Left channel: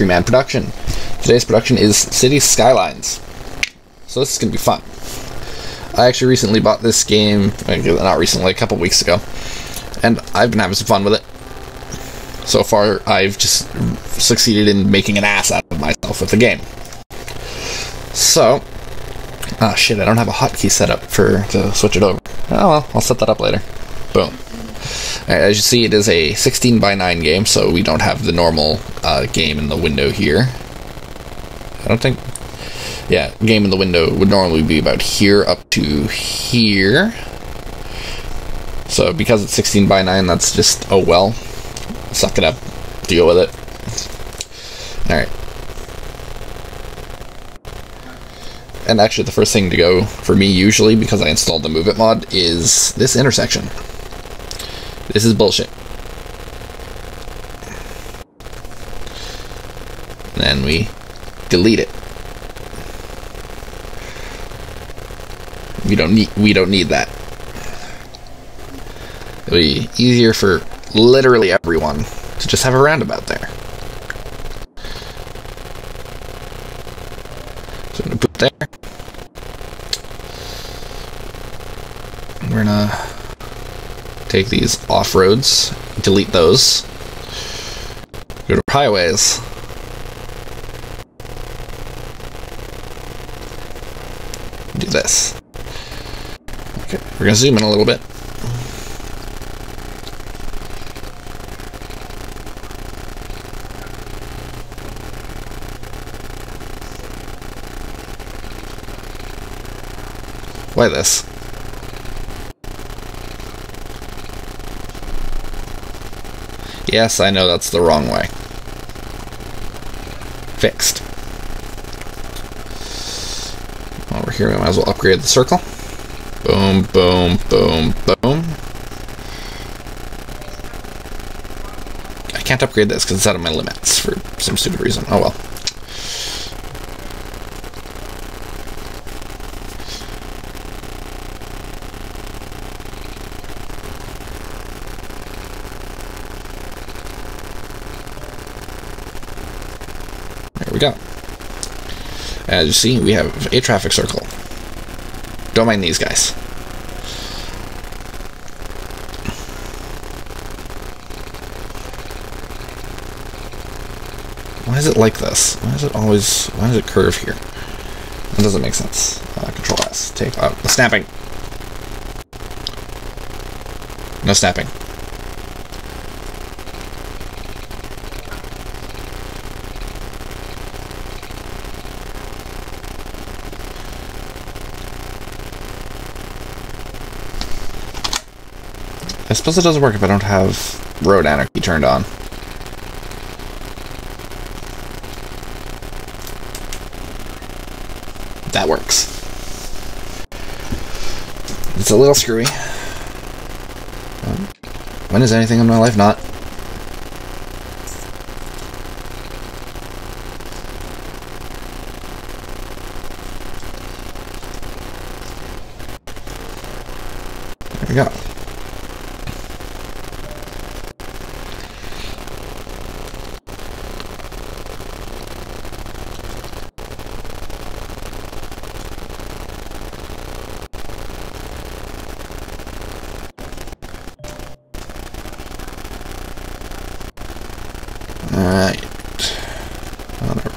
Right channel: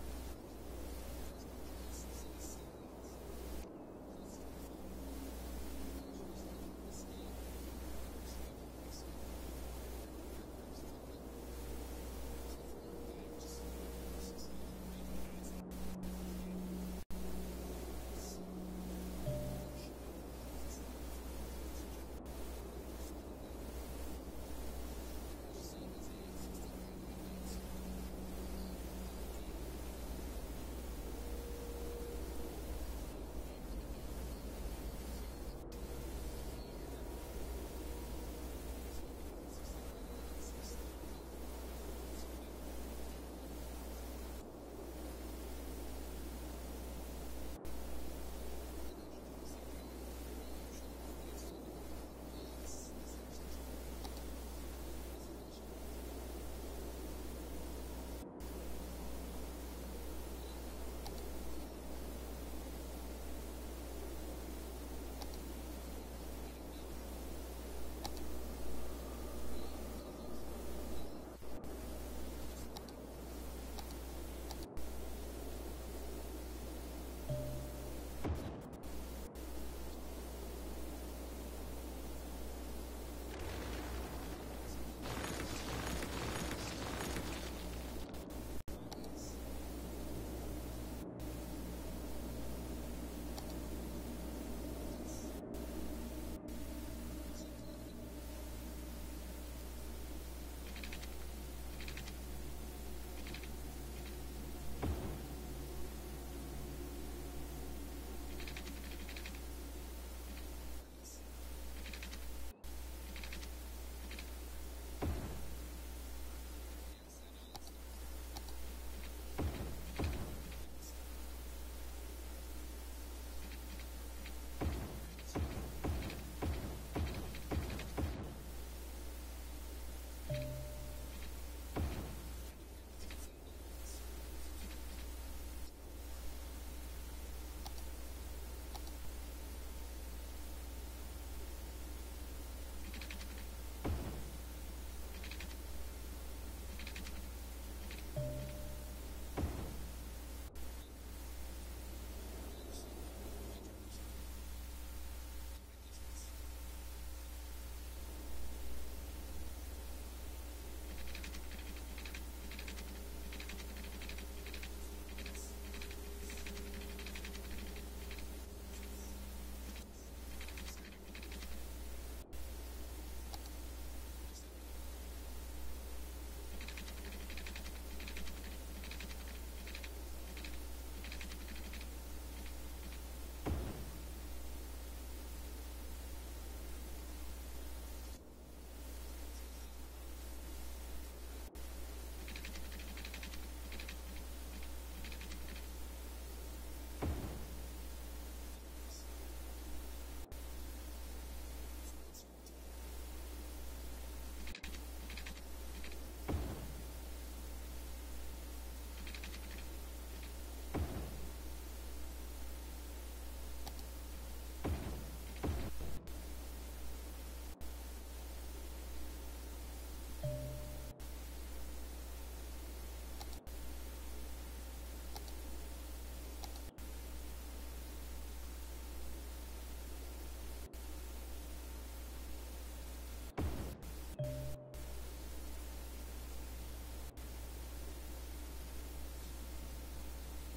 Factory Man production. Today's production is City Skylines. So this is going to be fun. I actually recently bought this game, not recently, a couple weeks ago, and I've been having some fun with it. So far, I've just succeeded in making an ass out of myself with the game. So, ah shit, I don't have a hotkey set up to switch it over. Oh well, I'll set that up later. Boom. Right, as you see, it is a 16:9 game, so we don't have the normal game in the window here. I don't think... Yeah, game in the window would normally be about here up to here. So because it's 16:9, that's just, oh well. Suck it up. Deal with it. Alright. And actually the first thing to go for me usually, because I installed the Move It mod, is this intersection. This is bullshit. And then we delete it. We don't need that. It'll be easier for literally everyone to just have a roundabout there. So I'm gonna put there. We're gonna take these off roads, delete those, go to highways. Do this. Okay, we're gonna zoom in a little bit. Why this? Yes, I know that's the wrong way. Fixed. While we're here, we might as well upgrade the circle. Boom, boom, boom, boom. I can't upgrade this because it's out of my limits for some stupid reason. Oh well. There we go. As you see, we have a traffic circle. Don't mind these guys. Why is it like this? Why does it curve here? That doesn't make sense. Control S. Take out the snapping. No snapping. I suppose it doesn't work if I don't have road anarchy turned on. That works. It's a little screwy. When is anything in my life not? There we go. Alright. Whatever.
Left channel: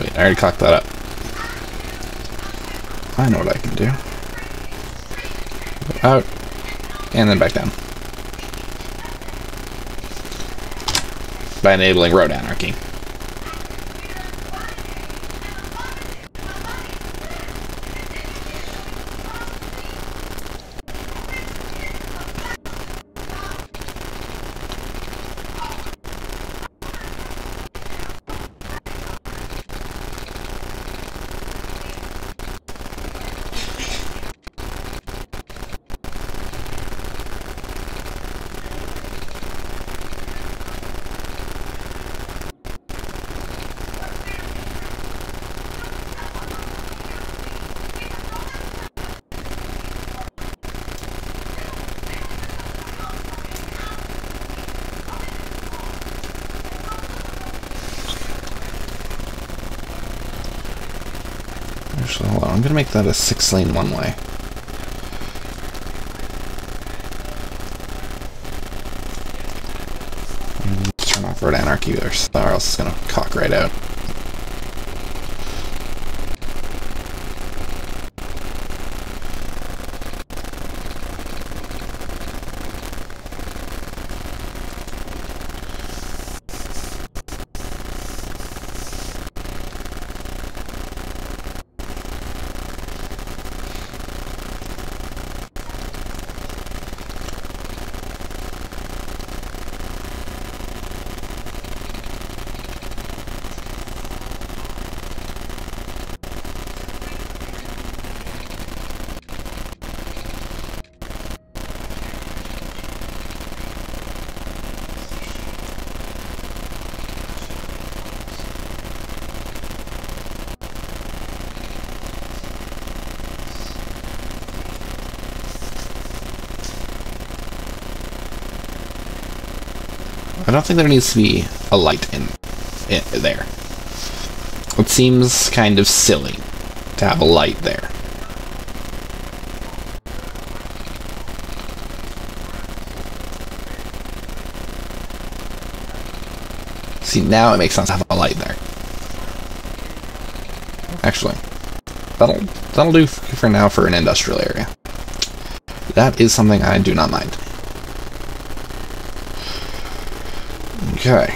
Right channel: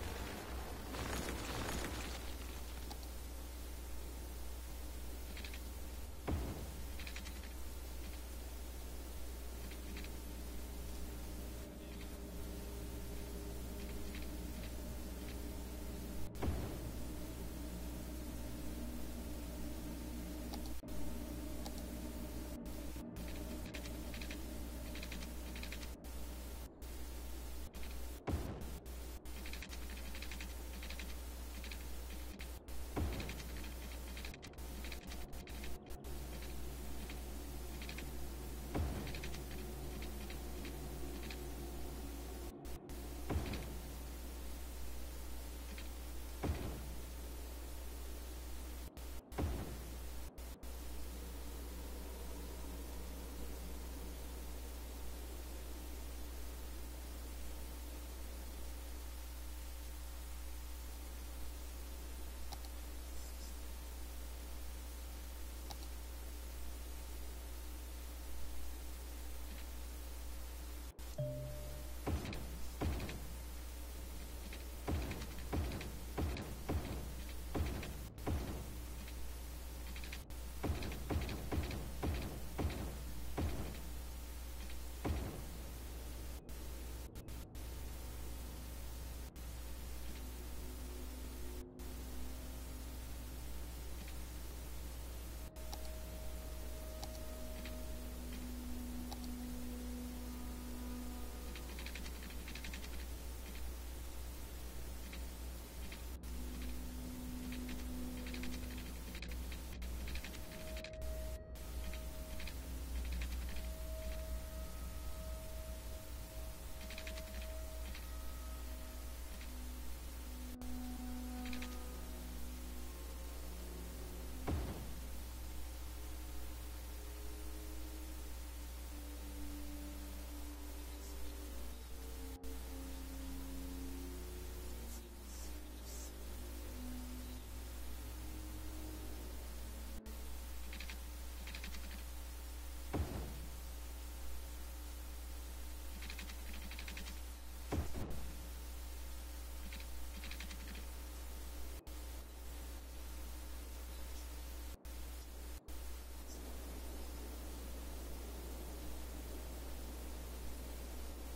Wait, I already cocked that up. I know what I can do. Out, and then back down. By enabling road anarchy. Actually, hold on. I'm gonna make that a 6-lane one-way. Turn off road anarchy there, or else it's gonna cock right out. I don't think there needs to be a light in there. It seems kind of silly to have a light there. See, now it makes sense to have a light there. Actually, that'll do for now for an industrial area. That is something I do not mind. Okay.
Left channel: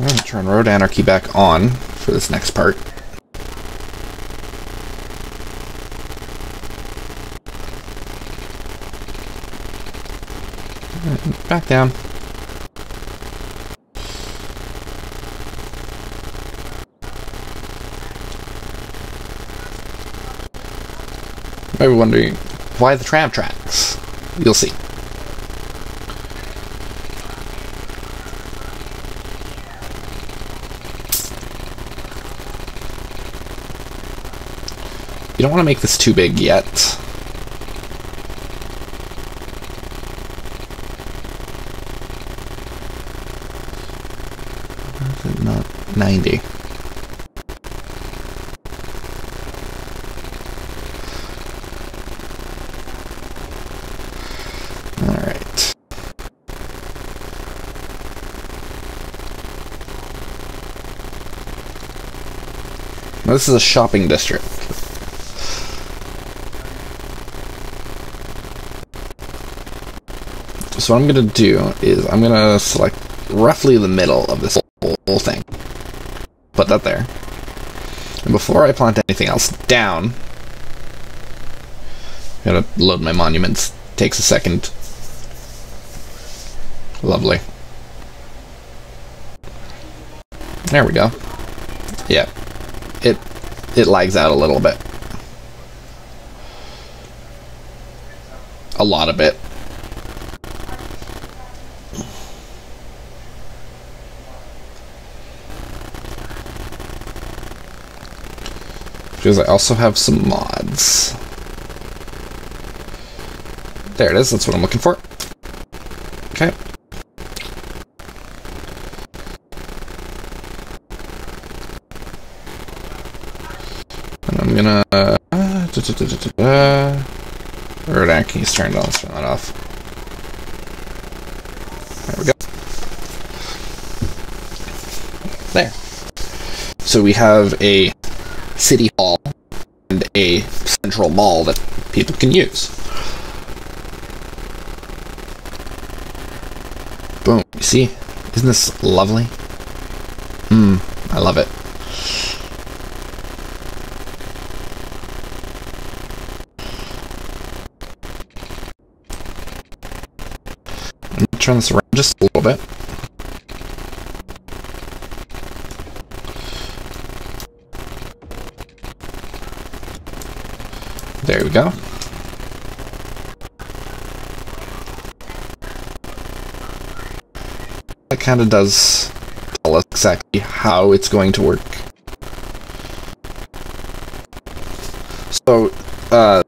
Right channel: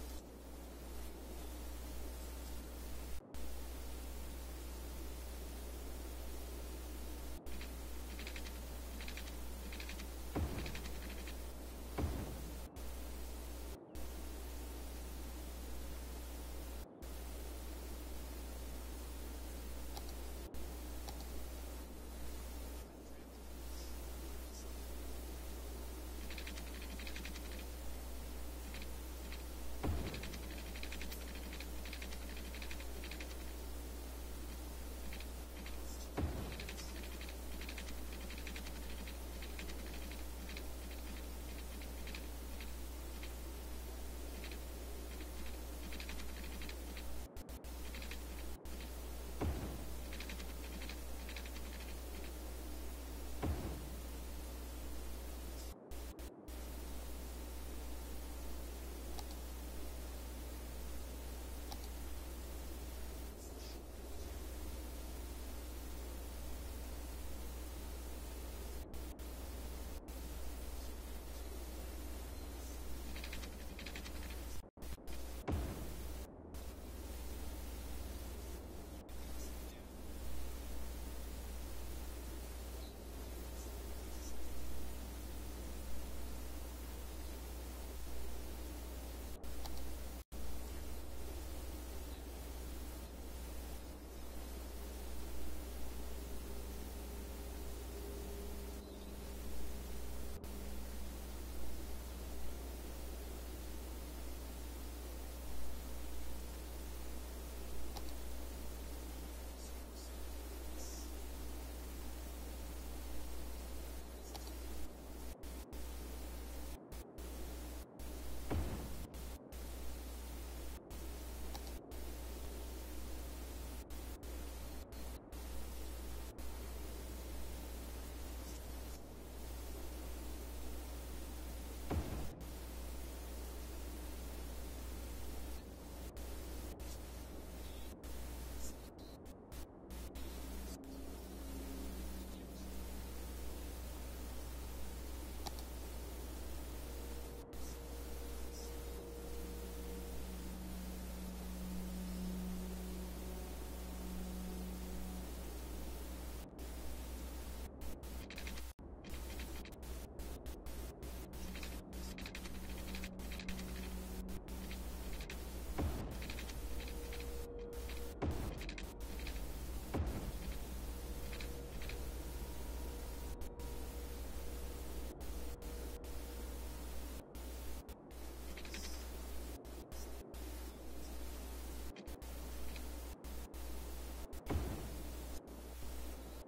I'm going to turn road anarchy back on for this next part. Back down. You might be wondering why the tram tracks. You'll see. You don't want to make this too big yet. Not 90. Alright. Now this is a shopping district. So what I'm going to do is I'm going to select roughly the middle of this whole thing. Put that there. And before I plant anything else down, I'm going to load my monuments. Takes a second. Lovely. There we go. Yeah. It lags out a little bit. A lot of it. Because I also have some mods. There it is, that's what I'm looking for. Okay. And I'm gonna Road anarchy's turned on. Let's turn that off. There we go. There. So we have a city hall and a central mall that people can use. Boom. You see? Isn't this lovely? I love it. I'm going to turn this around just a little bit. There we go. That kind of does tell us exactly how it's going to work. So,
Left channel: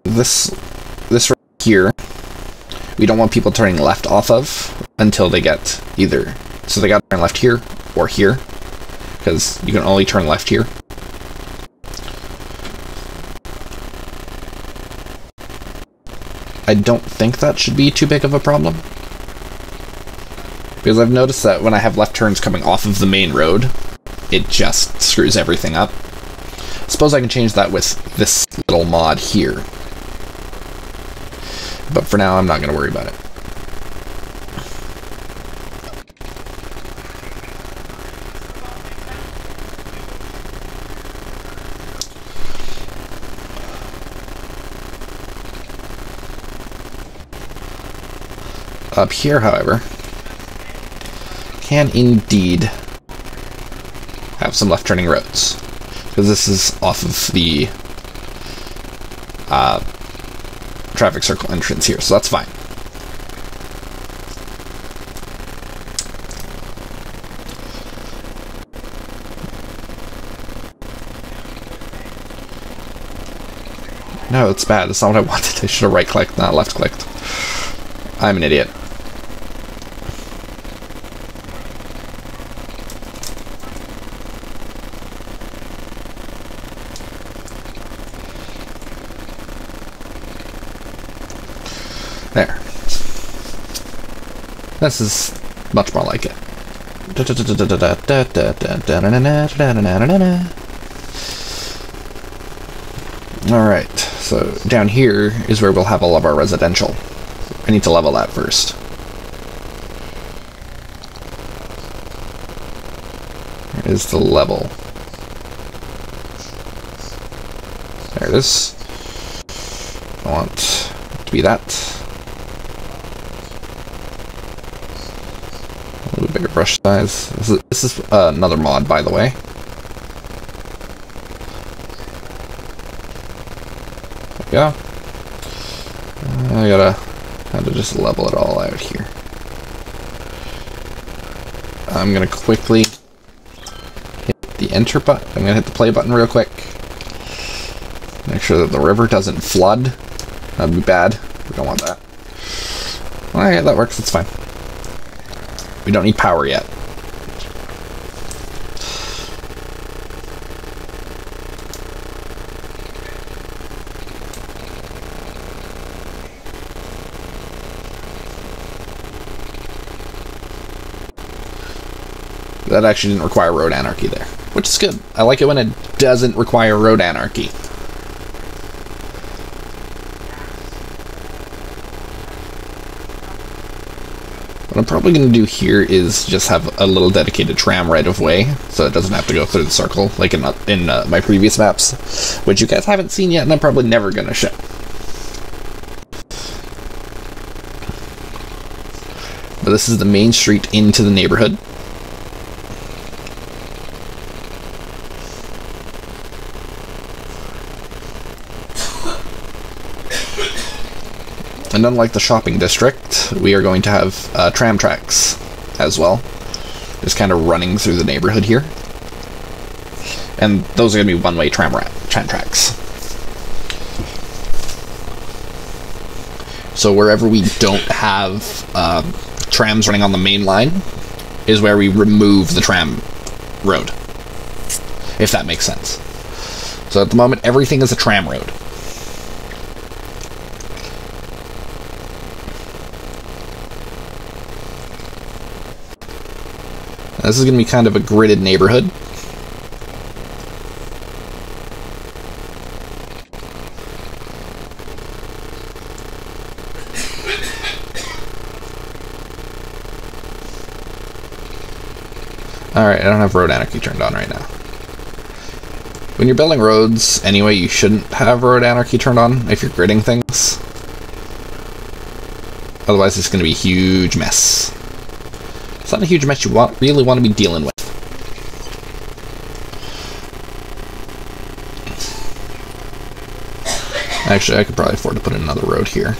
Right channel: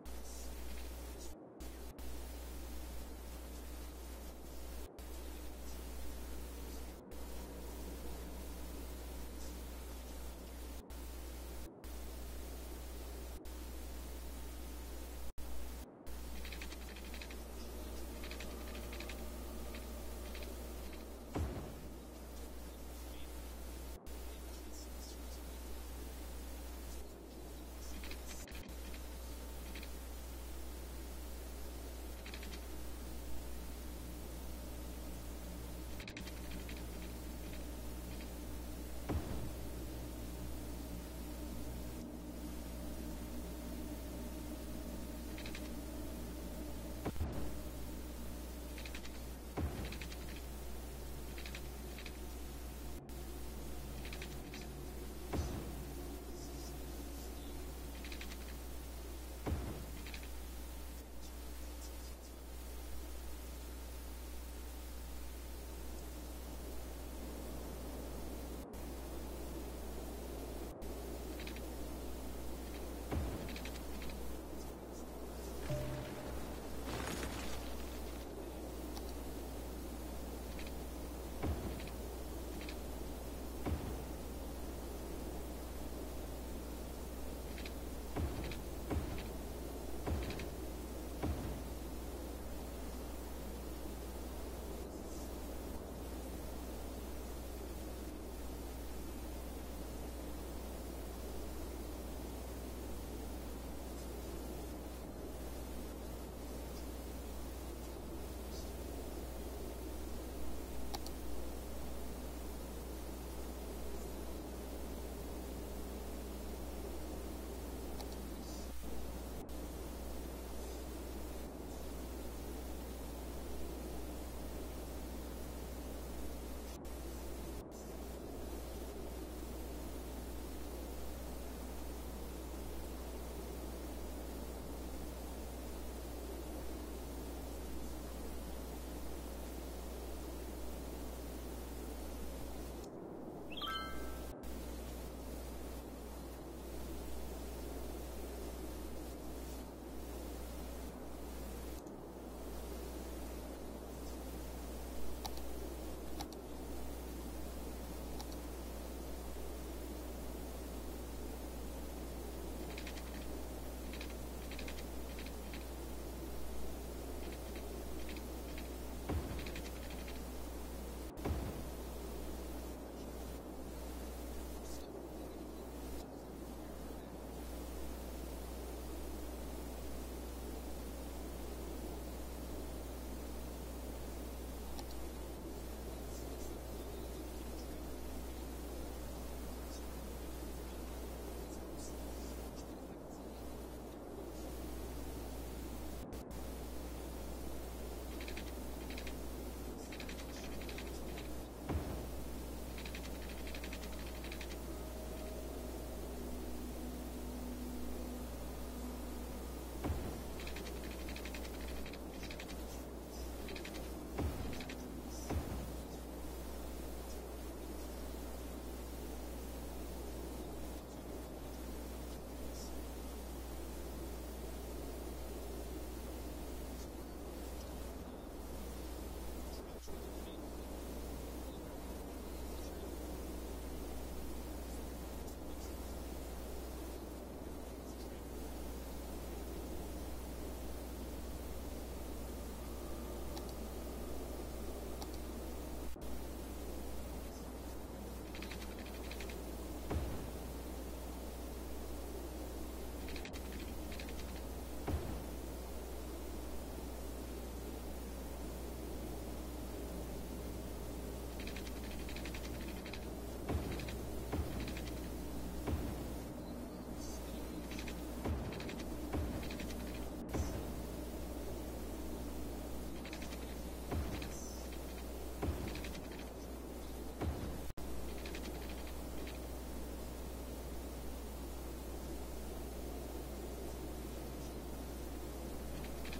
this right here, we don't want people turning left off of until they get either. So they got to turn left here or here, because you can only turn left here. I don't think that should be too big of a problem, because I've noticed that when I have left turns coming off of the main road, it just screws everything up. Suppose I can change that with this little mod here, but for now I'm not going to worry about it. Up here, however, can indeed have some left turning roads, because this is off of the traffic circle entrance here, so that's fine. No, it's bad. That's not what I wanted. I should have right clicked, not left clicked. I'm an idiot. There. This is much more like it. Alright, so down here is where we'll have all of our residential. I need to level that first. There is the level. There it is. I want it to be that. A little bigger brush size. This is another mod, by the way. There we go. I gotta kind of just level it all out here. I'm gonna quickly hit the enter button. I'm gonna hit the play button real quick. Make sure that the river doesn't flood. That'd be bad. We don't want that. Alright, that works. That's fine. We don't need power yet. That actually didn't require road anarchy there, which is good. I like it when it doesn't require road anarchy. What I'm probably going to do here is just have a little dedicated tram right of way, so it doesn't have to go through the circle like in my previous maps, which you guys haven't seen yet, and I'm probably never going to show. But this is the main street into the neighborhood. And unlike the shopping district, we are going to have tram tracks as well, just kind of running through the neighborhood here. And those are going to be one-way tram tracks. So wherever we don't have trams running on the main line is where we remove the tram road, if that makes sense. So at the moment, everything is a tram road. This is going to be kind of a gridded neighborhood. Alright, I don't have road anarchy turned on right now. When you're building roads, anyway, you shouldn't have road anarchy turned on if you're gridding things. Otherwise, it's going to be a huge mess. It's not a huge mess you really want to be dealing with. Actually, I could probably afford to put in another road here.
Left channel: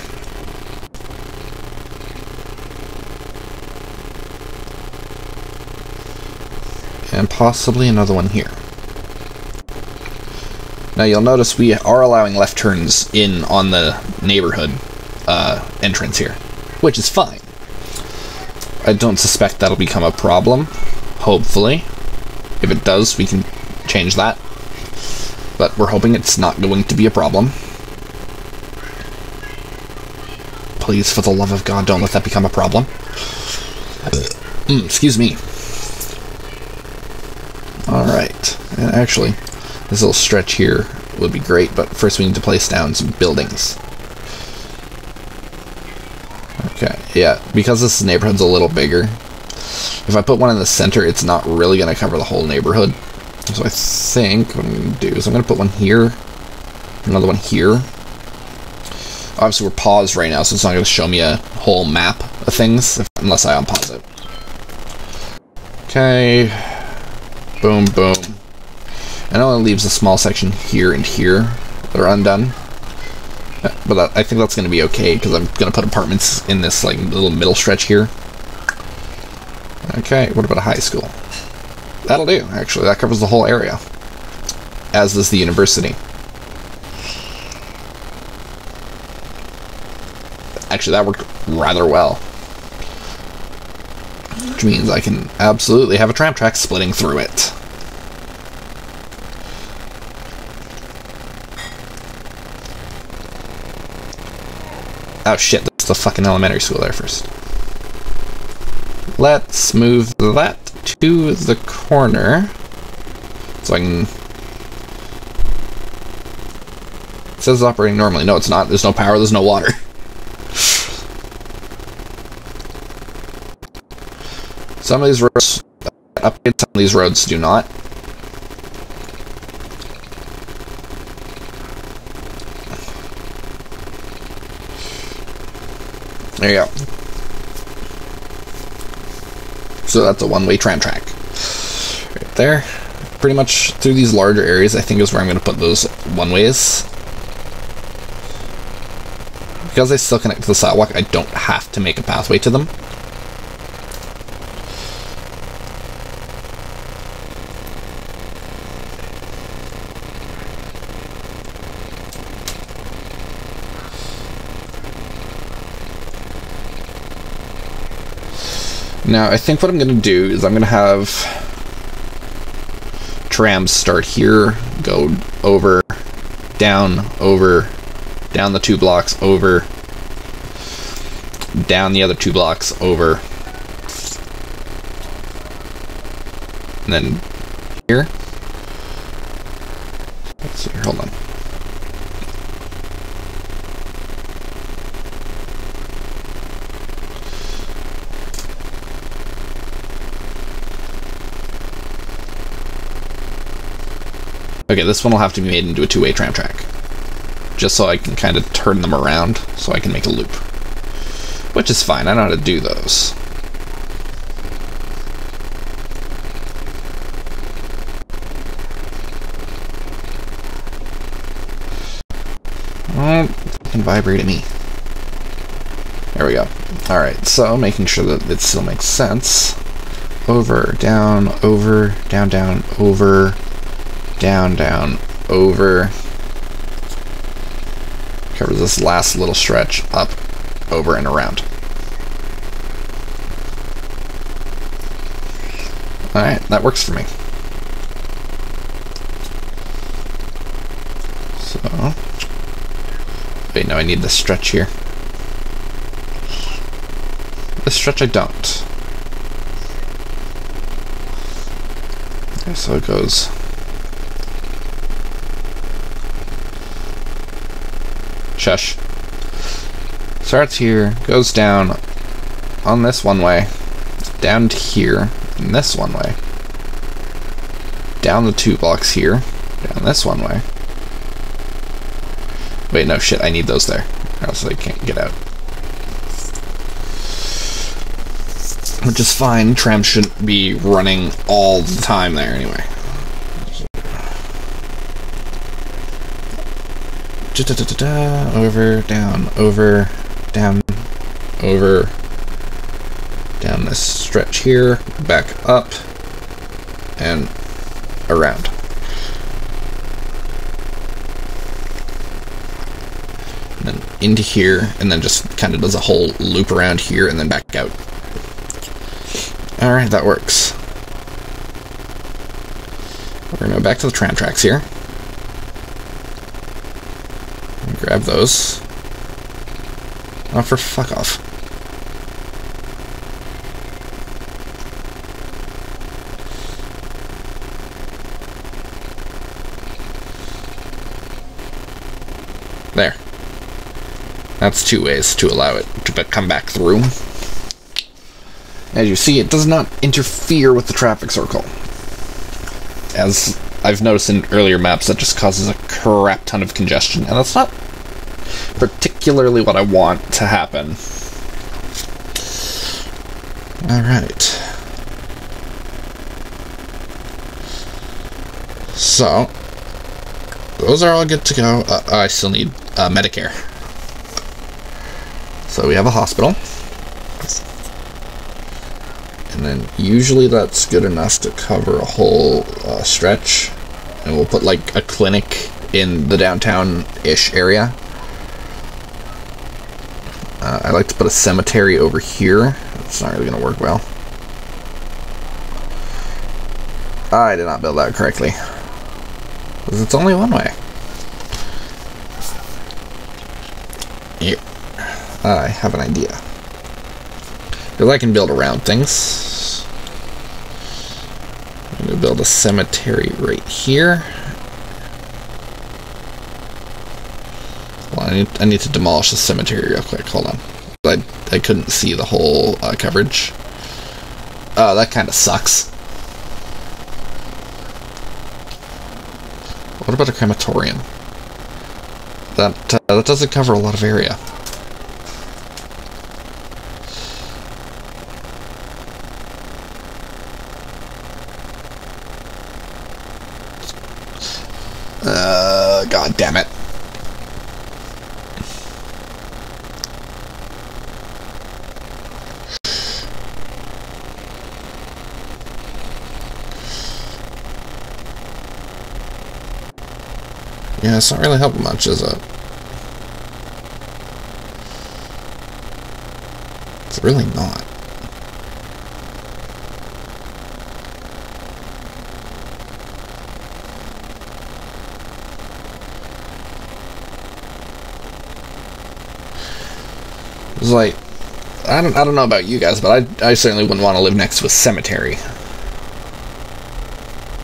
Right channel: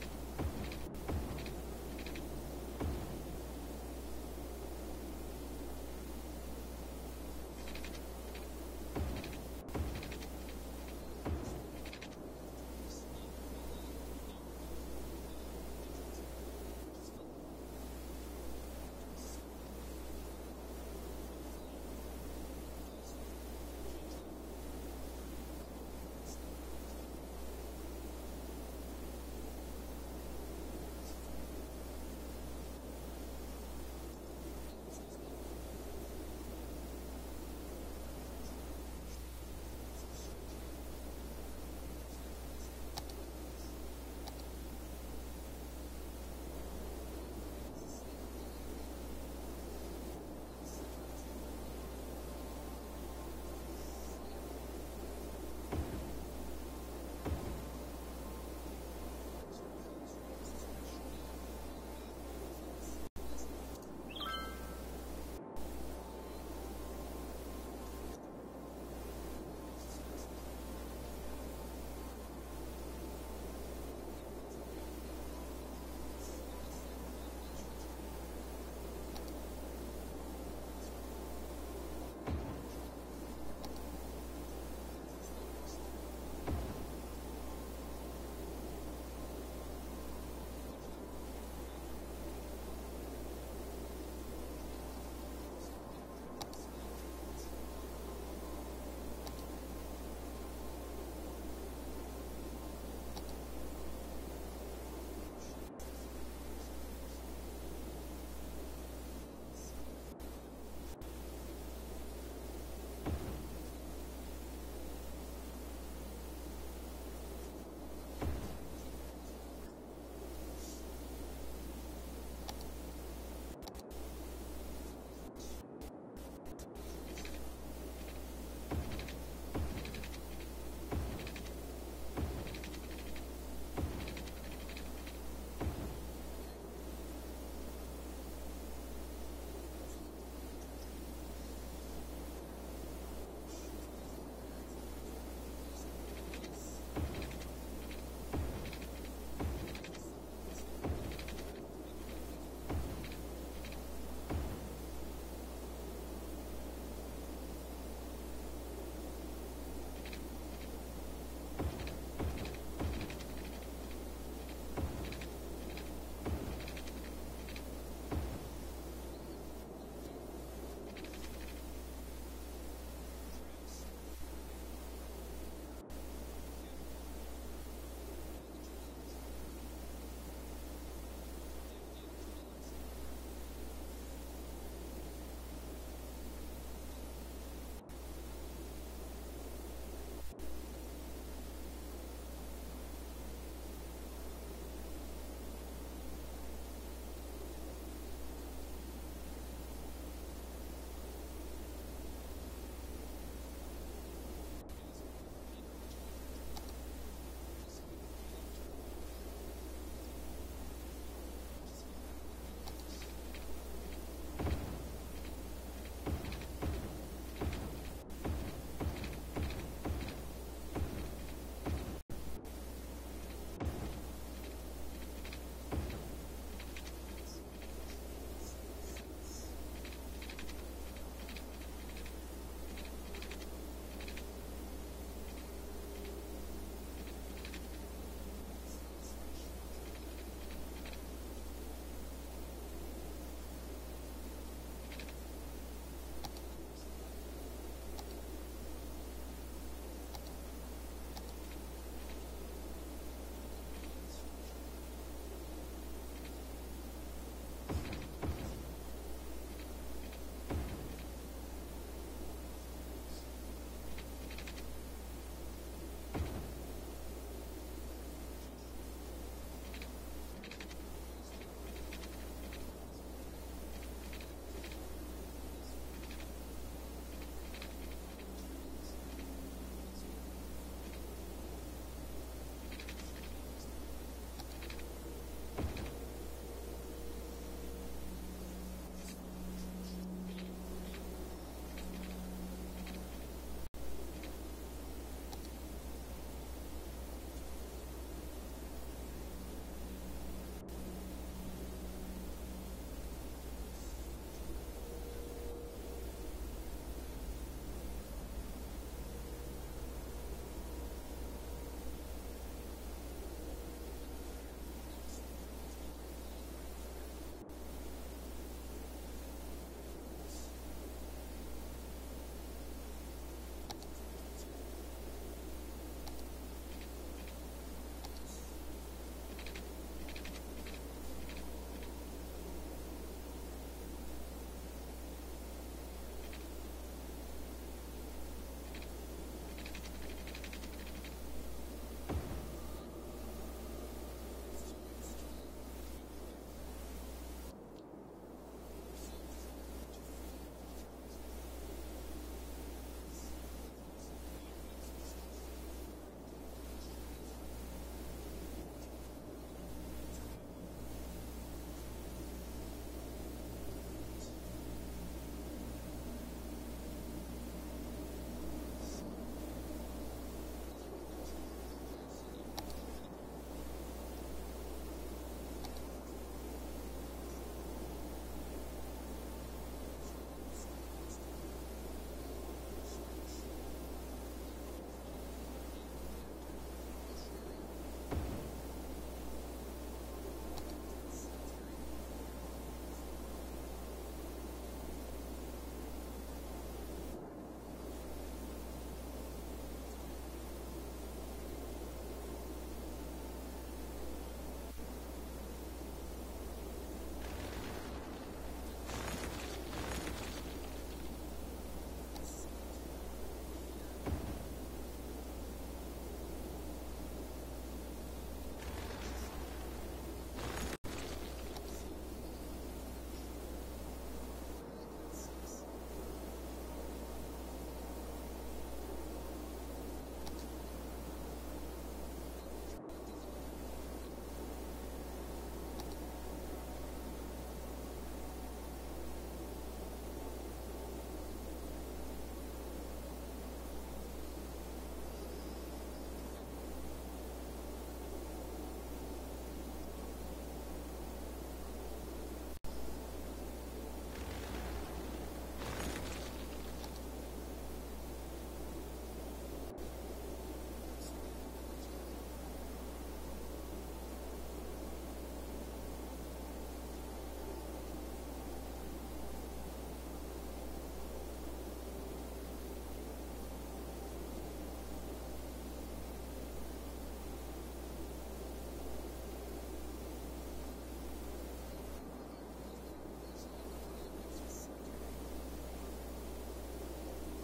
And possibly another one here. Now you'll notice we are allowing left turns in on the neighborhood entrance here, which is fine. I don't suspect that'll become a problem, hopefully. If it does, we can change that. But we're hoping it's not going to be a problem. Please, for the love of God, don't let that become a problem. Excuse me. Alright, and actually, this little stretch here would be great, but first we need to place down some buildings. Okay, yeah, because this neighborhood's a little bigger, if I put one in the center, it's not really going to cover the whole neighborhood. So I think what I'm going to do is I'm going to put one here, another one here. Obviously we're paused right now, so it's not going to show me a whole map of things, unless I unpause it. Okay. Boom, boom. And it only leaves a small section here and here that are undone. But I think that's going to be okay, because I'm going to put apartments in this like little middle stretch here. Okay, what about a high school? That'll do, actually. That covers the whole area. As does the university. Actually, that worked rather well. Which means I can absolutely have a tram track splitting through it. Oh shit, that's the fucking elementary school there first. Let's move that to the corner. So I can... It says it's operating normally. No, it's not. There's no power, there's no water. Some of these roads upgrade, some of these roads do not. There you go. So that's a one-way tram track. Right there. Pretty much through these larger areas, I think is where I'm going to put those one-ways. Because they still connect to the sidewalk, I don't have to make a pathway to them. Now, I think what I'm going to do is I'm going to have trams start here, go over, down the 2 blocks, over, down the other 2 blocks, over, and then here. Let's see here, hold on. Okay, this one will have to be made into a 2-way tram track. Just so I can kind of turn them around, so I can make a loop. Which is fine, I know how to do those. Fucking vibrate at me. There we go. Alright, so making sure that it still makes sense. Over, down, over, down, down, over... Down, down, over. Covers this last little stretch up, over, and around. Alright, that works for me. So... Wait, no, I need this stretch here. This stretch I don't. Okay, so it goes. Shush. Starts here, goes down on this one way, down to here, and this one way. Down the 2 blocks here, down this one way. Wait, no, shit, I need those there, or else they can't get out. Which is fine, trams shouldn't be running all the time there anyway. Over, down, over, down, over, down this stretch here, back up, and around. And then into here, and then just kind of does a whole loop around here, and then back out. Alright, that works. We're gonna go back to the tram tracks here. Grab those. Oh, for fuck off. There. That's 2 ways to allow it to come back through. As you see, it does not interfere with the traffic circle. As I've noticed in earlier maps, that just causes a crap ton of congestion, and that's not particularly what I want to happen. Alright. So, those are all good to go. I still need Medicare. So we have a hospital. And then usually that's good enough to cover a whole stretch. And we'll put like a clinic in the downtown-ish area. I like to put a cemetery over here. It's not really going to work well. I did not build that correctly. Because it's only one way. Here. I have an idea. Because I can build around things. I'm going to build a cemetery right here. Well, I need to demolish the cemetery real quick. Hold on. I couldn't see the whole coverage. Oh, that kind of sucks. What about a crematorium? That doesn't cover a lot of area. God damn it. Yeah, it's not really helping much, is it? It's really not. It's like, I don't know about you guys, but I certainly wouldn't want to live next to a cemetery.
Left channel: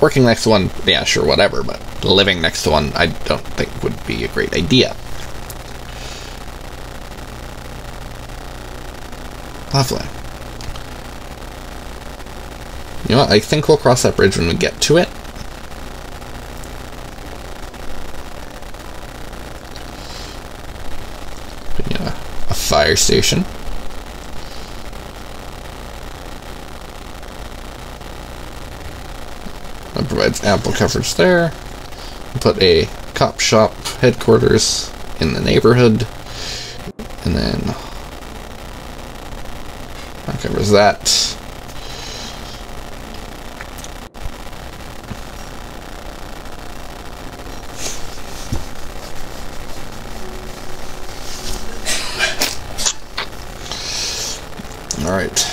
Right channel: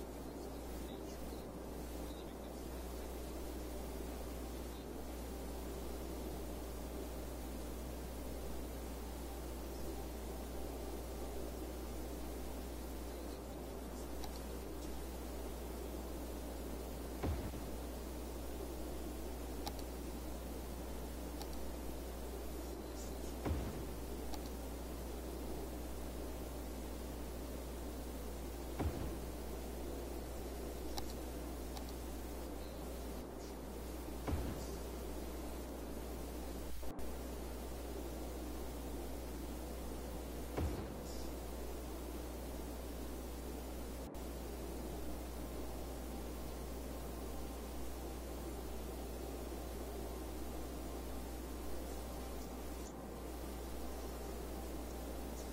Working next to one, yeah, sure, whatever, but living next to one, I don't think would be a great idea. Lovely. You know what, I think we'll cross that bridge when we get to it. Yeah, a fire station. That provides ample coverage there. Put a cop shop headquarters in the neighborhood, and then that covers that. All right.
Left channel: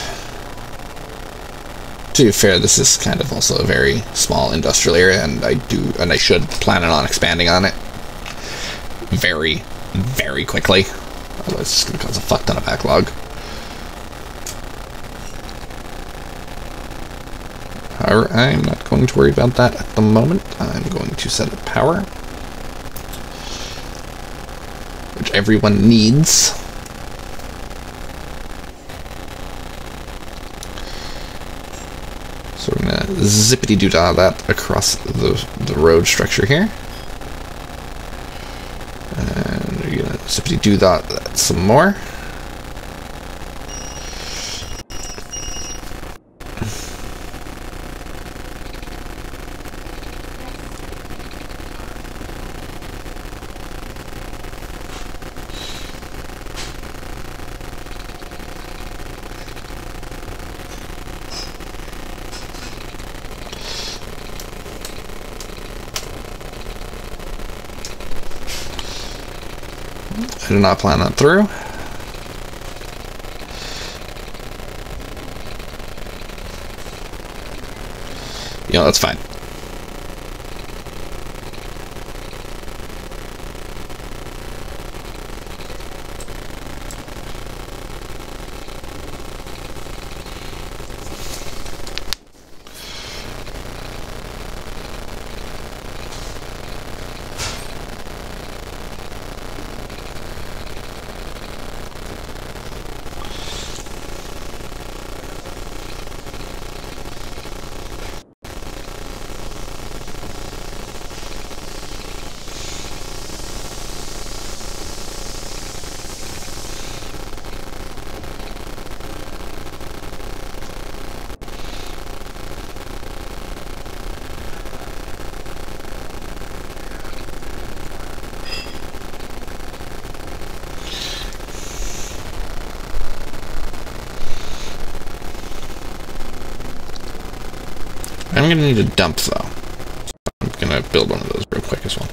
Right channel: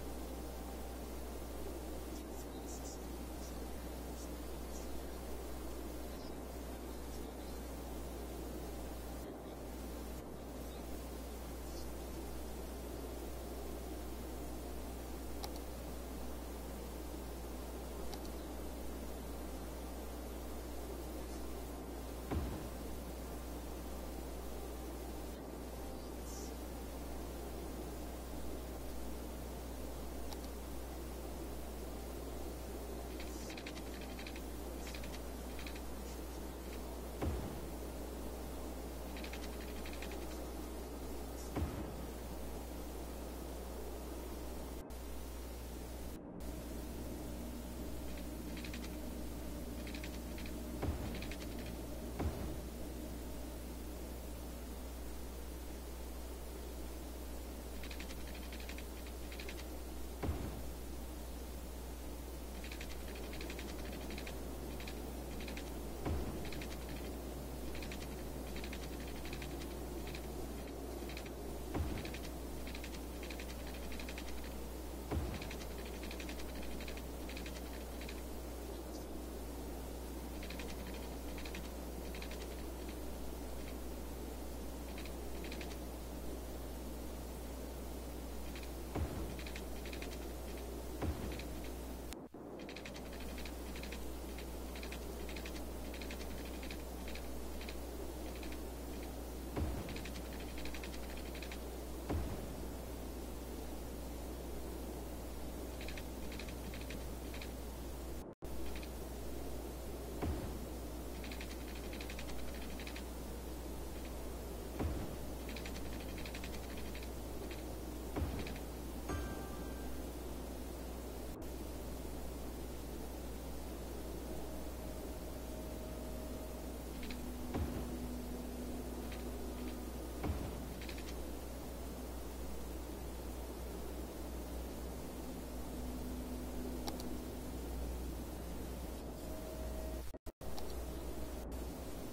To be fair, this is kind of also a very small industrial area, and I should plan on expanding on it very, very quickly. Otherwise, it's going to cause a fuck ton of backlog. However, I'm not going to worry about that at the moment. I'm going to set up power, which everyone needs. So we're going to zippity-doo-dah that across the road structure here. And we're going to zippity-doo-dah that some more. I did not plan that through. You know, that's fine. I'm going to need a dump, though. I'm going to build one of those real quick as well.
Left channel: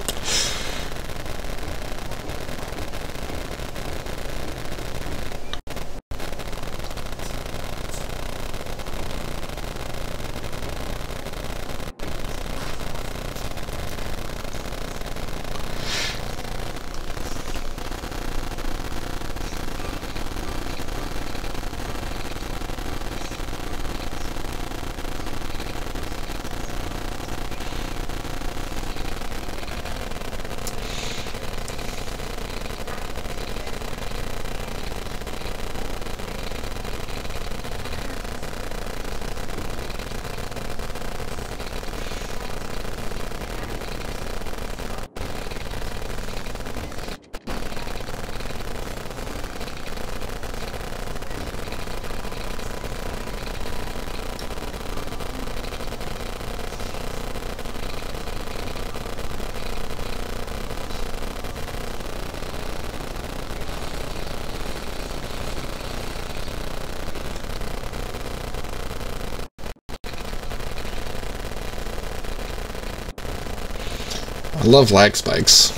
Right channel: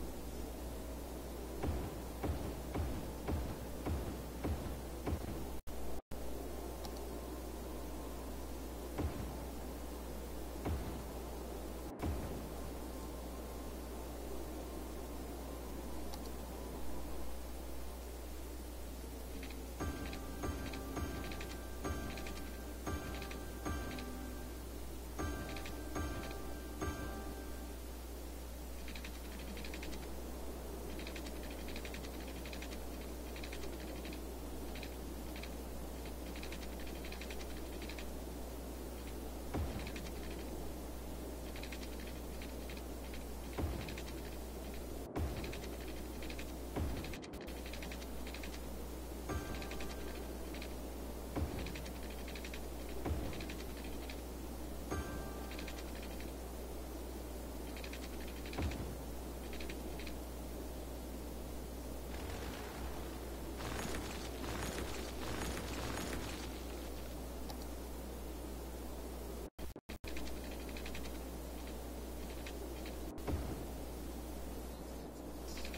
I love lag spikes.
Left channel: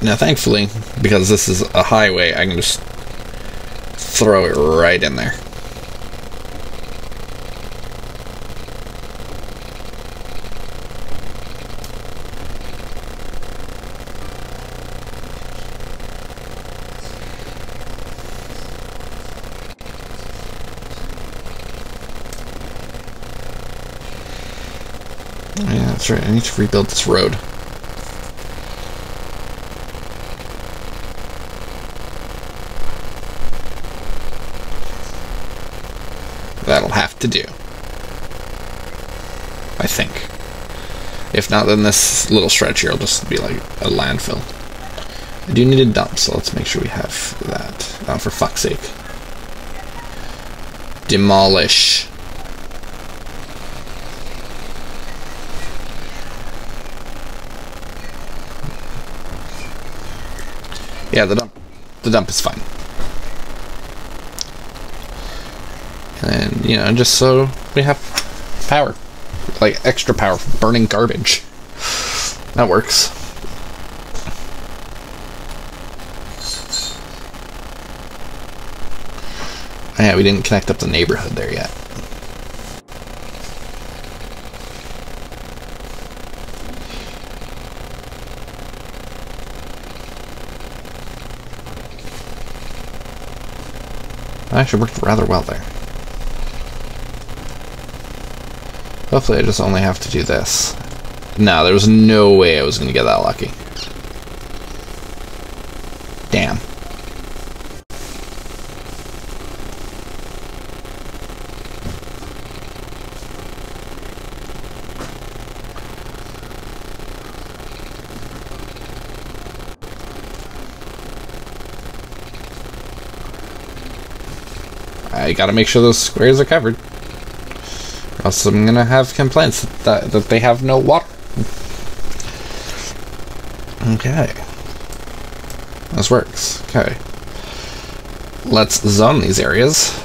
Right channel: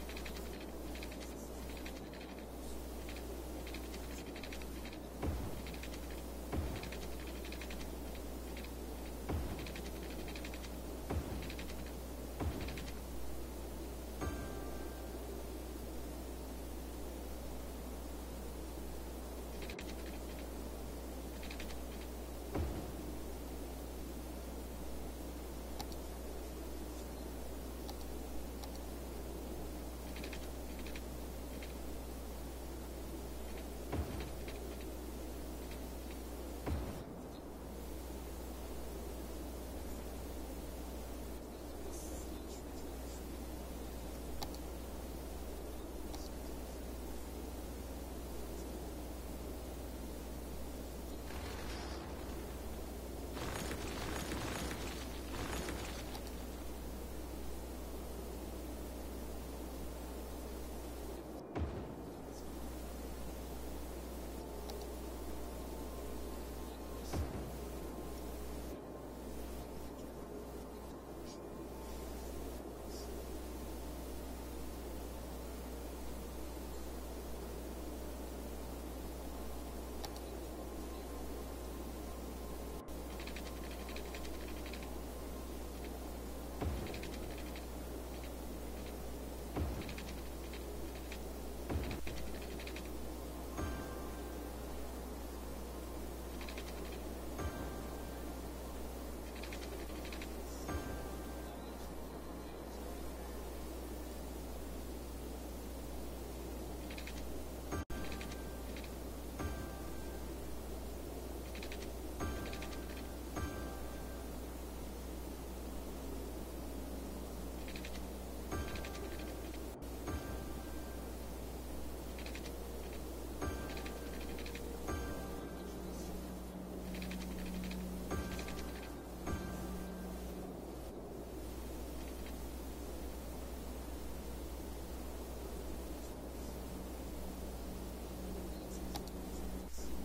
Now, thankfully, because this is a highway, I can just throw it right in there. Yeah, that's right. I need to rebuild this road. That'll have to do, I think. If not, then this little stretch here will just be like a landfill. I do need a dump, so let's make sure we have that. Oh, for fuck's sake. Demolish. Yeah, the dump is fine. And, you know, just so we have power. Like, extra power for burning garbage. That works. Oh, yeah, we didn't connect up the neighborhood there yet. That actually worked rather well there. Hopefully I just only have to do this. No, there was no way I was going to get that lucky. Damn. I gotta make sure those squares are covered. Or else I'm gonna have complaints that they have no water. Okay. This works. Okay. Let's zone these areas.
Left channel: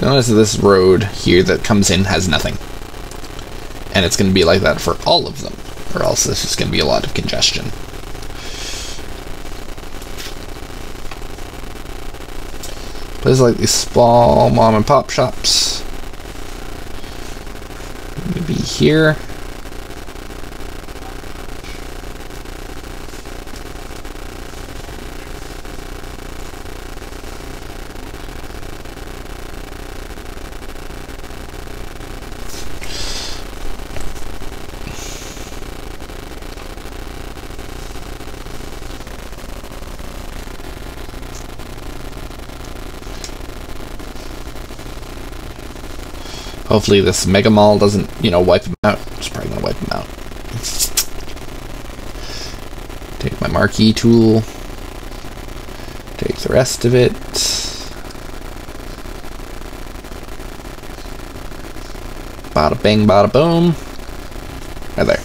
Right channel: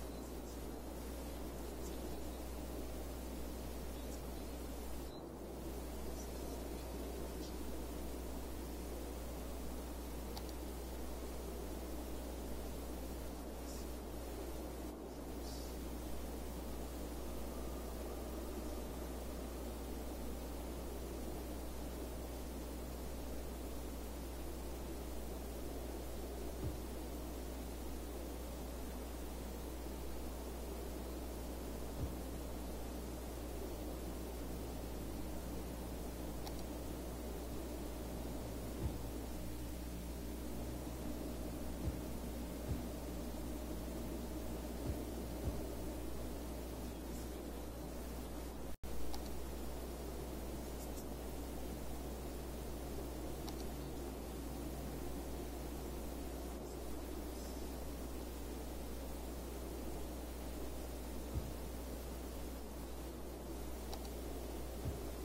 Notice this road here that comes in has nothing. And it's going to be like that for all of them, or else this is going to be a lot of congestion. Places like these small mom and pop shops. Maybe here. Hopefully this Mega Mall doesn't, wipe them out. It's probably going to wipe them out. Take my marquee tool. Take the rest of it. Bada bang, bada boom. Right there.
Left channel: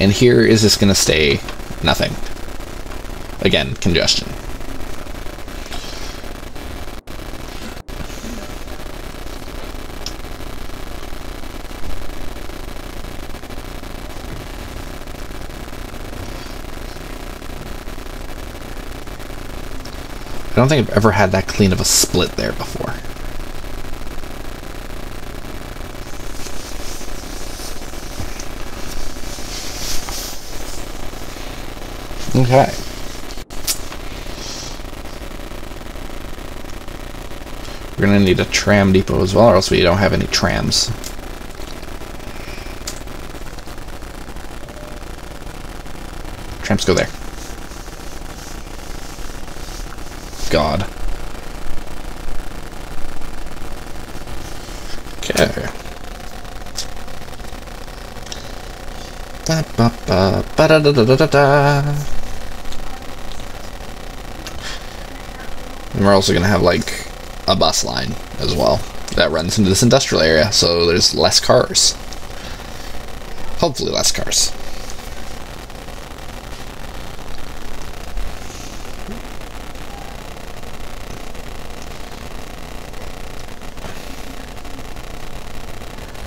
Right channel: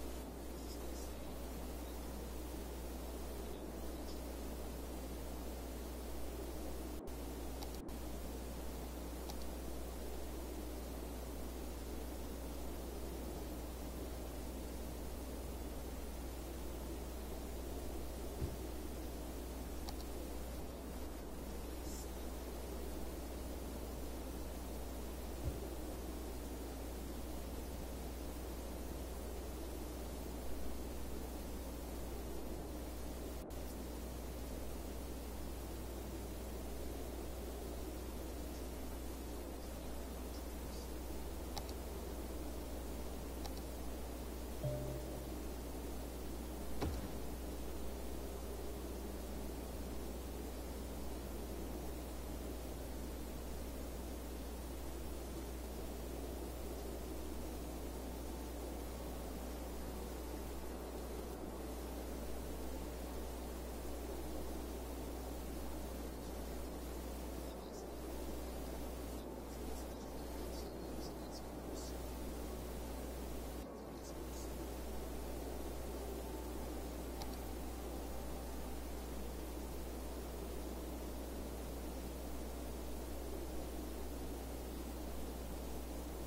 And here is just going to stay nothing. Again, congestion. I don't think I've ever had that clean of a split there before. Okay. We're gonna need a tram depot as well, or else we don't have any trams. Trams go there. God. Okay. Ba ba ba ba da da da da da. And we're also gonna have like a bus line as well that runs into this industrial area, so there's less cars. Hopefully less cars.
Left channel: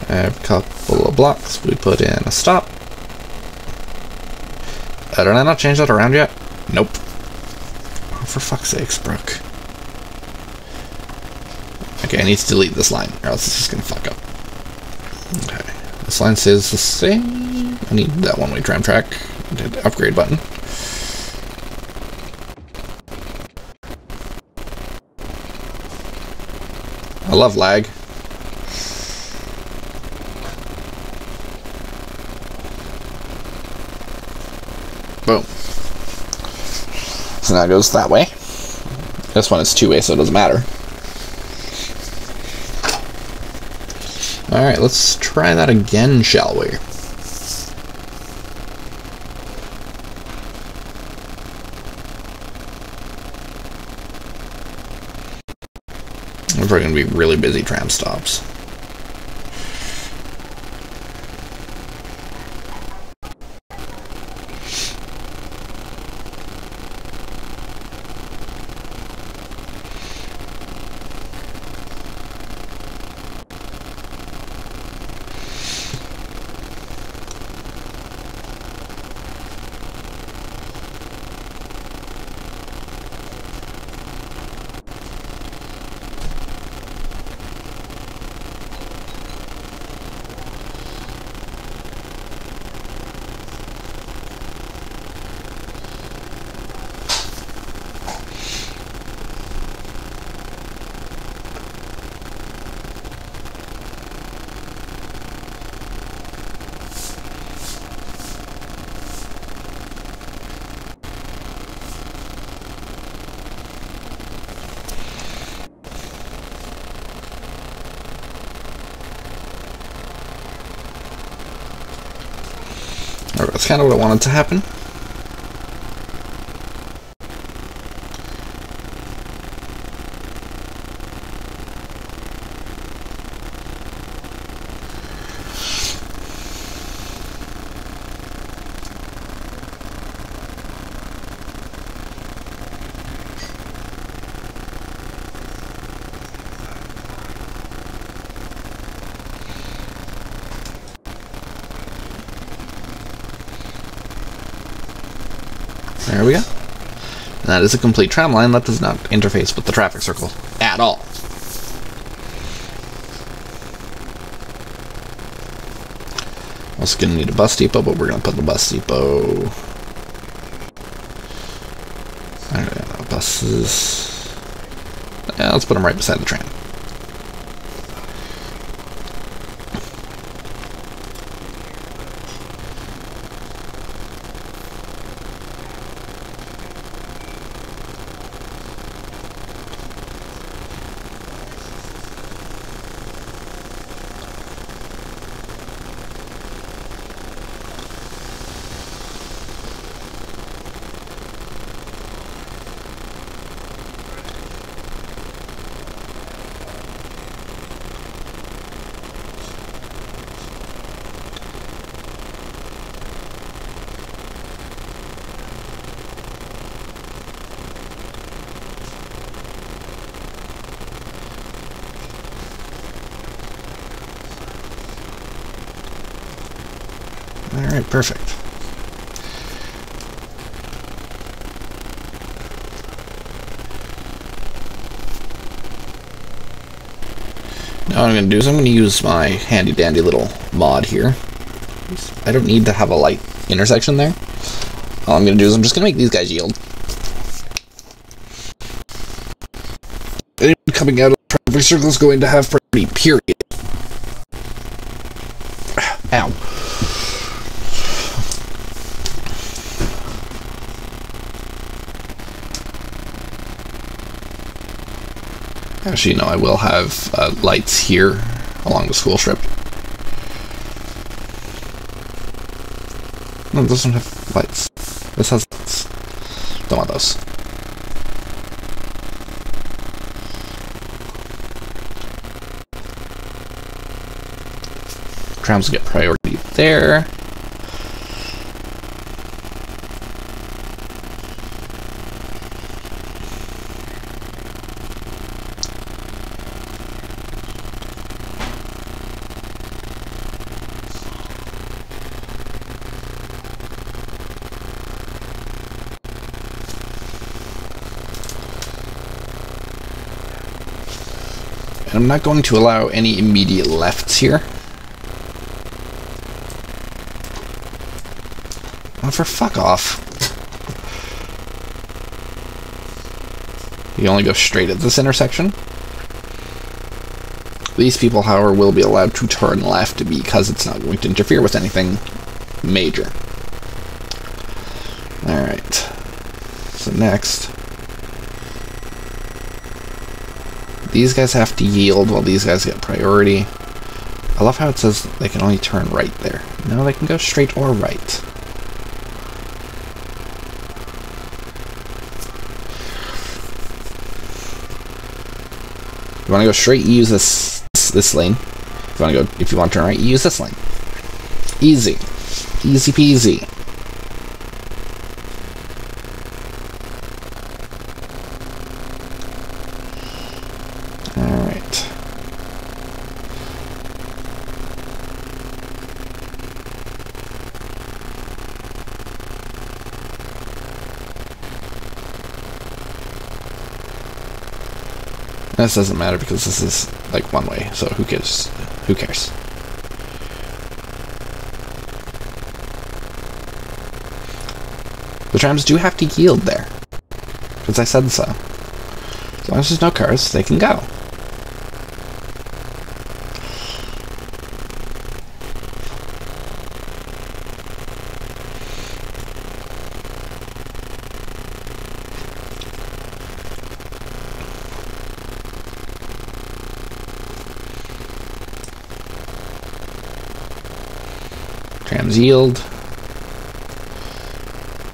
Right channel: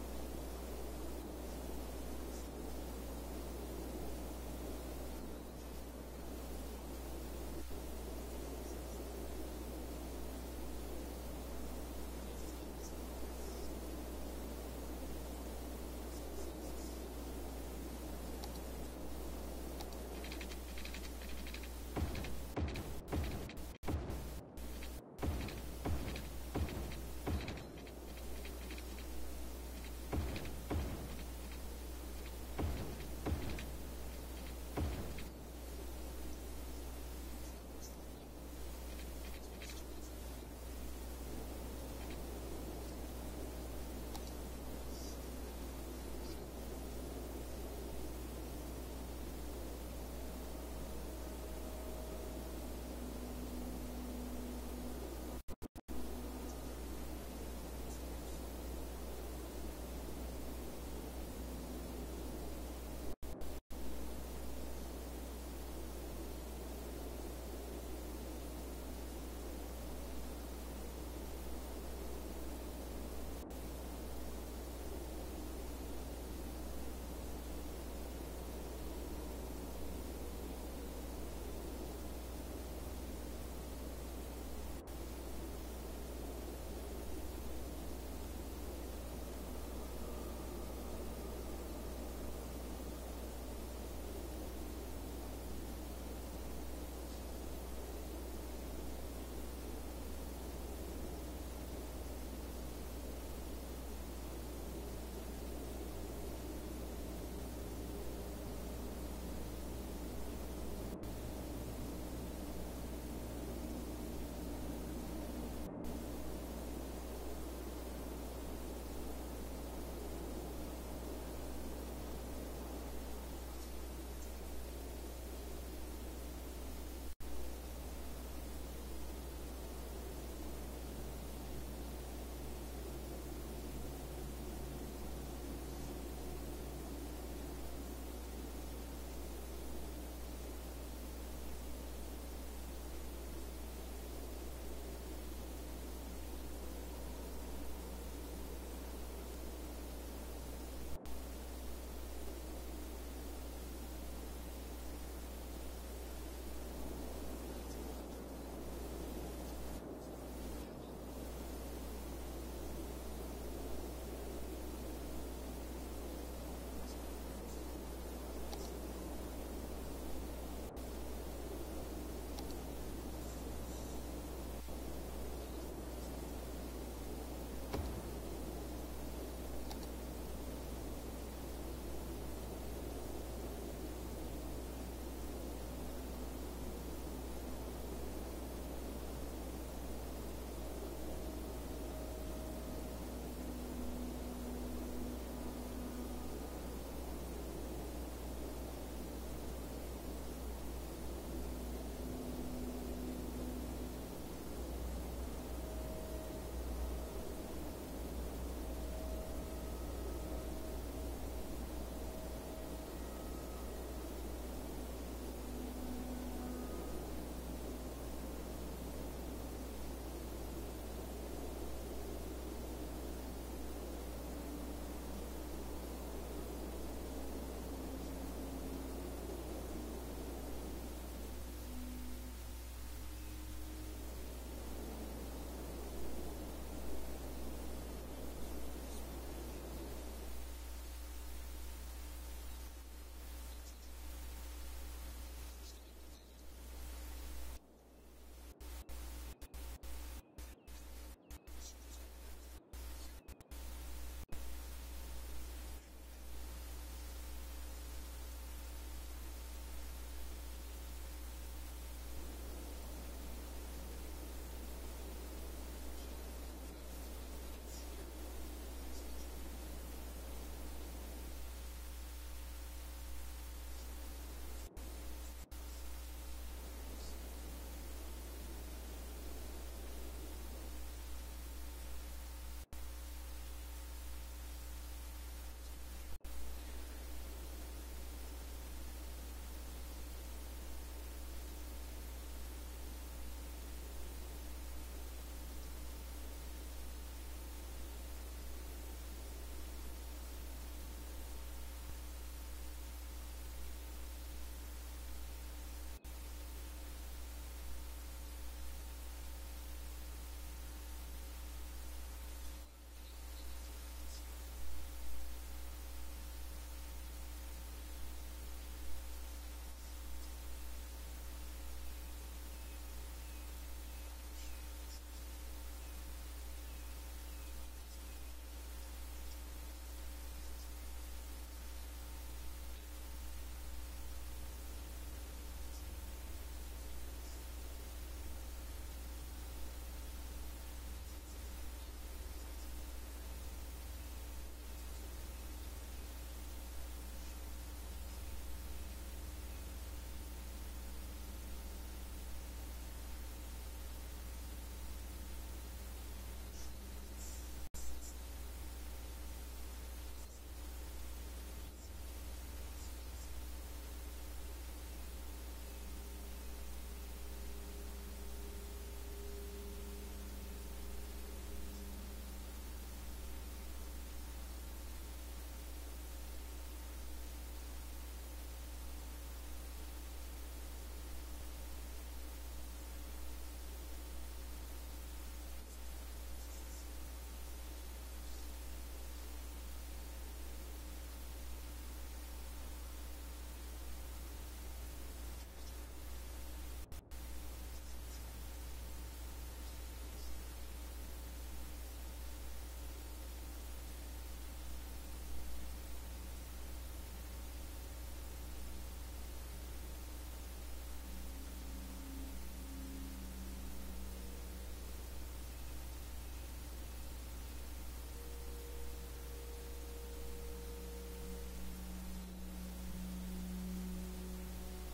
I have a couple of blocks. We put in a stop. Did I not change that around yet? Nope. Oh, for fuck's sakes, Brooke. Okay, I need to delete this line, or else it's just gonna fuck up. Okay. This line says the same. I need that one-way tram track. I did the upgrade button. I love lag. Boom. So now it goes that way. This one is two-way, so it doesn't matter. Alright, let's try that again, shall we? We're probably going to be really busy tram stops. That's kind of what I wanted to happen. There we go. And that is a complete tram line that does not interface with the traffic circle at all. Also gonna need a bus depot, but we're gonna put the bus depot. I don't know, buses. Yeah, let's put them right beside the tram. Alright, perfect. Now what I'm going to do is I'm going to use my handy dandy little mod here. I don't need to have a light intersection there. All I'm going to do is I'm just going to make these guys yield. Anyone coming out of the traffic circle is going to have priority, period. Ow. Actually, no, I will have lights here along the school strip. No, it doesn't have lights. This has lights. Don't want those. Trams get priority there. And I'm not going to allow any immediate lefts here. Oh, for fuck off. You only go straight at this intersection. These people, however, will be allowed to turn left because it's not going to interfere with anything major. Alright. So next, these guys have to yield while these guys get priority. I love how it says they can only turn right there. No, they can go straight or right. If you want to go straight, you use this lane. If you want to turn right, you use this lane. Easy. Easy peasy. Alright. This doesn't matter because this is like one way, so who cares? Who cares? The trams do have to yield there, because I said so. As long as there's no cars, they can go. Trams yield.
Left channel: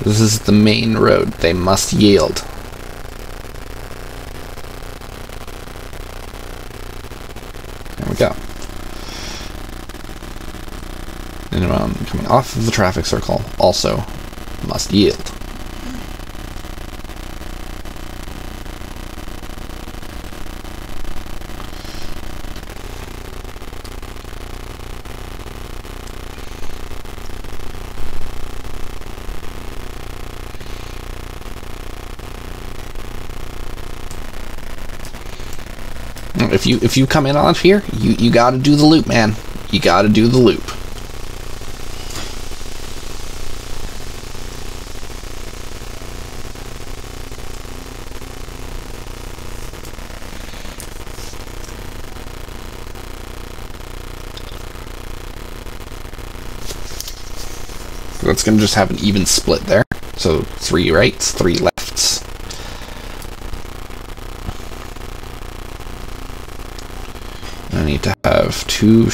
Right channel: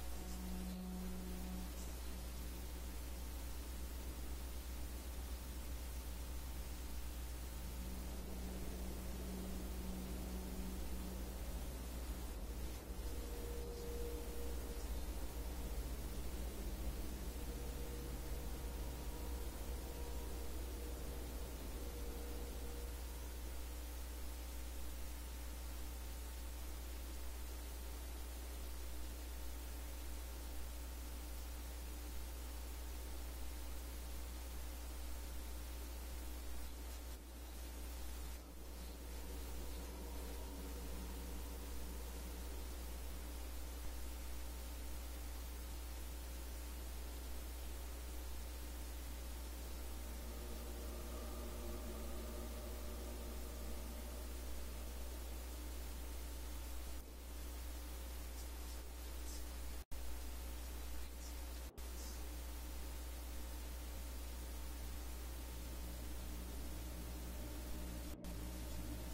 This is the main road. They must yield. There we go. Anyone coming off of the traffic circle also must yield. If you come in on here, you gotta do the loop, man. You gotta do the loop. That's gonna just have an even split there. So 3 rights, 3 lefts. I need to have 2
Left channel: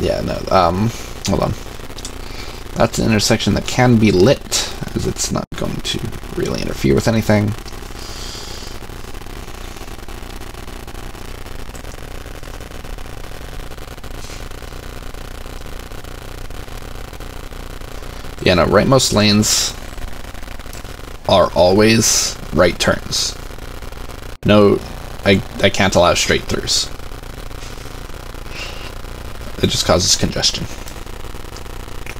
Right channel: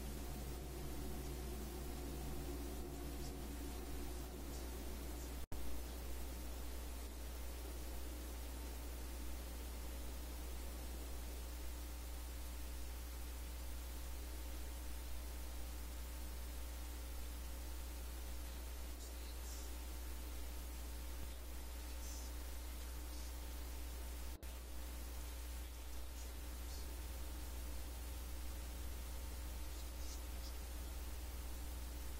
yeah, no, hold on. That's an intersection that can be lit, as it's not going to really interfere with anything. Yeah, no, rightmost lanes are always right turns. No, I can't allow straight throughs. It just causes congestion.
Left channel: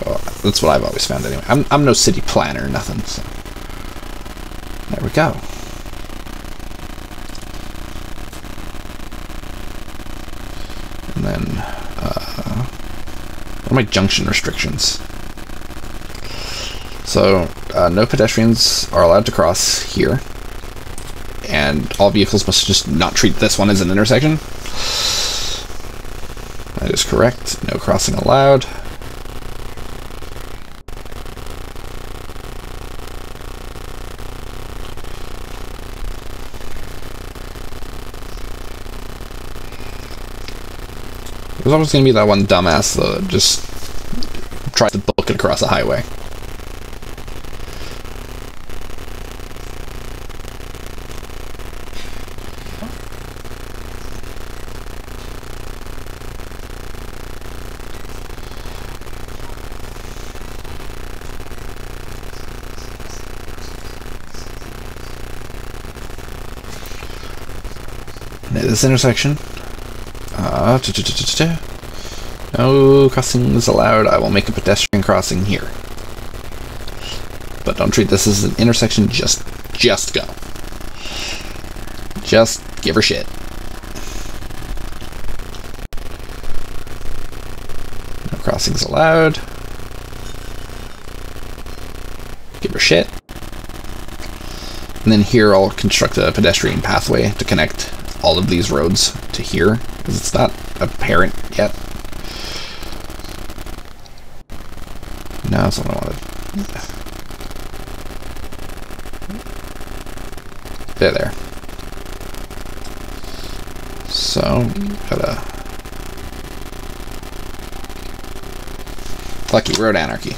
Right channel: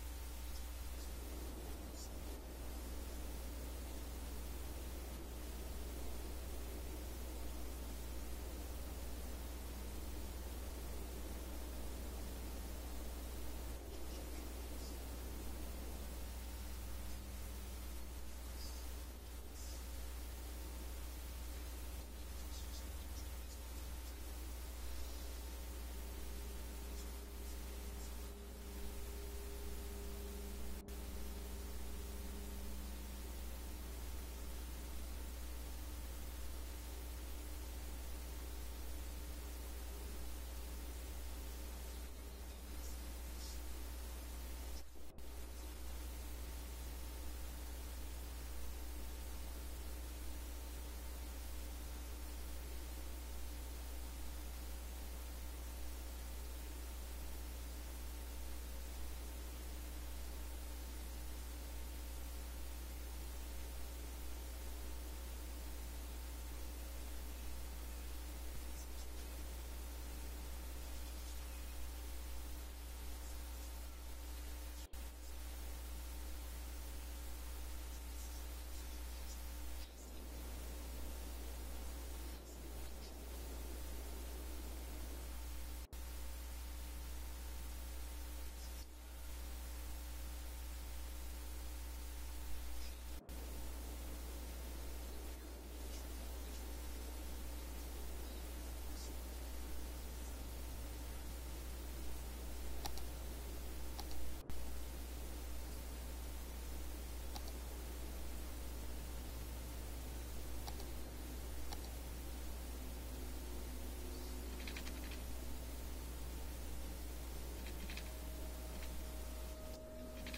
Well, that's what I've always found anyway. I'm no city planner or nothing, so. There we go. And then, what are my junction restrictions? So, no pedestrians are allowed to cross here. And all vehicles must just not treat this one as an intersection. That is correct. No crossing allowed. There's always going to be that one dumbass that just tries to book it across a highway. This intersection. No crossings allowed. I will make a pedestrian crossing here. But don't treat this as an intersection. Just go. Just give her shit. No crossings allowed. Give her shit. And then here I'll construct a pedestrian pathway to connect all of these roads to here, because it's not apparent yet. No, that's what I wanted. There. So, gotta... Lucky road anarchy.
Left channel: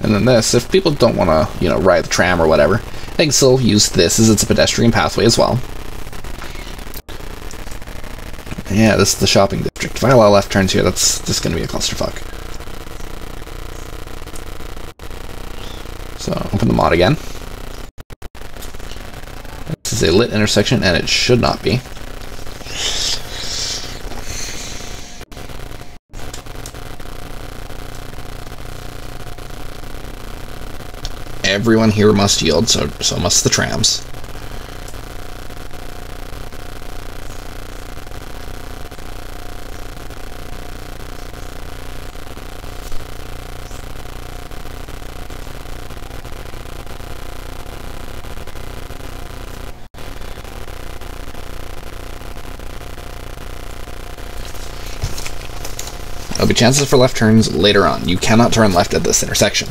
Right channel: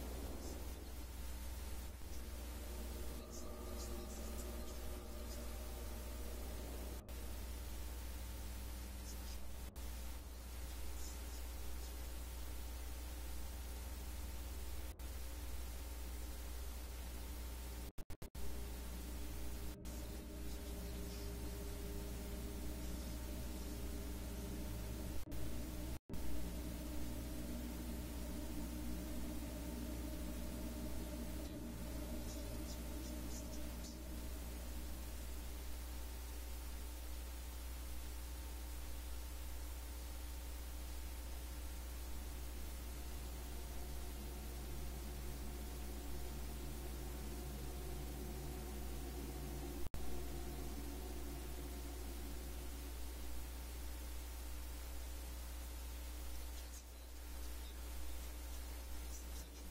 And then this, if people don't want to, you know, ride the tram or whatever, they can still use this as it's a pedestrian pathway as well. Yeah, this is the shopping district. If I allow left turns here, that's just going to be a clusterfuck. So, open the mod again. This is a lit intersection, and it should not be. everyone here must yield, so must the trams. There'll be chances for left turns later on. You cannot turn left at this intersection.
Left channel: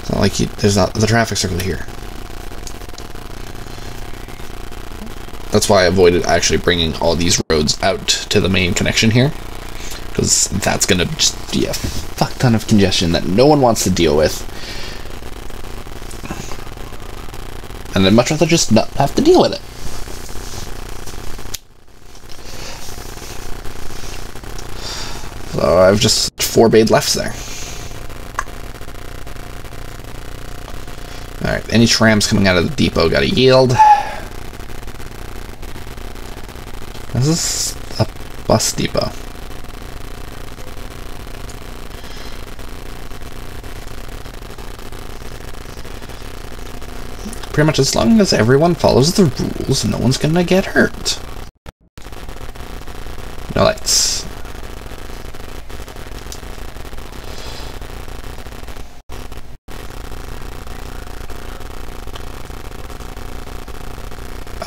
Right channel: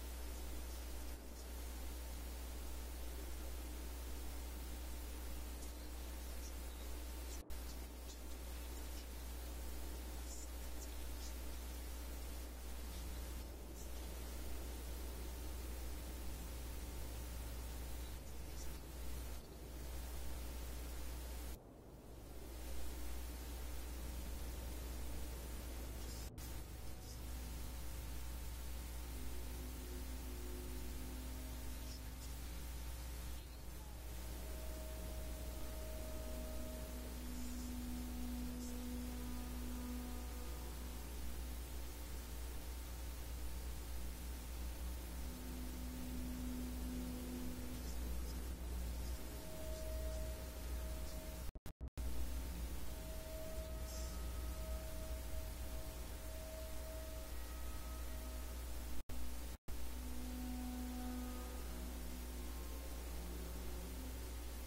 It's not like there's not the traffic circle here. That's why I avoided actually bringing all these roads out to the main connection here, because that's gonna just be a fuck ton of congestion that no one wants to deal with. And I'd much rather just not have to deal with it. So I've just forbade lefts there. Alright, any trams coming out of the depot gotta yield. This is a bus depot. Pretty much as long as everyone follows the rules, no one's gonna get hurt. No lights.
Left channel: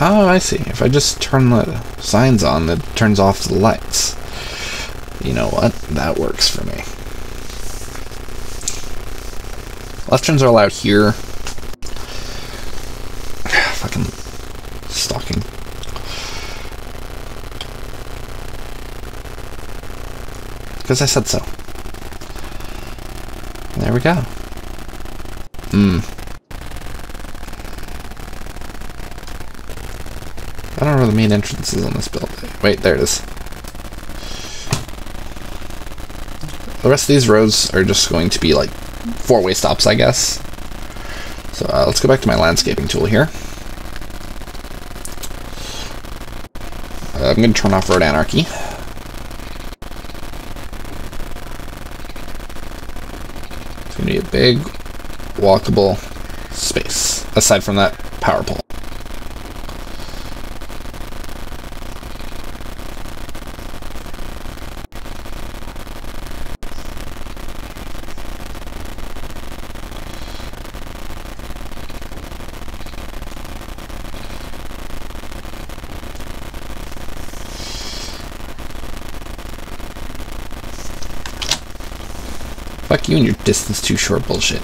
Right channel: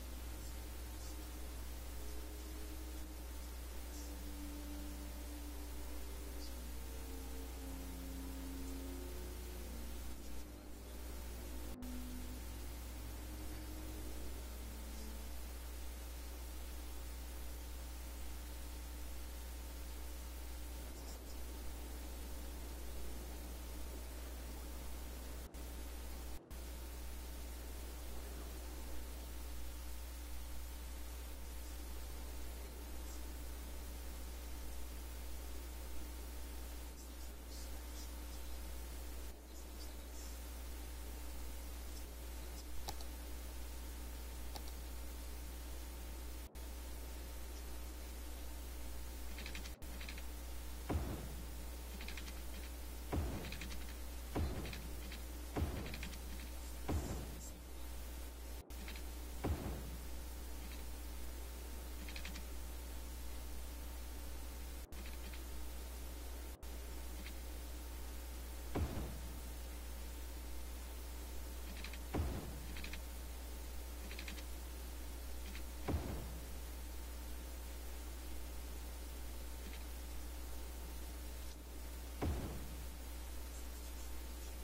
Oh, I see. If I just turn the signs on, it turns off the lights. You know what? That works for me. Left turns are allowed here. Fucking stalking. Because I said so. There we go. I don't know where the main entrance is on this building. Wait, there it is. The rest of these roads are just going to be like four-way stops, I guess. So let's go back to my landscaping tool here. I'm going to turn off road anarchy. It's going to be a big, walkable space, aside from that power pole. Fuck you and your distance too short bullshit.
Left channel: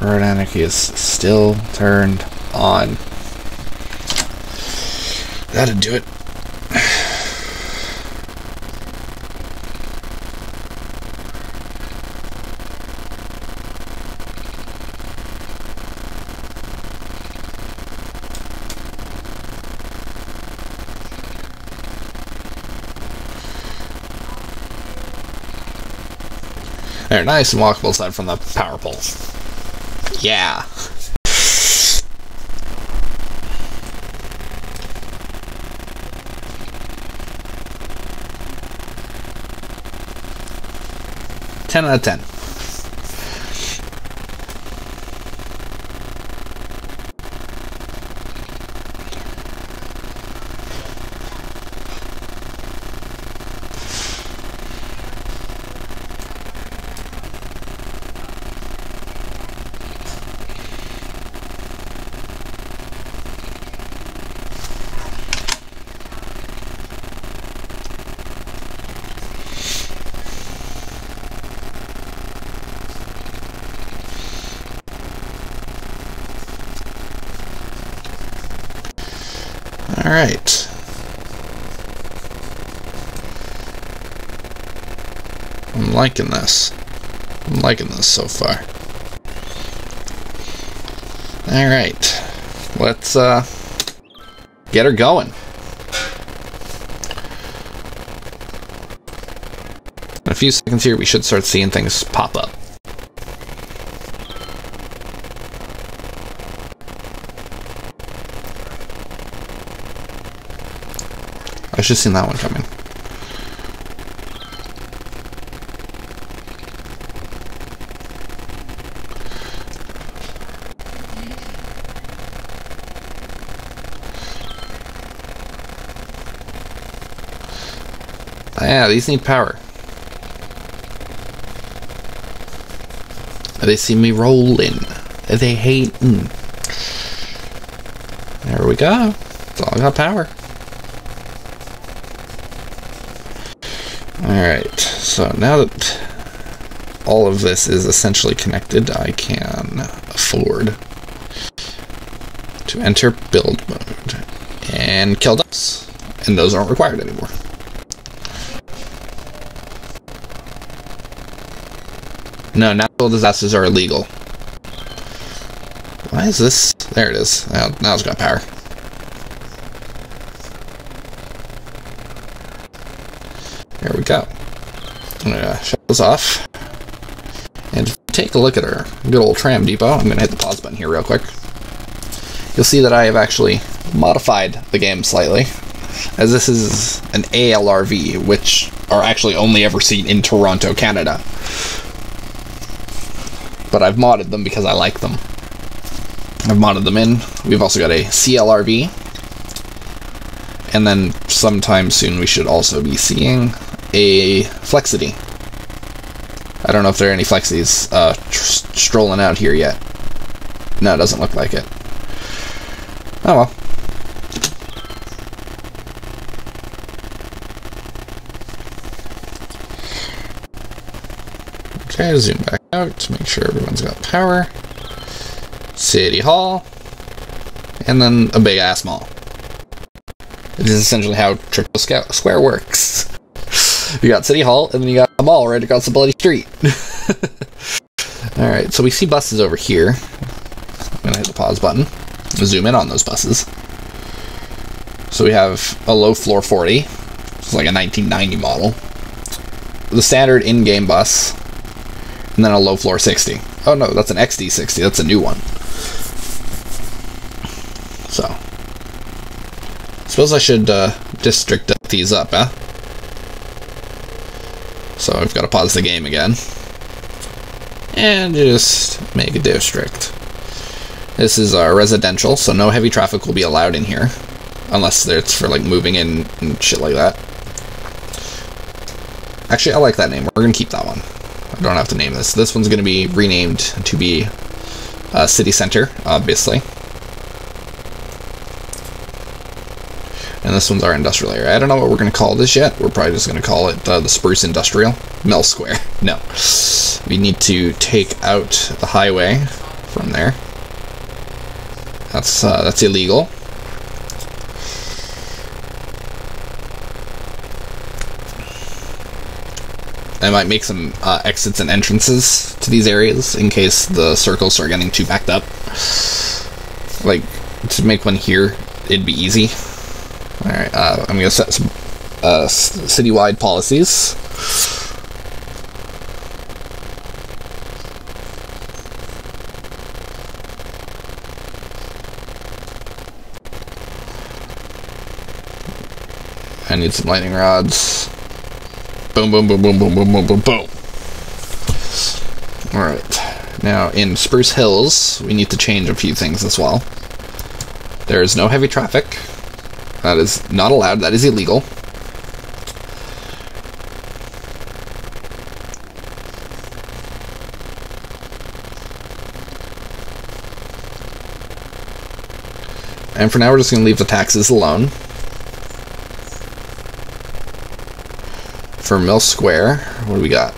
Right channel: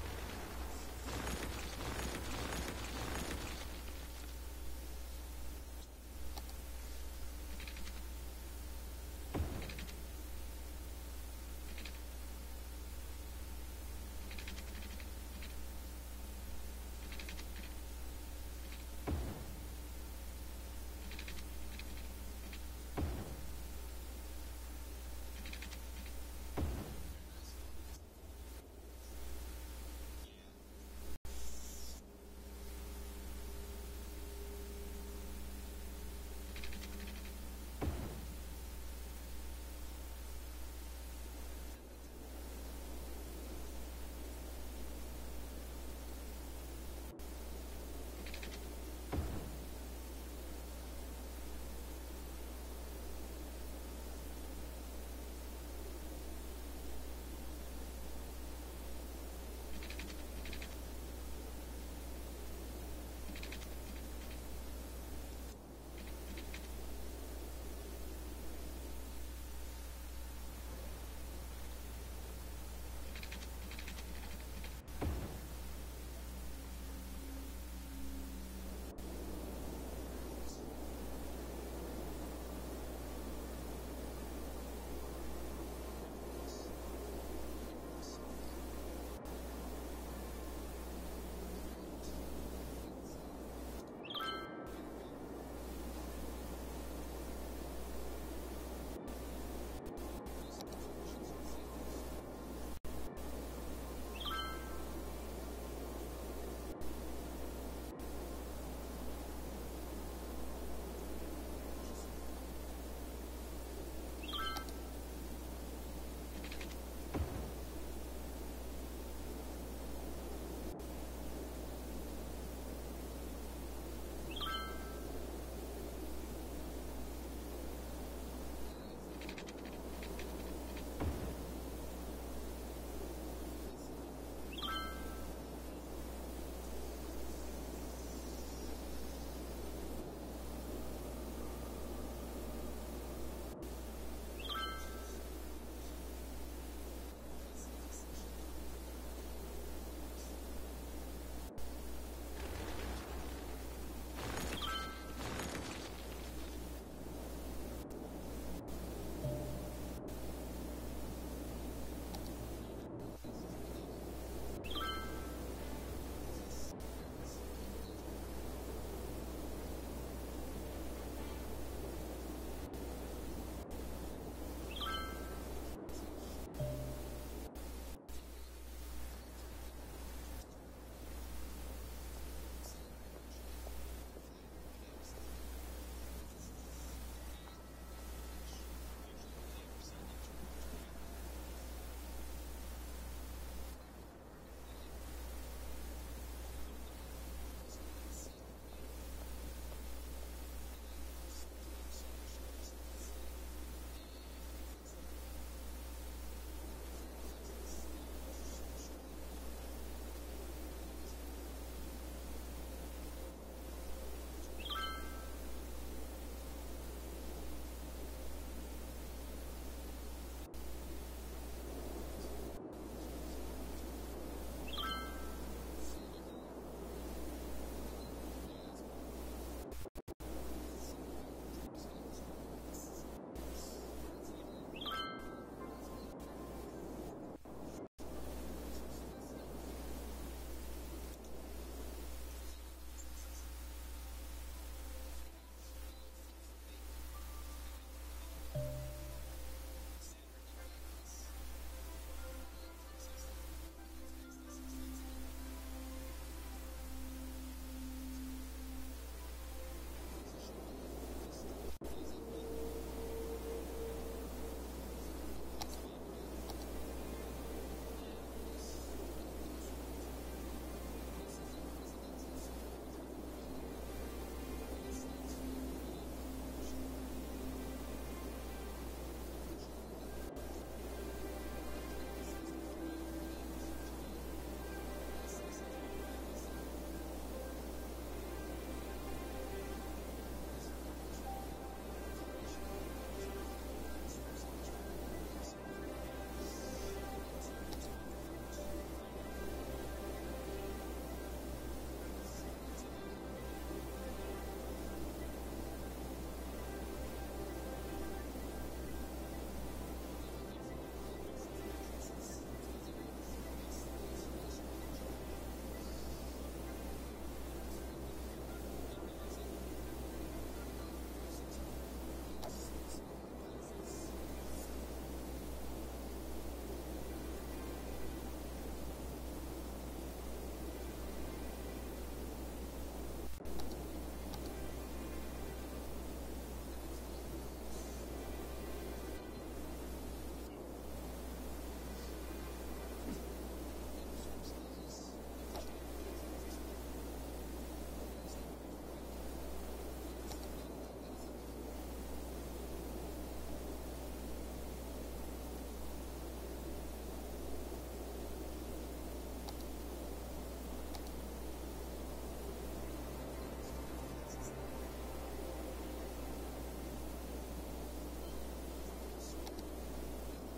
Road anarchy is still turned on. That'd do it. There, nice and walkable aside from the power pole. Yeah. Ten out of 10. Alright. liking this. I'm liking this so far. Alright. Let's get her going. In a few seconds here, we should start seeing things pop up. I should have seen that one coming. Yeah, these need power. They see me rolling. They hating. There we go. It's all got power. Alright, so now that all of this is essentially connected, I can afford to enter build mode and kill ducks. And those aren't required anymore. No, natural disasters are illegal. Why is this? There it is. Now it's got power. There we go. I'm gonna shut this off. And take a look at our good old tram depot. I'm gonna hit the pause button here real quick. You'll see that I have actually modified the game slightly, as this is an ALRV, which are actually only ever seen in Toronto, Canada. But I've modded them because I like them. I've modded them in. We've also got a CLRV. And then sometime soon we should also be seeing a Flexity. I don't know if there are any Flexities strolling out here yet. No, it doesn't look like it. Oh well. Okay, zoom back out to make sure everyone's got power. City Hall. And then a big ass mall. It is essentially how Triple Square works. You got City Hall, and then you got a mall right across the bloody street. Alright, so we see buses over here. I'm gonna hit the pause button. Zoom in on those buses. So we have a low floor 40. It's like a 1990 model. The standard in-game bus. And then a low floor 60. Oh no, that's an XD60. That's a new one. So. Suppose I should district these up, huh? So I've got to pause the game again. And just make a district. This is residential, so no heavy traffic will be allowed in here. Unless it's for like moving in and shit like that. Actually, I like that name. We're going to keep that one. I don't have to name this. This one's going to be renamed to be City Center, obviously. And this one's our industrial area. I don't know what we're going to call this yet. We're probably just going to call it the Spruce Industrial. Mill Square. No. We need to take out the highway from there. That's illegal. I might make some exits and entrances to these areas in case the circles are getting too backed up. Like, to make one here, it'd be easy. Alright, I'm going to set some citywide policies. I need some lightning rods. Boom, boom, boom, boom, boom, boom, boom, boom, boom. Alright. Now, in Spruce Hills, we need to change a few things as well. There is no heavy traffic. That is not allowed. That is illegal. And for now, we're just going to leave the taxes alone. For Mill Square, what do we got?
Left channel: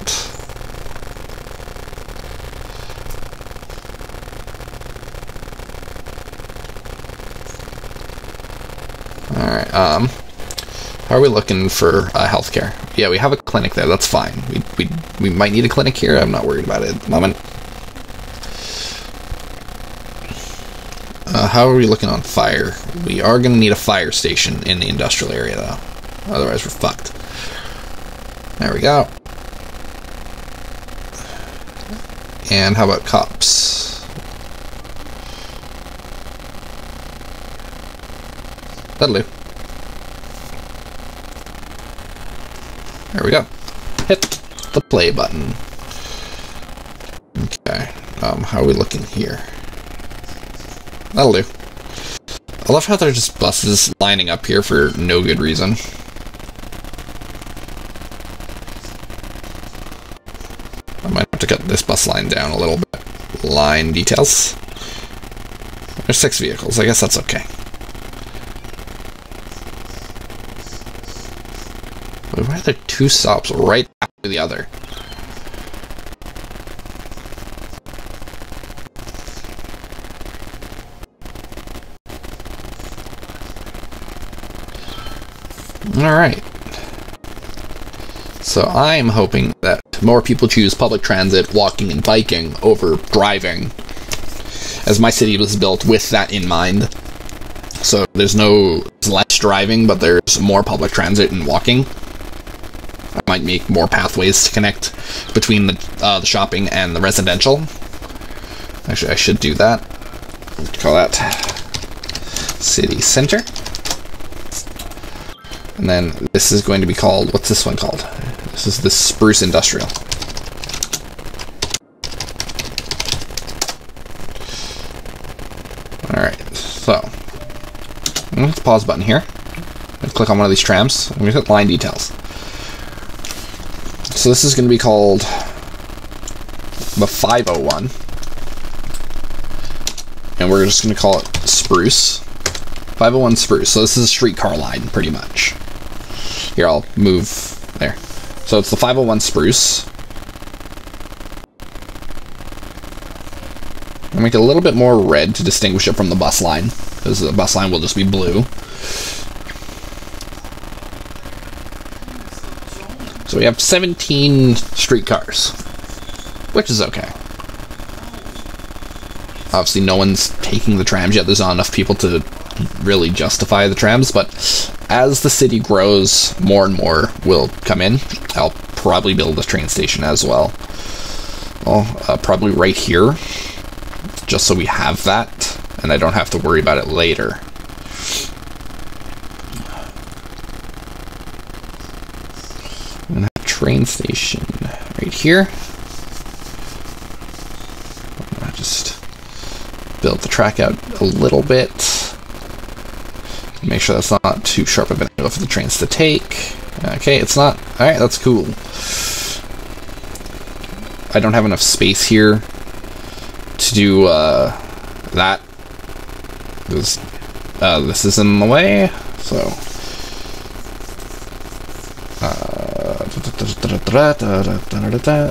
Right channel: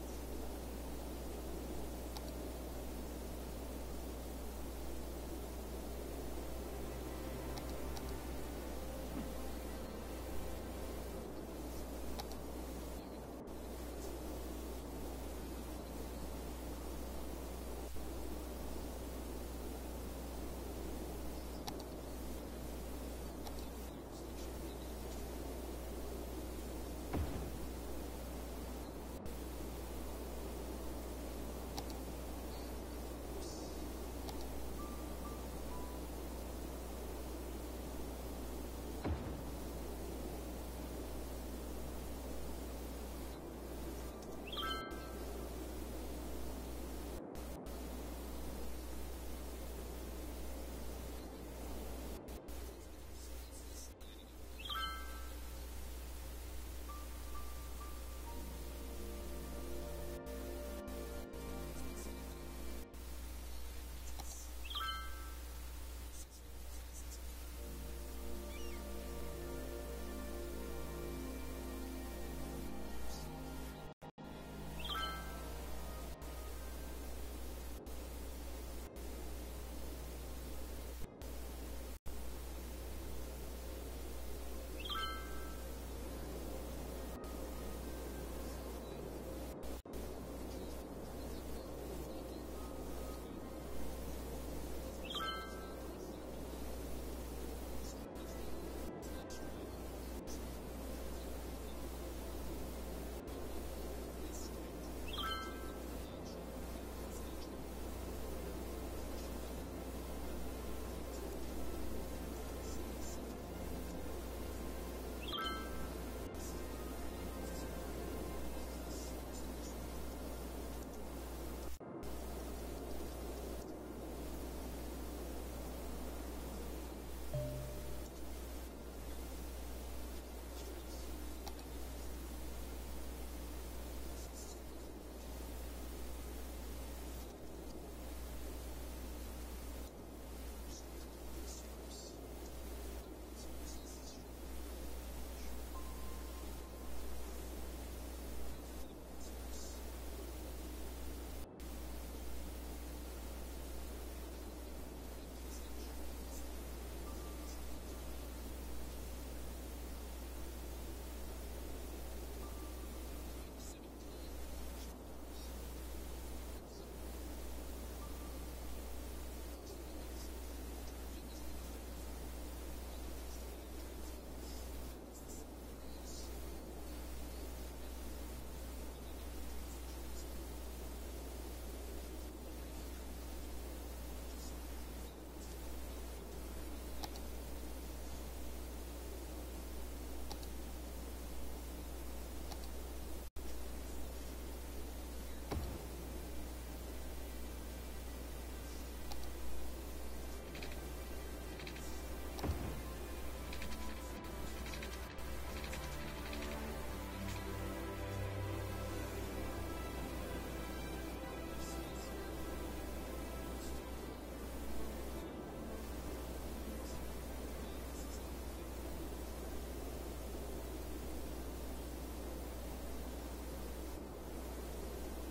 Alright, How are we looking for healthcare? Yeah, we have a clinic there. That's fine. We might need a clinic here. I'm not worried about it at the moment. How are we looking on fire? We are going to need a fire station in the industrial area, though. Otherwise, we're fucked. There we go. And how about cops? That'll do. There we go. Hit the play button. Okay. How are we looking here? That'll do. I love how there's just buses lining up here for no good reason. I might have to cut this bus line down a little bit. Line details. There's 6 vehicles. I guess that's okay. Why are there 2 stops right after the other? Alright. So I'm hoping that more people choose public transit, walking, and biking over driving, as my city was built with that in mind. So there's less driving, but there's more public transit and walking. I might make more pathways to connect between the shopping and the residential. Actually, I should do that. Let's call that City Center. And then this is going to be called, what's this one called? This is the Spruce Industrial. Alright, so I'm going to hit the pause button here. I'm click on one of these trams. I'm going to hit line details. So this is going to be called the 501. And we're just going to call it Spruce. 501 Spruce. So this is a streetcar line, pretty much. Here, I'll move there. So it's the 501 Spruce. I'll make it a little bit more red to distinguish it from the bus line, because the bus line will just be blue. So we have 17 streetcars, which is okay. Obviously, no one's taking the trams yet. There's not enough people to really justify the trams, but as the city grows, more and more will come in. I'll probably build a train station as well. Well, probably right here, just so we have that, and I don't have to worry about it later. I'm gonna have a train station right here. I'm gonna just build the track out a little bit. Make sure that's not too sharp of an angle for the trains to take. Okay, it's not. Alright, that's cool. I don't have enough space here to do that. This is in the way, so.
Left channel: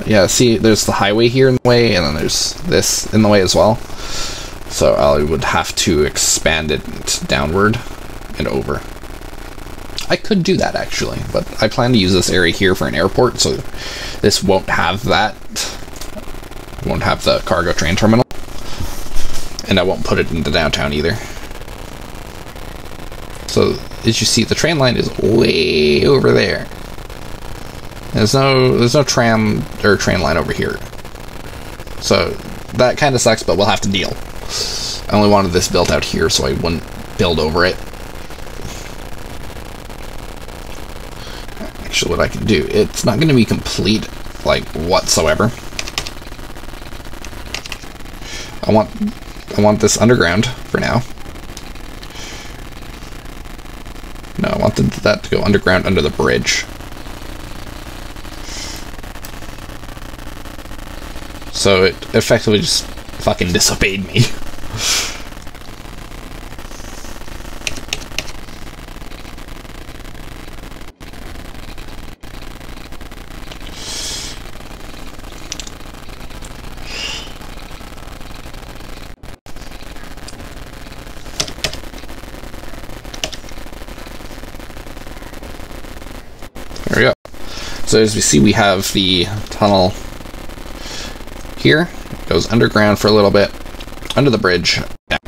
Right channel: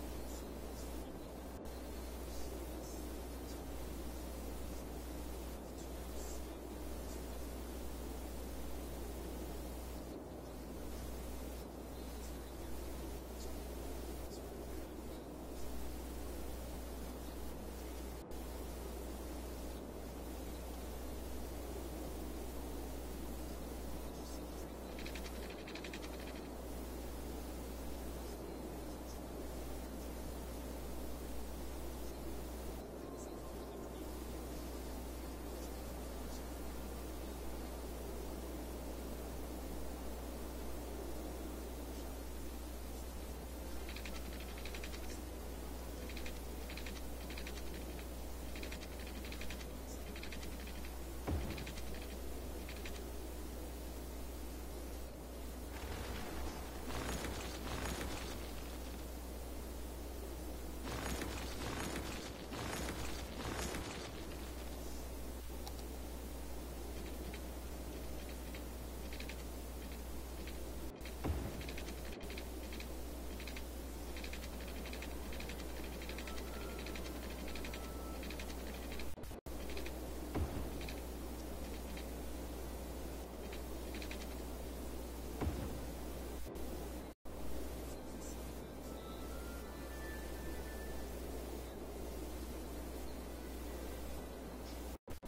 Yeah, see, there's the highway here in the way, and then there's this in the way as well. So I would have to expand it downward and over. I could do that actually, but I plan to use this area here for an airport, so this won't have that. Won't have the cargo train terminal, and I won't put it into downtown either. So as you see, the train line is way over there. There's no tram or train line over here. So that kind of sucks, but we'll have to deal. I only wanted this built out here so I wouldn't build over it. Actually, what I can do, it's not going to be complete, like, whatsoever. I want this underground for now. No, I wanted that to go underground under the bridge. So it effectively just fucking disobeyed me. There we go. So as we see, we have the tunnel here. It goes underground for a little bit, under the bridge. Yeah.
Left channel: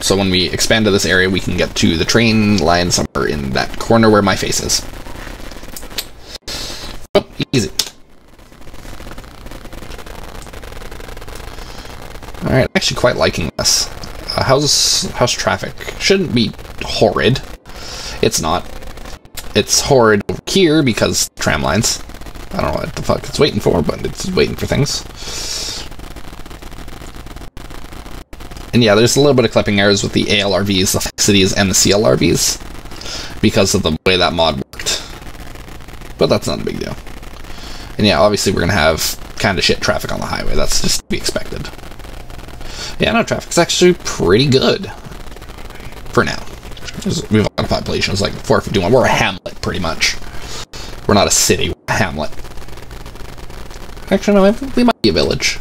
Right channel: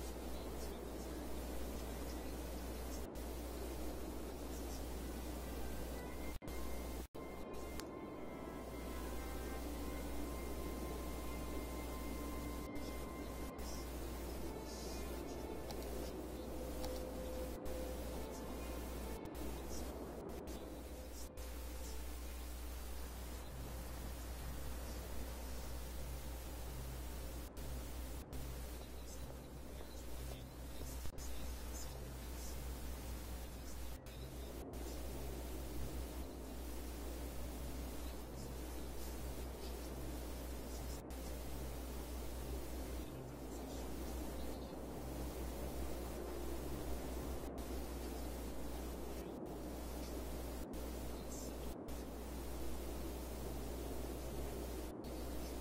So when we expand to this area, we can get to the train line somewhere in that corner where my face is. Oh, easy. Alright, I'm actually quite liking this. How's traffic? Shouldn't be horrid. It's not. It's horrid over here because tram lines. I don't know what the fuck it's waiting for, but it's waiting for things. And yeah, there's a little bit of clipping errors with the ALRVs, the Fixities, and the CLRVs because of the way that mod worked. But that's not a big deal. And yeah, obviously we're going to have kind of shit traffic on the highway. That's just to be expected. Yeah, no, traffic's actually pretty good. For now. We have a lot of population. It's like 451. We're a hamlet, pretty much. We're not a city, we're a hamlet. Actually, no, we might be a village.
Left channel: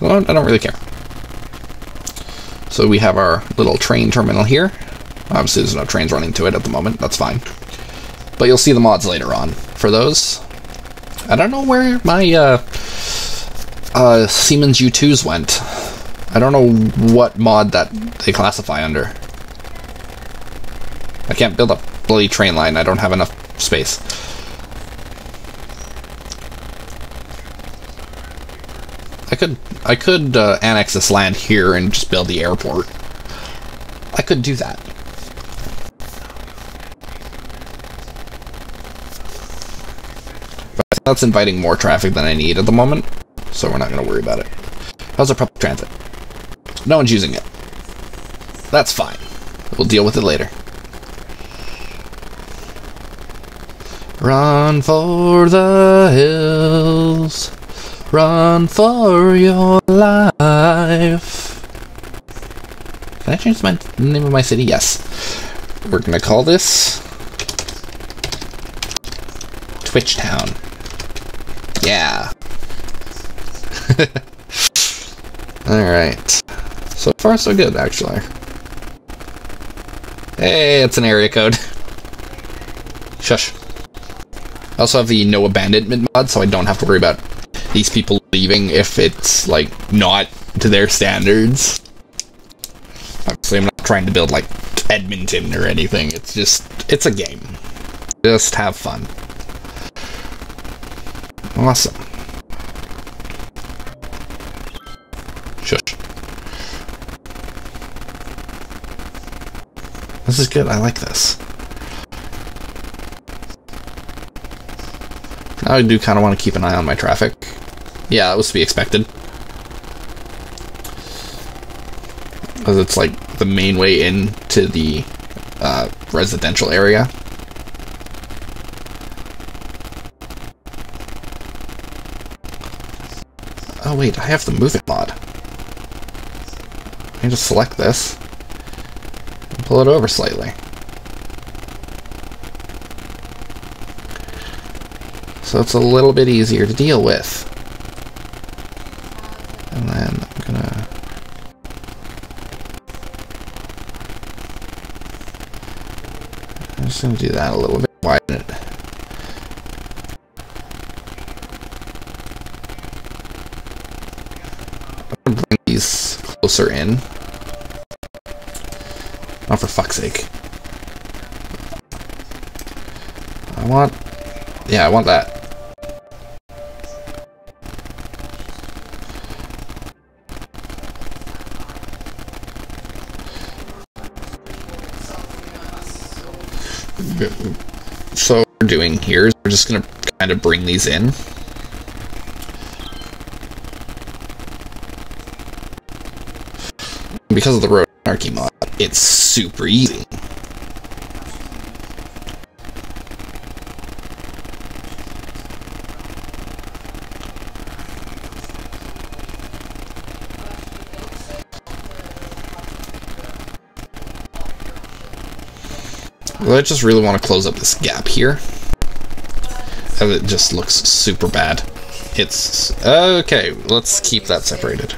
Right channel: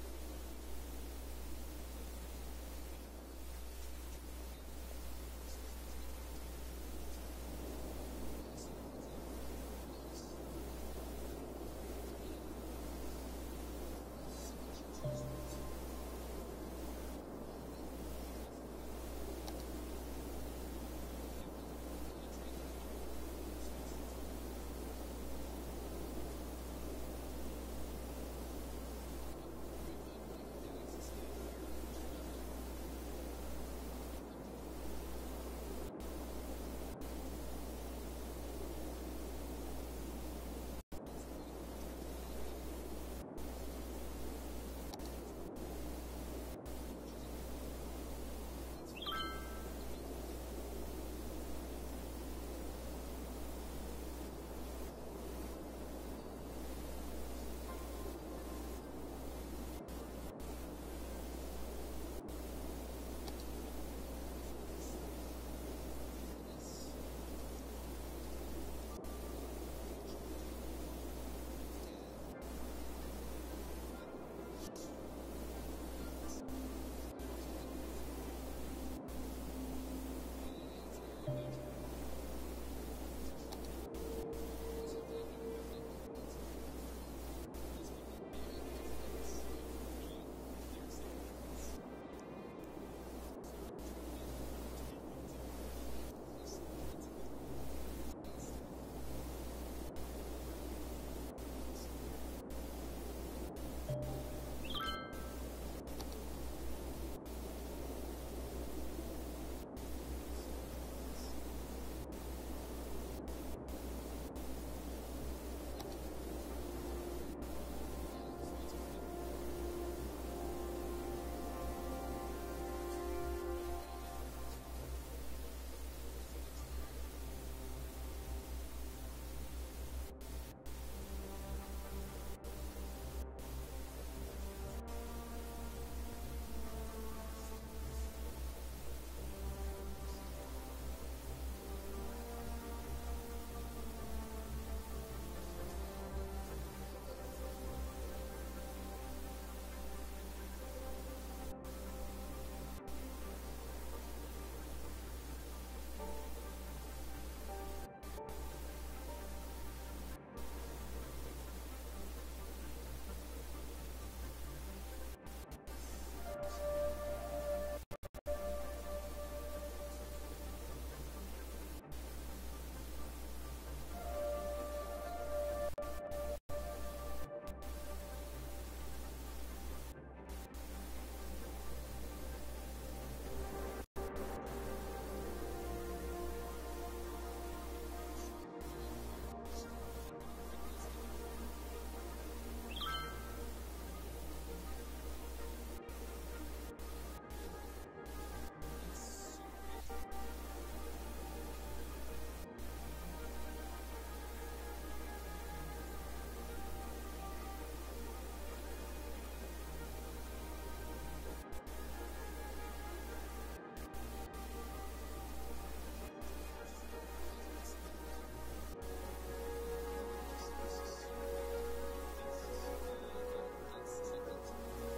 Well, I don't really care. So we have our little train terminal here. Obviously, there's no trains running to it at the moment. That's fine. But you'll see the mods later on for those. I don't know where my Siemens U2s went. I don't know what mod that they classify under. I can't build a bloody train line. I don't have enough space. I could annex this land here and just build the airport. I could do that. But that's inviting more traffic than I need at the moment, so we're not going to worry about it. How's our public transit? No one's using it. That's fine. We'll deal with it later. Run for the hills. Run for your life. Can I change the name of my city? Yes. We're gonna call this Twitch Town. Yeah. Alright. So far so good, actually. Hey, it's an area code. Shush. I also have the no abandonment mod, so I don't have to worry about these people leaving if it's, like, not to their standards. Obviously, I'm not trying to build, like, Edmonton or anything. It's just, it's a game. Just have fun. Awesome. Shush. This is good. I like this. Now I do kind of want to keep an eye on my traffic. Yeah, that was to be expected. Because it's like the main way into the residential area. Oh wait, I have the move it mod. I can just select this and pull it over slightly. So it's a little bit easier to deal with. And then I'm gonna... I'm just gonna do that a little bit, widen it. I'm gonna bring these closer in. Oh, for fuck's sake. I want... Yeah, I want that. So what we're doing here is we're just going to kind of bring these in. Because of the road anarchy mod, it's super easy. Well, I just really want to close up this gap here. As it just looks super bad. It's... okay, let's keep that separated.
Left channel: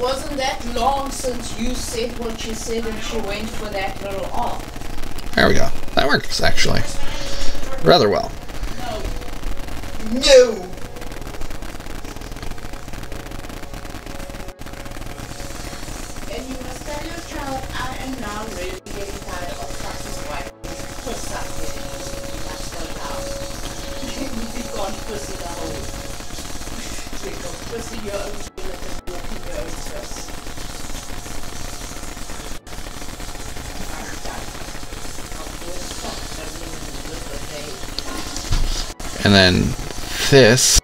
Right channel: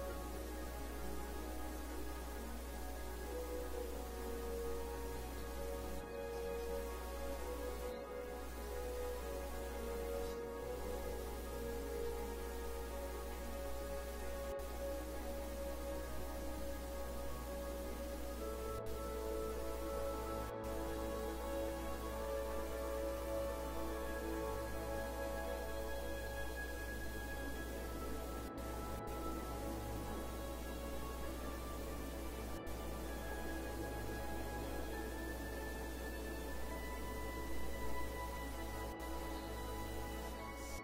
wasn't that long since you said what you said and she went for that little off. There we go. That works, actually. Rather well. No. No! And you must tell your child I am now really getting tired of fucking wife. Puss up with it. That's the house. You would be gone puss in the hole. Drink of puss in your own toilet and walk in your own piss. And then this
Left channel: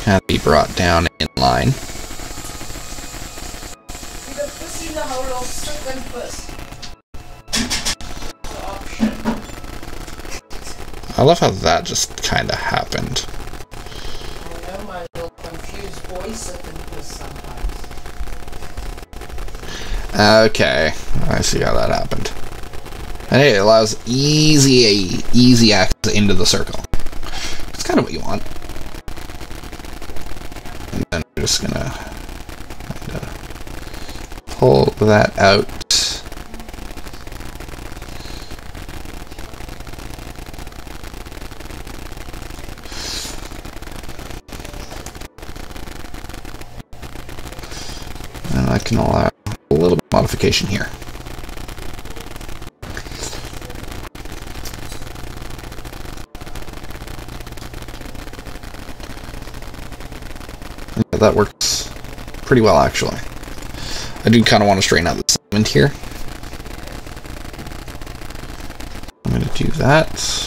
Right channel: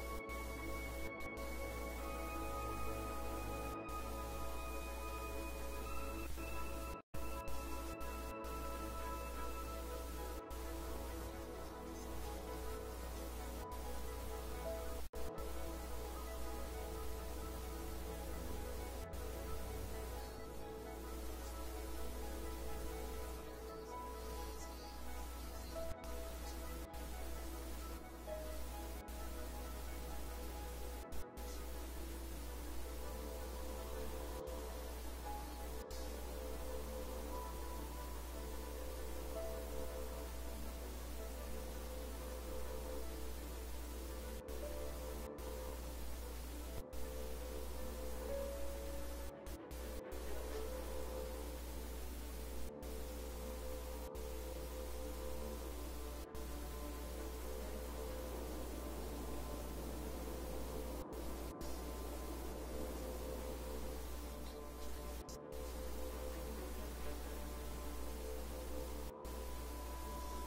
can be brought down in line. I love how that just kind of happened. I know my little confused boy sitting puss sometimes. Okay, I see how that happened. And hey, it allows easy access into the circle. It's kind of what you want. And then we're just gonna pull that out. And I can allow a little bit of modification here. Yeah, that works pretty well, actually. I do kind of want to straighten out the segment here. I'm going to do that.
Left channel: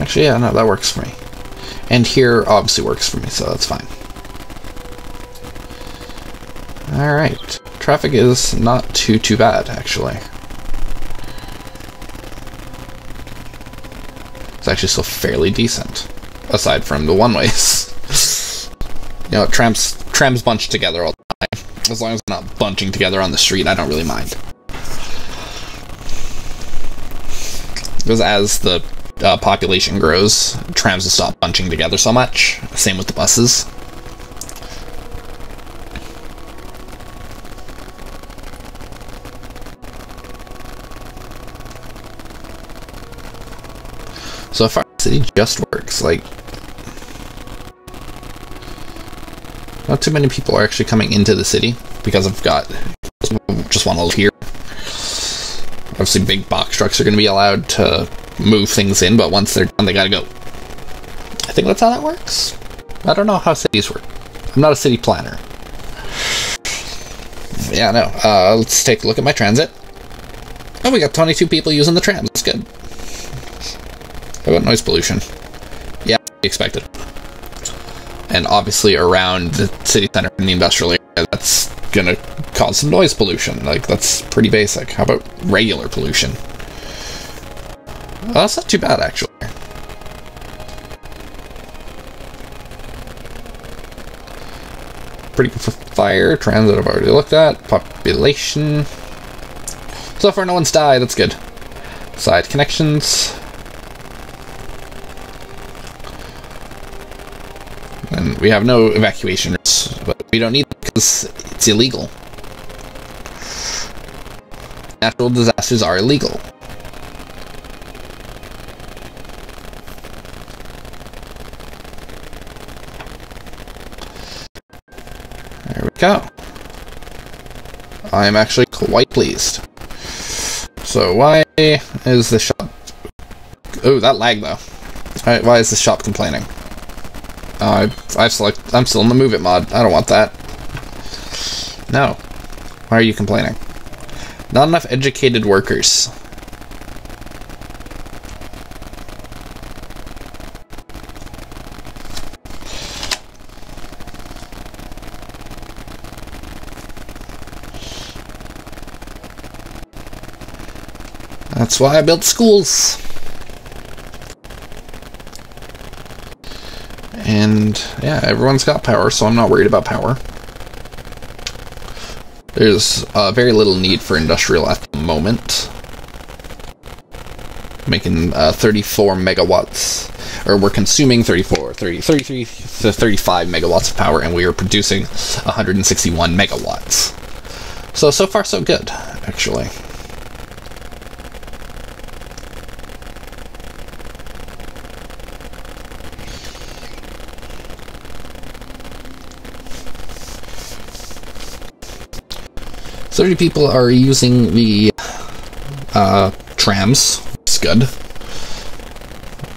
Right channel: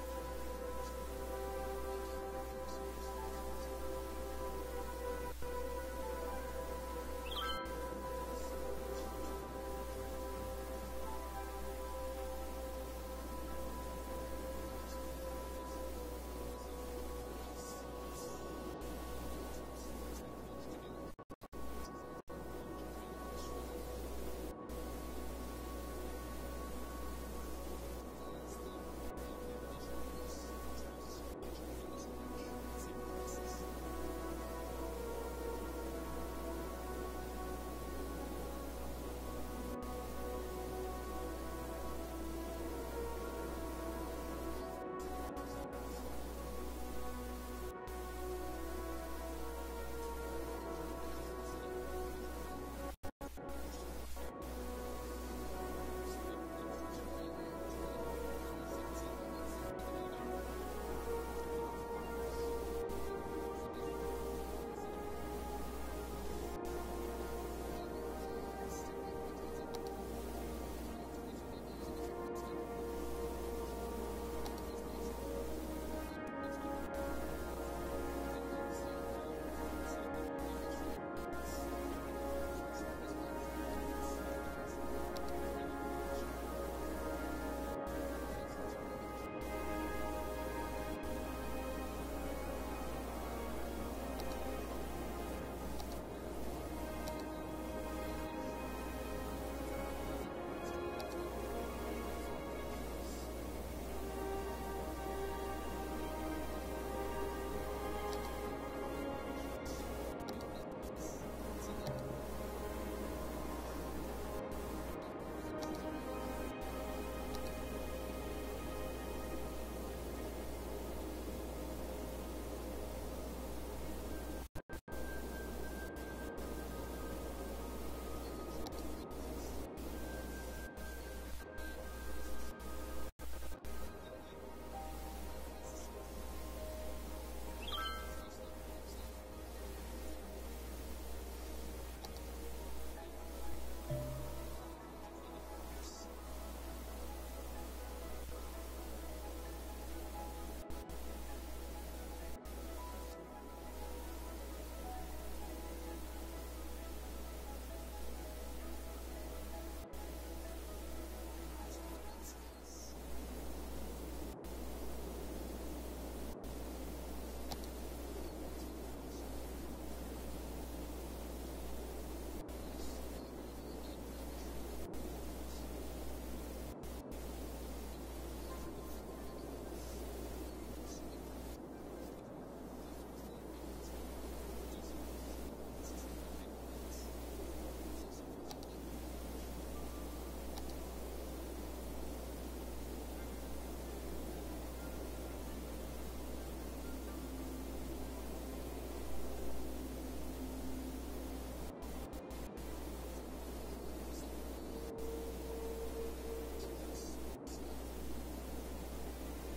Actually, yeah, no, that works for me. And here obviously works for me, so that's fine. Alright. Traffic is not too bad, actually. It's actually still fairly decent. Aside from the one-ways. You know, trams bunch together all the time. As long as they're not bunching together on the street, I don't really mind. Because as the population grows, trams will stop bunching together so much. Same with the buses. So far, the city just works. Like, not too many people are actually coming into the city because I've got just want to live here. Obviously, big box trucks are going to be allowed to move things in, but once they're done, they gotta go. I think that's how that works. I don't know how cities work. I'm not a city planner. Yeah, no. Let's take a look at my transit. Oh, we got 22 people using the tram. That's good. How about noise pollution? Yeah, expected. And obviously around the city center in the industrial area, that's gonna cause some noise pollution. Like, that's pretty basic. How about regular pollution? Well, that's not too bad, actually. Pretty good for fire. Transit I've already looked at. Population. So far, no one's died. That's good. Side connections. And we have no evacuation routes, but we don't need them because it's illegal. Natural disasters are illegal. There we go. I am actually quite pleased. So why is the shop... Oh, that lag though. Why is the shop complaining? I'm still in the Move It mod. I don't want that. No. Why are you complaining? Not enough educated workers. That's why I built schools. And yeah, everyone's got power, so I'm not worried about power. There's very little need for industrial at the moment. Making 34 megawatts, or we're consuming 33 to 35 megawatts of power, and we are producing 161 megawatts. So far so good, actually. So many people are using the trams. It's good.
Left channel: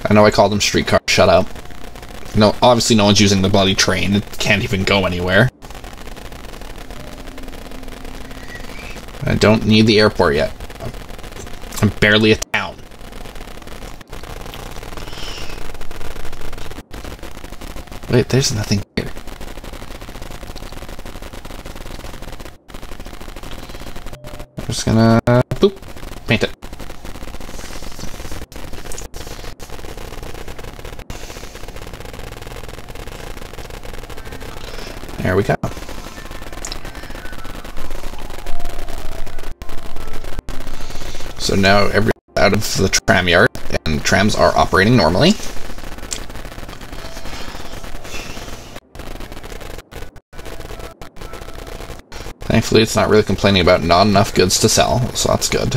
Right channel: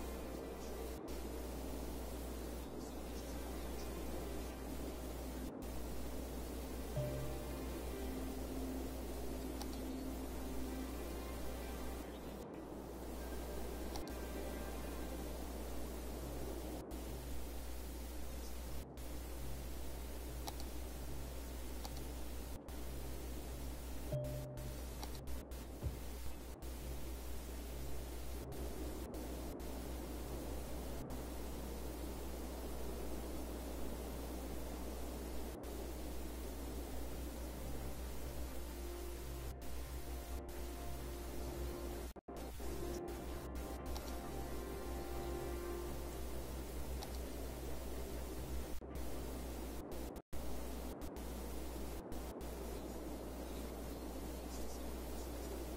I know I called them streetcars. Shut up. No, obviously no one's using the bloody train. It can't even go anywhere. I don't need the airport yet. I'm barely a town. Wait, there's nothing here. I'm just gonna boop, paint it. There we go. So now everyone's out of the tram yard, and trams are operating normally. Thankfully, it's not really complaining about not enough goods to sell, so that's good.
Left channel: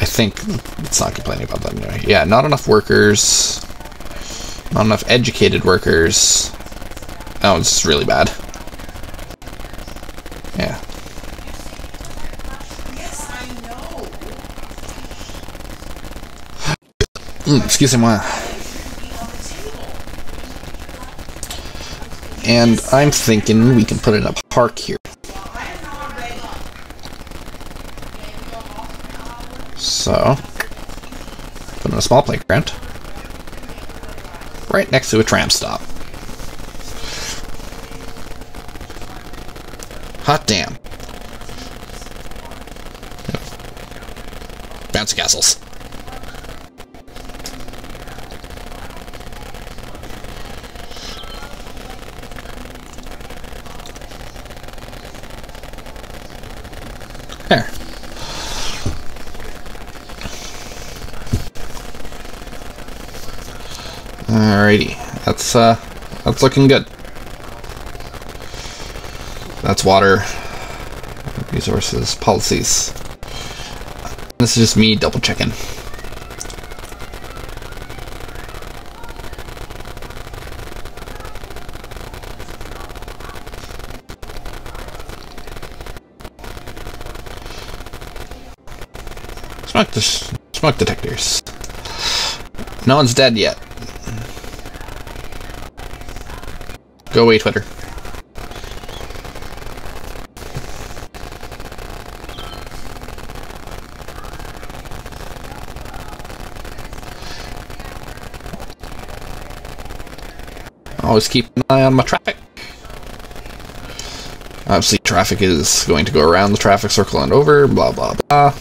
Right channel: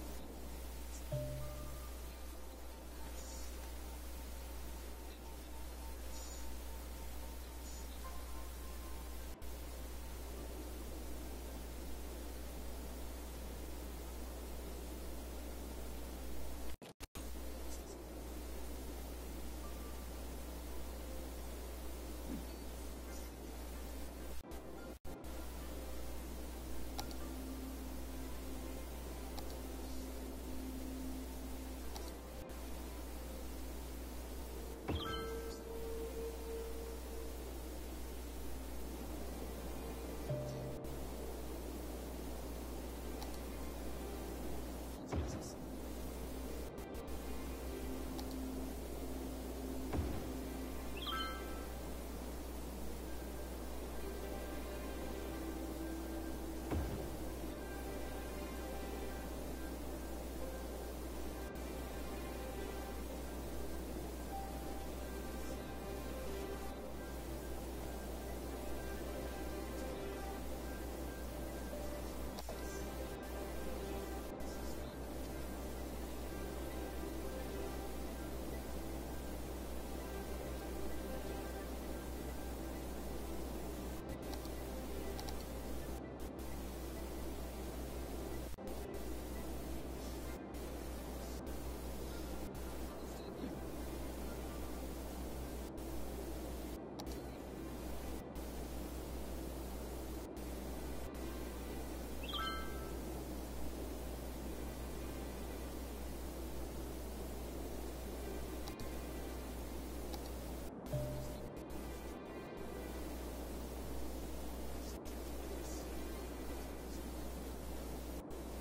I think it's not complaining about that anyway. Yeah, not enough workers. Not enough educated workers. Oh, it's really bad. Yeah. Excusez-moi. And I'm thinking we can put in a park here. So, put in a small playground. Right next to a tram stop. Hot damn. Bouncy castles. There. Alrighty, that's looking good. That's water, resources, policies. This is just me double checking. Smoke detectors. No one's dead yet. Go away, Twitter. Always keep an eye on my traffic. Obviously, traffic is going to go around the traffic circle and over, blah, blah, blah.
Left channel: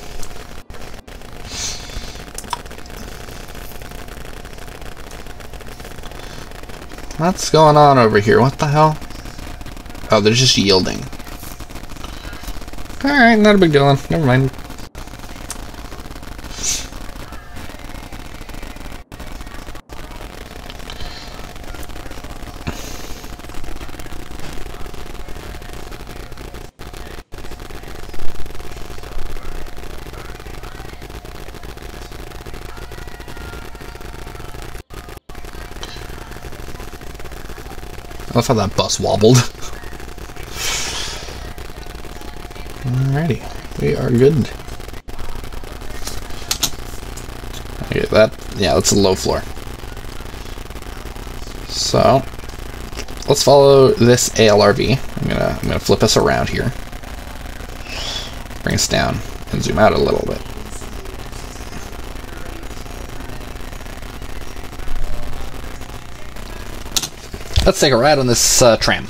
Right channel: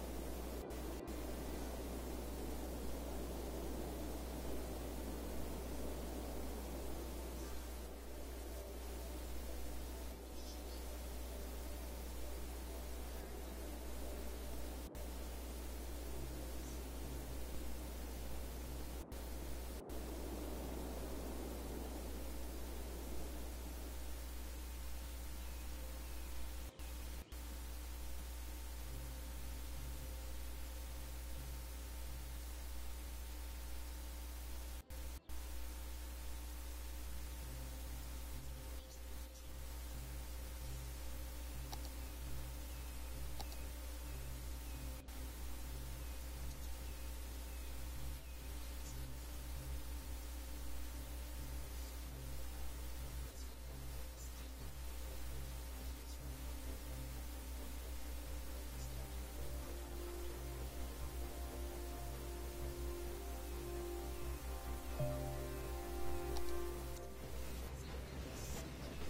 What's going on over here? What the hell? Oh, they're just yielding. Alright, not a big deal. Never mind. I love how that bus wobbled. Alrighty, we are good. Okay, that's a low floor. So let's follow this ALRV. I'm gonna flip us around here. Bring us down and zoom out a little bit. Let's take a ride on this tram.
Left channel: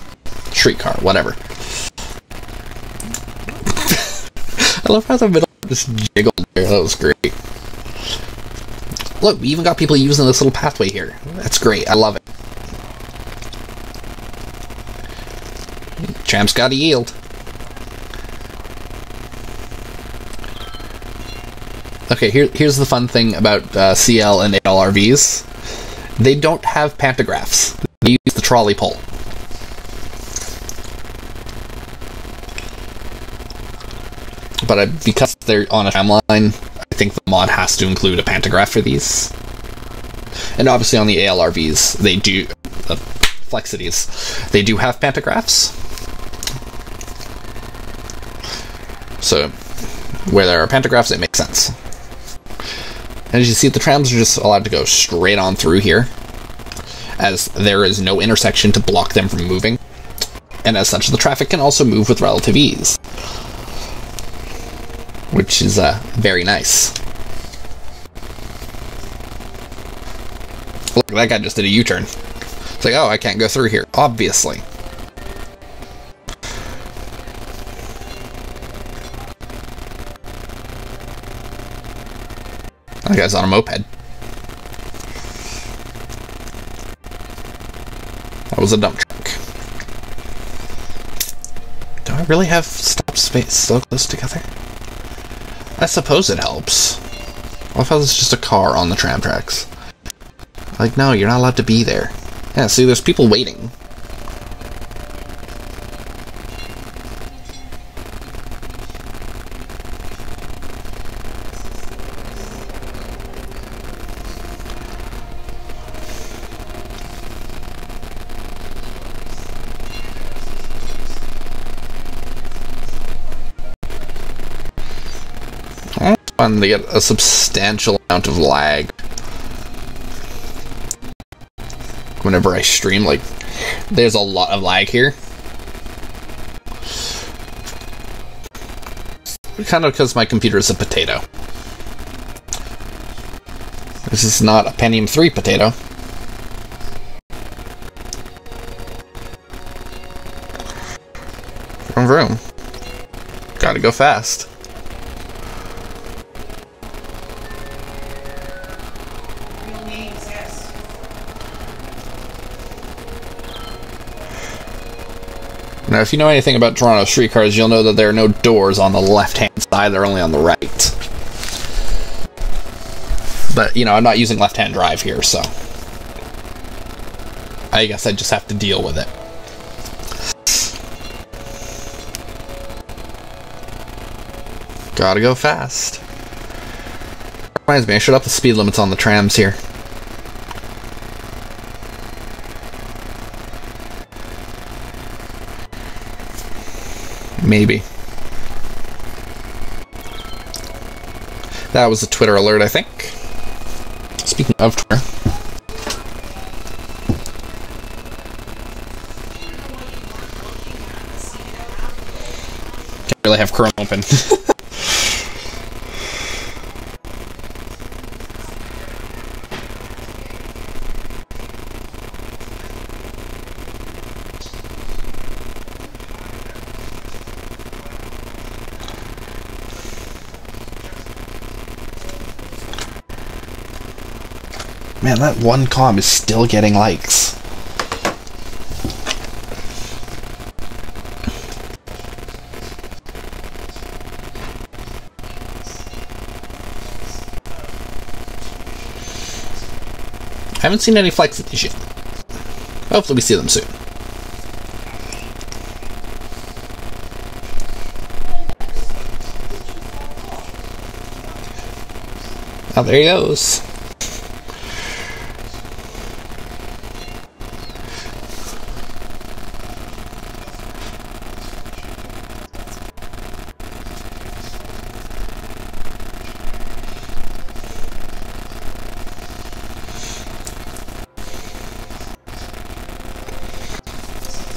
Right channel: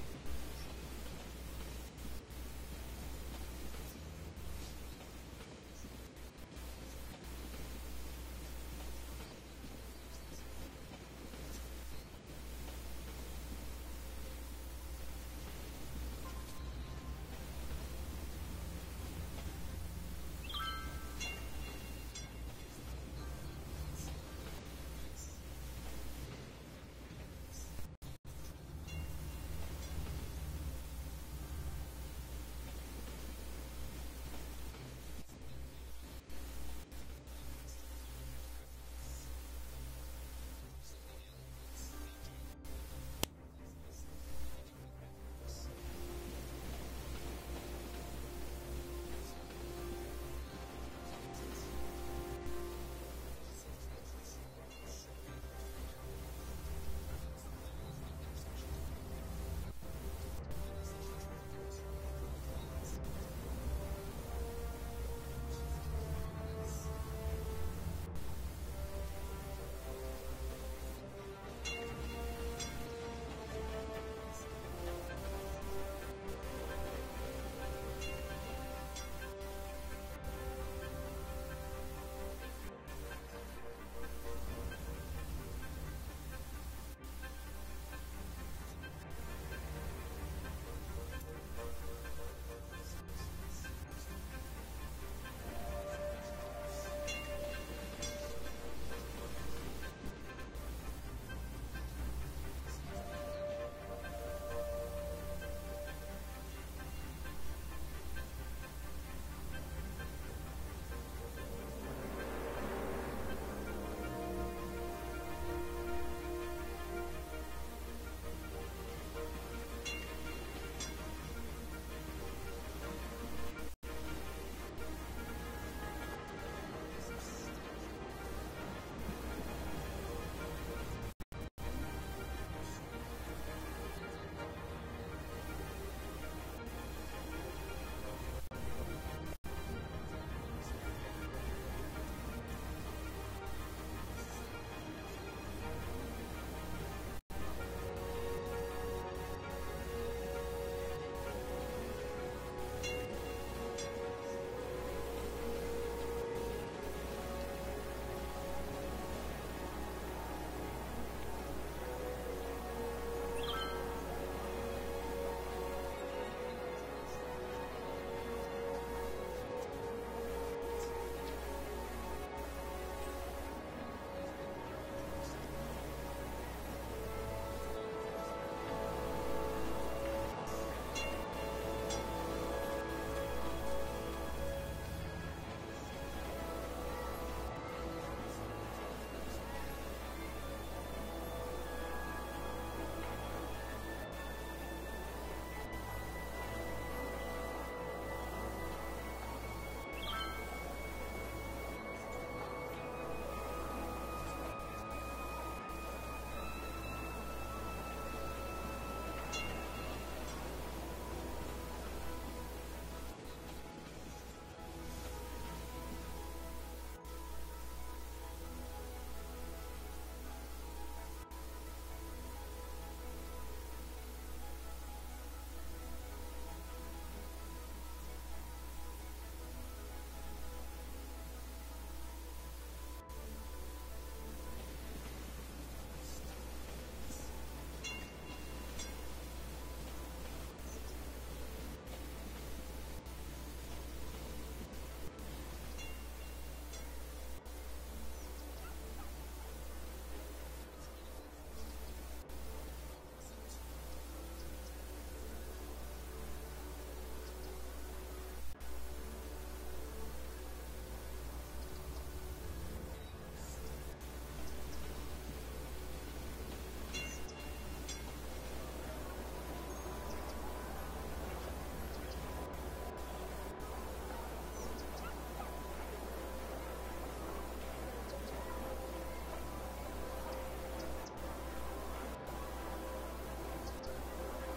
Streetcar, whatever. I love how the middle just jiggled there. That was great. Look, we even got people using this little pathway here. That's great. I love it. Tram's gotta yield. Okay, here's the fun thing about CL and ALRVs. They don't have pantographs. They use the trolley pole. But because they're on a tramline, I think the mod has to include a pantograph for these. And obviously on the ALRVs, they do... Flexities, they do have pantographs. So, where there are pantographs, it makes sense. And as you see, the trams are just allowed to go straight on through here, as there is no intersection to block them from moving. And as such, the traffic can also move with relative ease, which is very nice. Look, that guy just did a U-turn. It's like, oh, I can't go through here, obviously. That guy's on a moped. That was a dump truck. Do I really have stop space so close together? I suppose it helps. What if I was just a car on the tram tracks? Like, no, you're not allowed to be there. Yeah, see, there's people waiting. It's fun to get a substantial amount of lag whenever I stream. Like, there's a lot of lag here. Kind of because my computer is a potato. This is not a Pentium 3 potato. Vroom vroom. Gotta go fast. Now, if you know anything about Toronto streetcars, you'll know that there are no doors on the left-hand side, they're only on the right. But, you know, I'm not using left-hand drive here, so I guess I just have to deal with it. Gotta go fast. Reminds me, I should up the speed limits on the trams here. Maybe. That was a Twitter alert, I think. Speaking of Twitter. Can't really have Chrome open. Man, that one comm is still getting likes. I haven't seen any flex of these yet. Hopefully we see them soon. Oh, there he goes.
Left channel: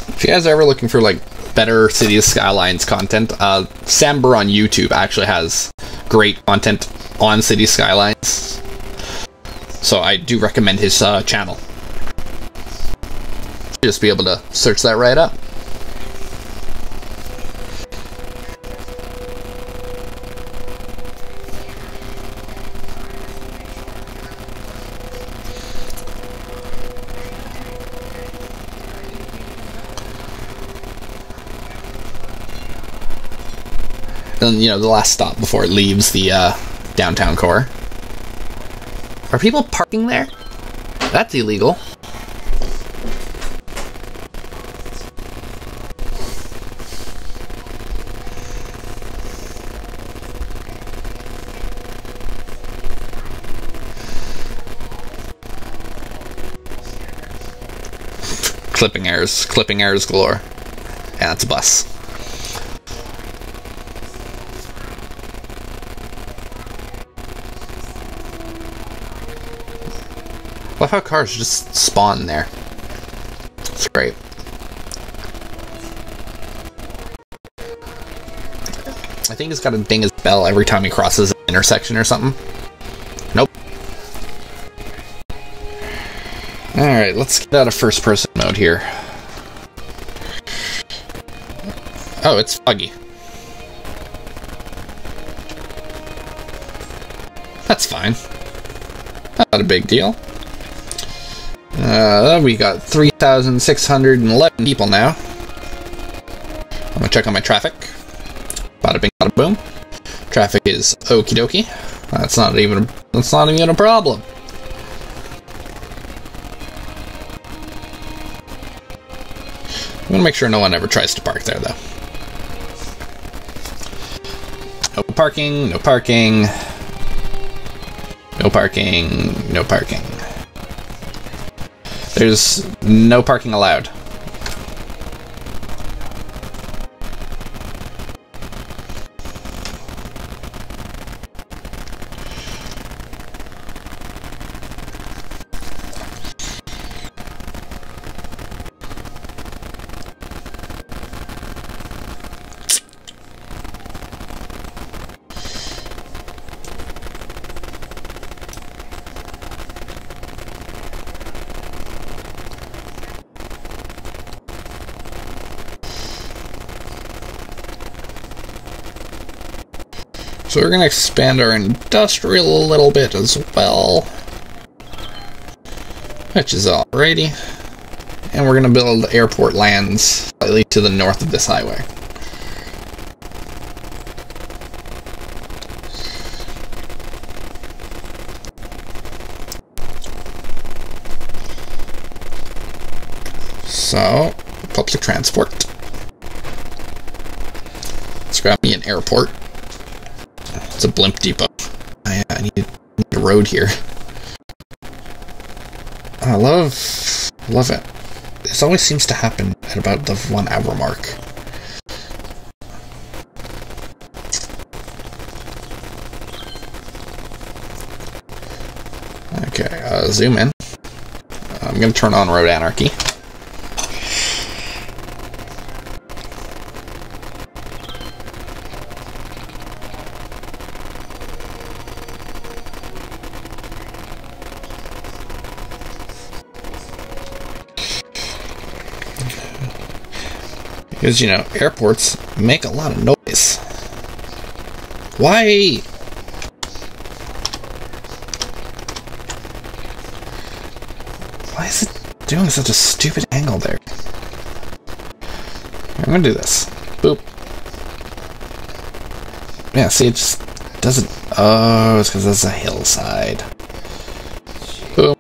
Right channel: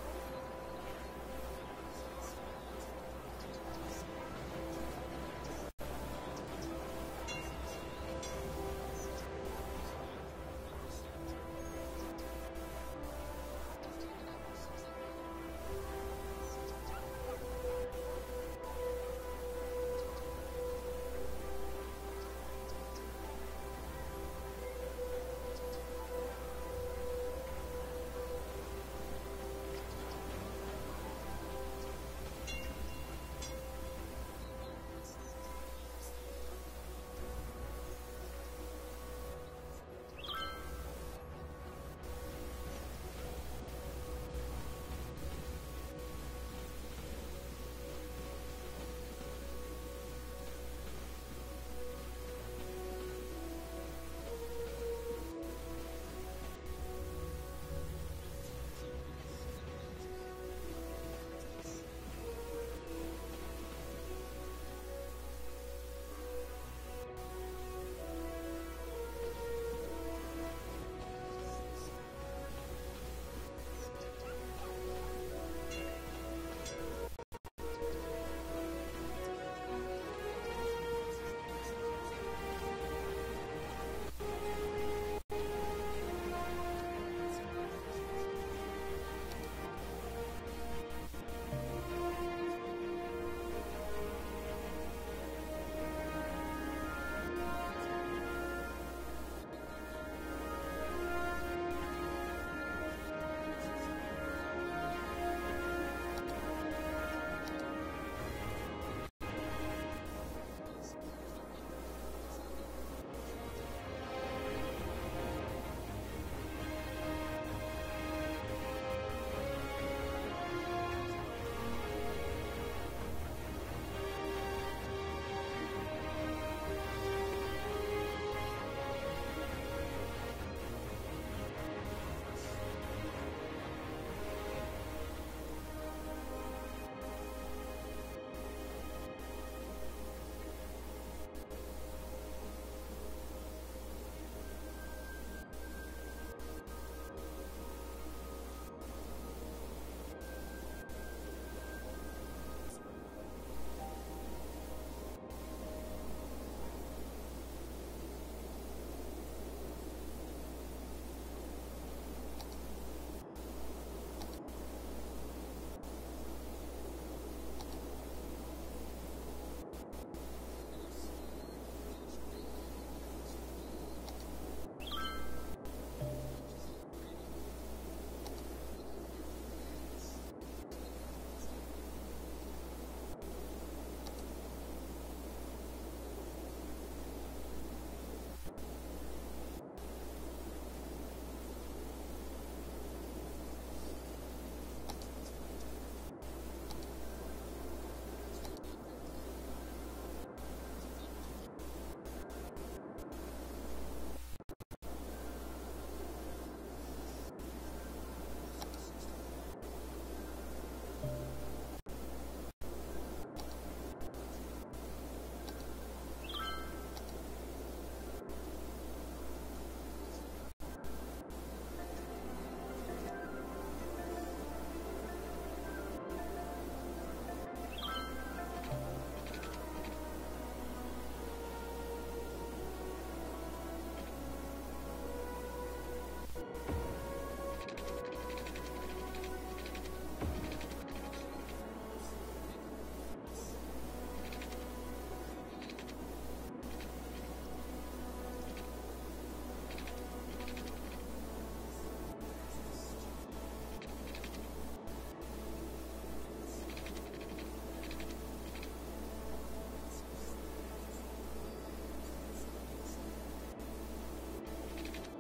If you guys are ever looking for like better Cities Skylines content, Samber on YouTube actually has great content on Cities Skylines, so I do recommend his channel. Just be able to search that right up. And, you know, the last stop before it leaves the downtown core. Are people parking there? That's illegal. Clipping errors galore. Yeah, it's a bus. Love how cars just spawn there. It's great. I think he's got to ding his bell every time he crosses an intersection or something. Nope. Alright, let's get out of first person mode here. Oh, it's foggy. That's fine. Not a big deal. We got 3,611 people now. I'm gonna check on my traffic. Bada bing, bada boom. Traffic is okie dokie. That's not even a problem. I'm gonna make sure no one ever tries to park there, though. No parking, no parking. No parking, no parking. There's no parking allowed. So we're going to expand our industrial a little bit as well. Which is alrighty. And we're going to build airport lands slightly to the north of this highway. So, public transport. Let's grab me an airport. It's a blimp depot. I need a road here. I love it. This always seems to happen at about the 1 hour mark. Okay, zoom in. I'm gonna turn on road anarchy. Because, you know, airports make a lot of noise. Why? Why is it doing such a stupid angle there? I'm gonna do this. Boop. Yeah, see, it just doesn't... Oh, it's because there's a hillside. Boom.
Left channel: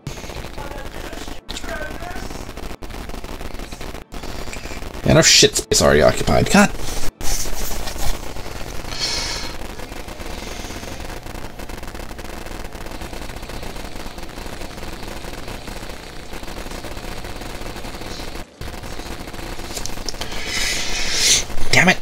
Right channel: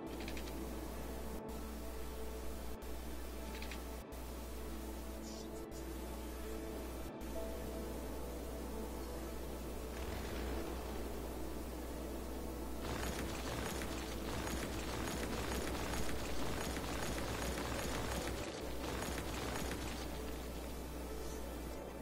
Enough shit space already occupied. God. Damn it.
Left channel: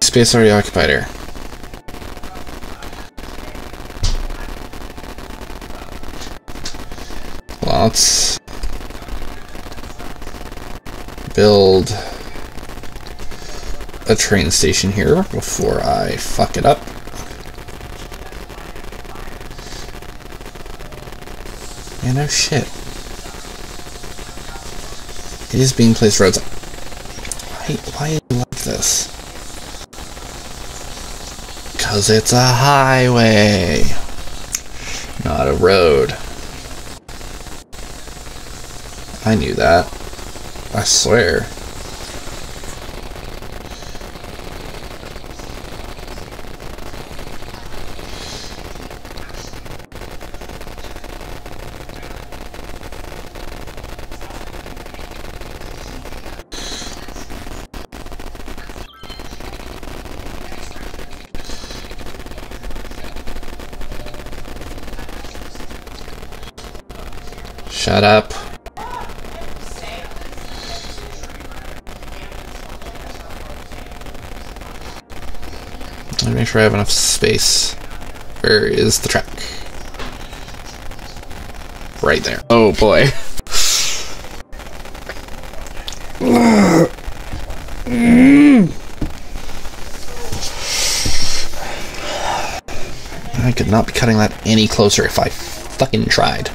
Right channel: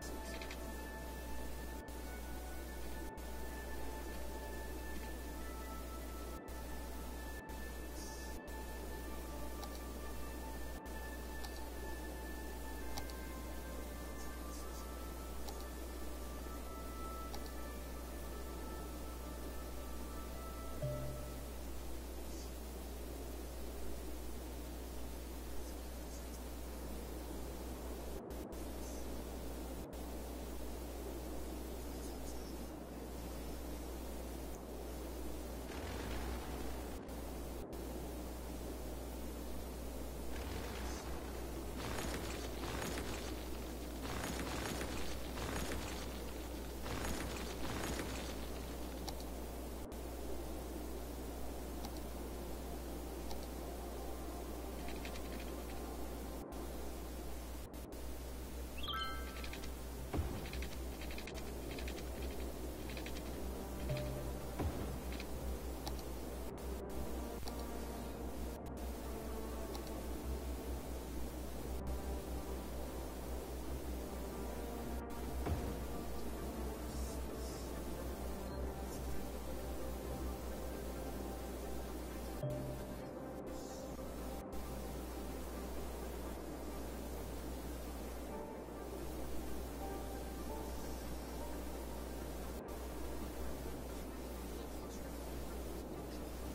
Space already occupied here. let's build a train station here before I fuck it up. Yeah, no shit. It is being placed roads. Why is it like this? Because it's a highway, not a road. I knew that. I swear. Shut up. Let me make sure I have enough space. Where is the track? Right there. Oh boy. I could not be cutting that any closer if I fucking tried.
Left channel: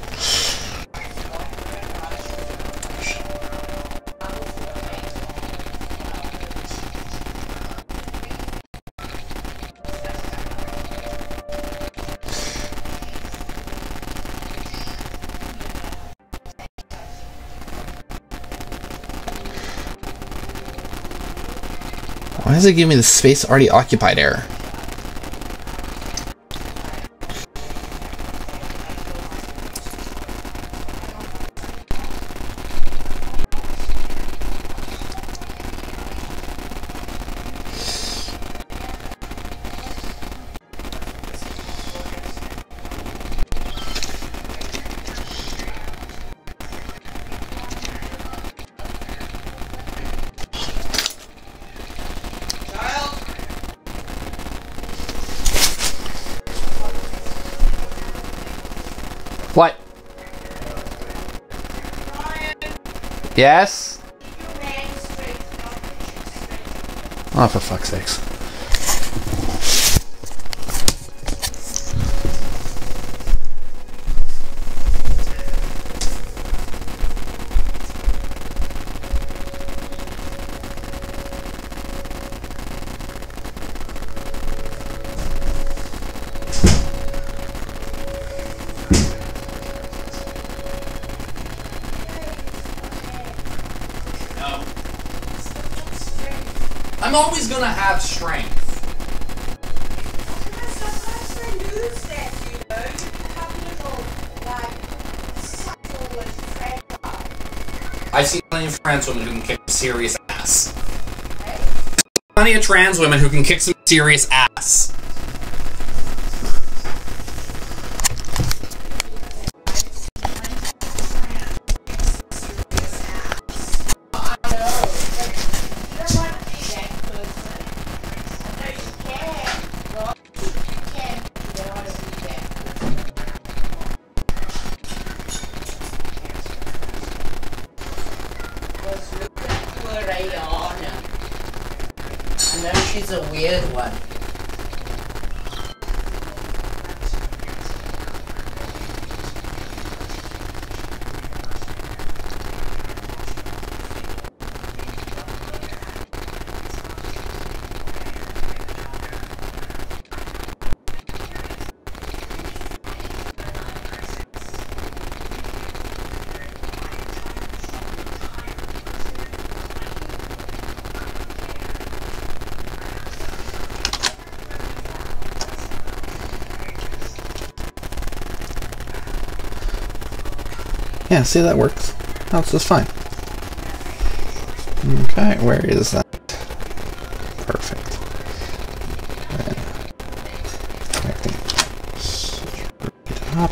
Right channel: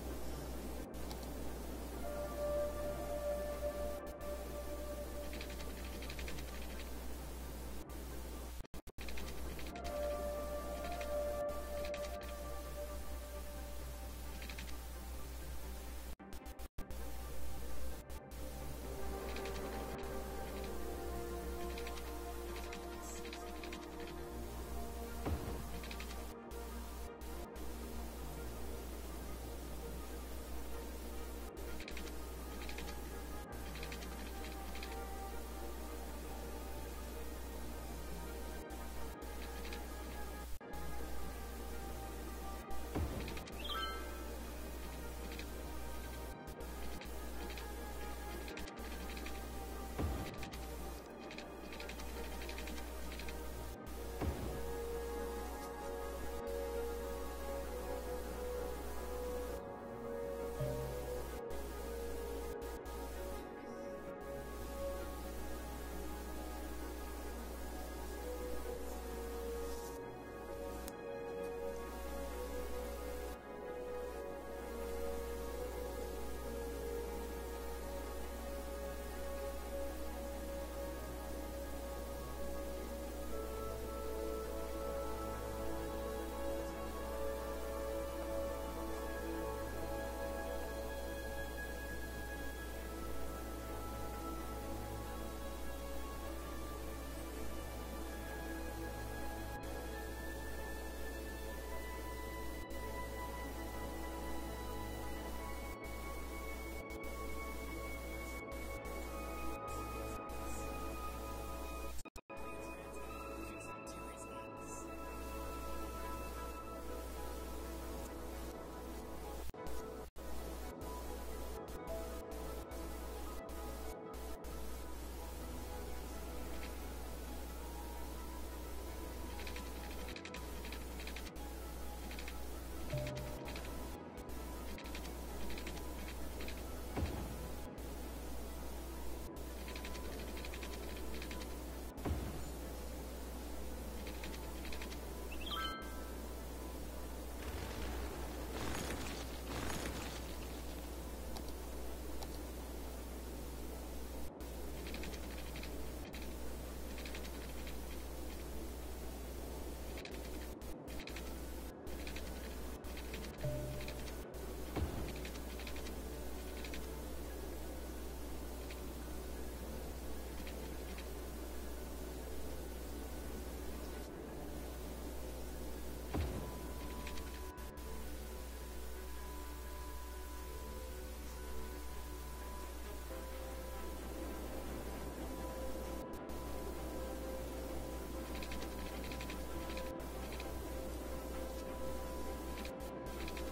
Why does it give me the space already occupied error? What? Yes? Oh, for fuck's sakes. I'm always gonna have strength. Sometimes they lose that, you know. You have little, like, subtle and I've seen plenty of trans women who can kick serious ass. Plenty of trans women who can kick some serious ass. She's a weird one. Yeah, see, that works. That's just fine. Okay, where is that? Perfect. Then connecting it up.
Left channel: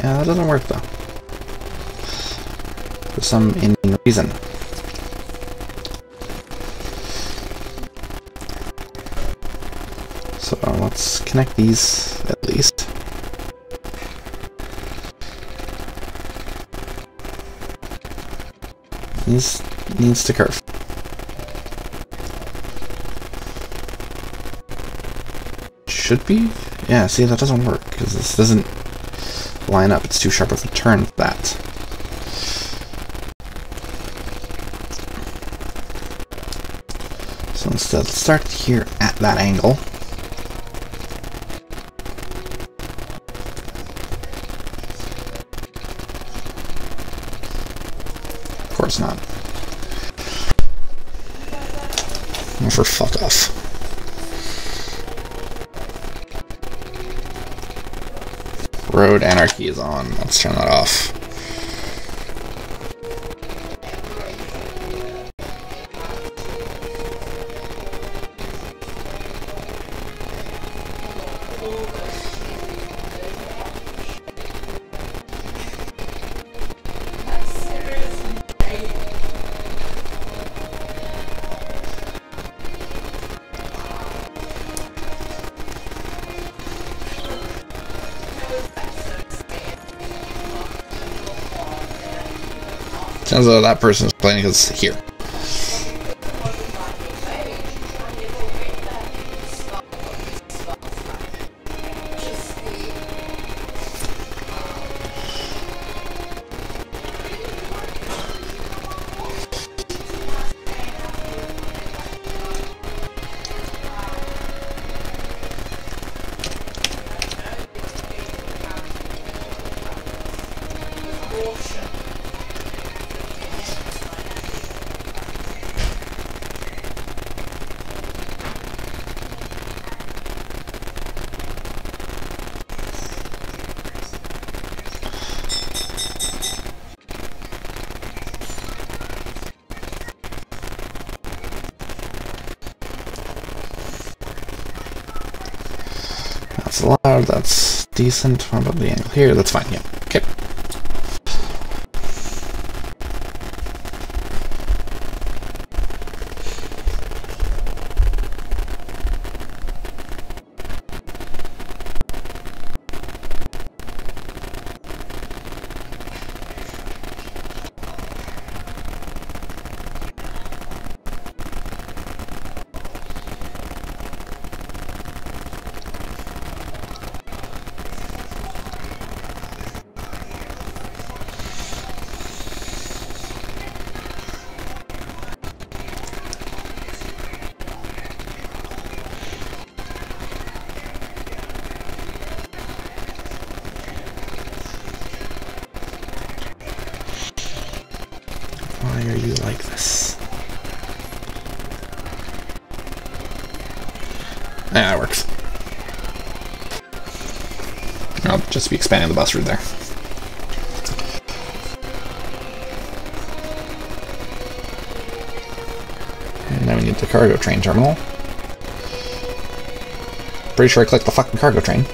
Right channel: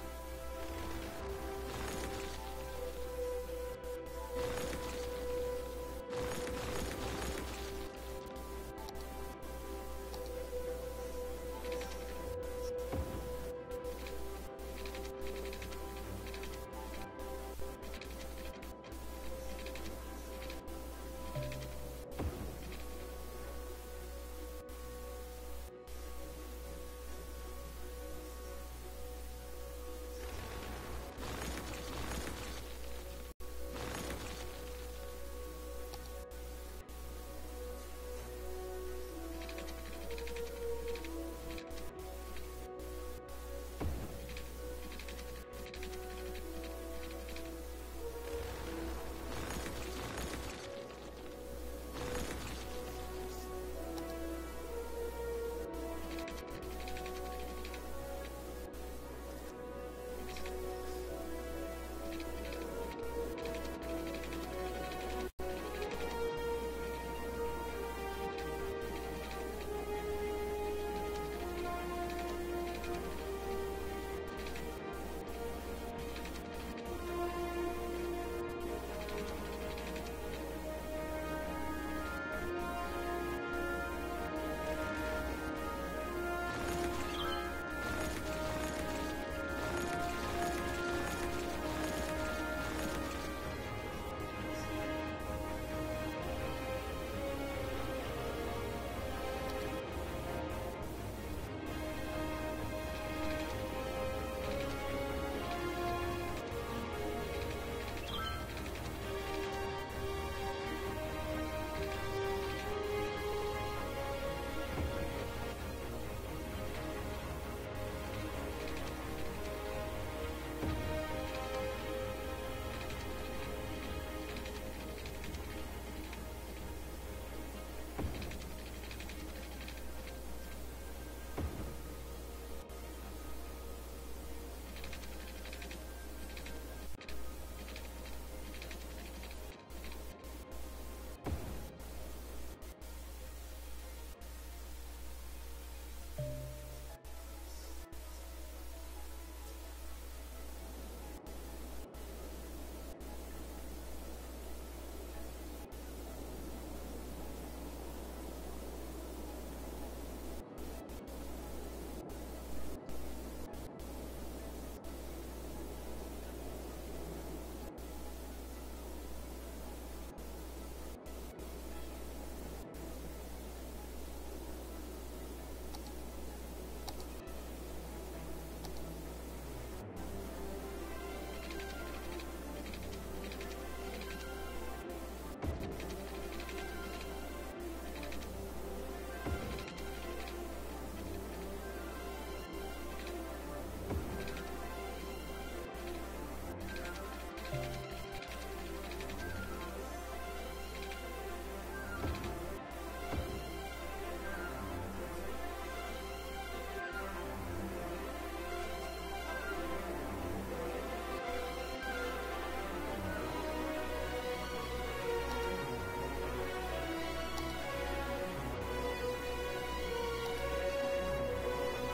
Yeah, that doesn't work though. For some Indian reason. So let's connect these at least. These needs to curve. Should be? Yeah, see, that doesn't work because this doesn't line up. It's too sharp of a turn for that. So instead, let's start here at that angle. Of course not. Oh, for fuck off. Road anarchy is on. Let's turn that off. Sounds like that person is playing because here. That's allowed, that's decent. How about the angle here? That's fine, yeah. Okay. Why are you like this? Yeah, that works. I'll just be expanding the bus route there. And now we need the cargo train terminal. Pretty sure I clicked the fucking cargo train.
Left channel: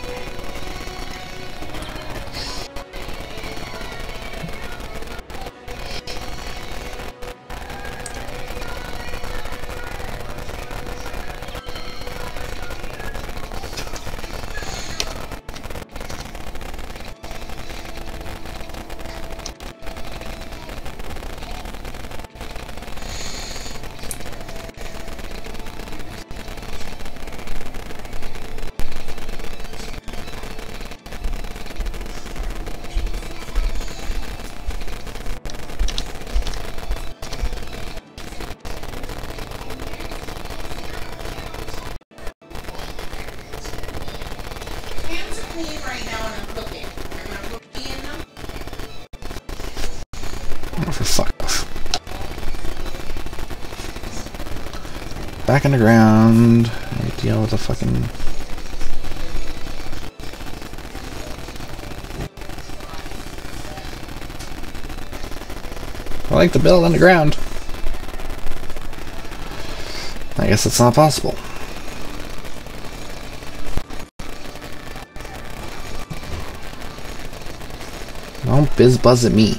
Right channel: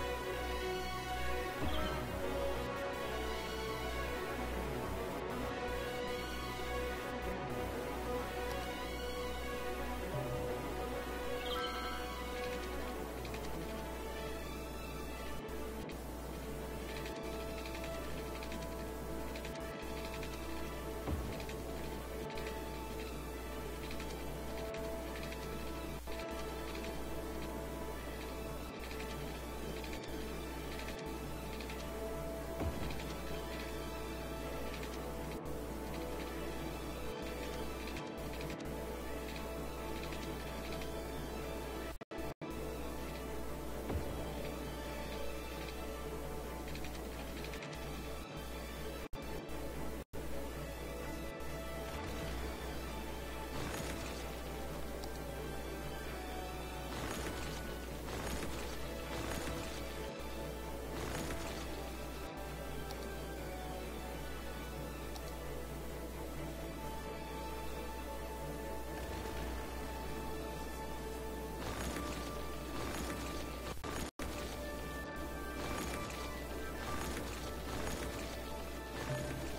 Oh, for fuck off. Back in the ground. Deal with the fucking... I like to build underground. I guess it's not possible. Don't biz buzz at me.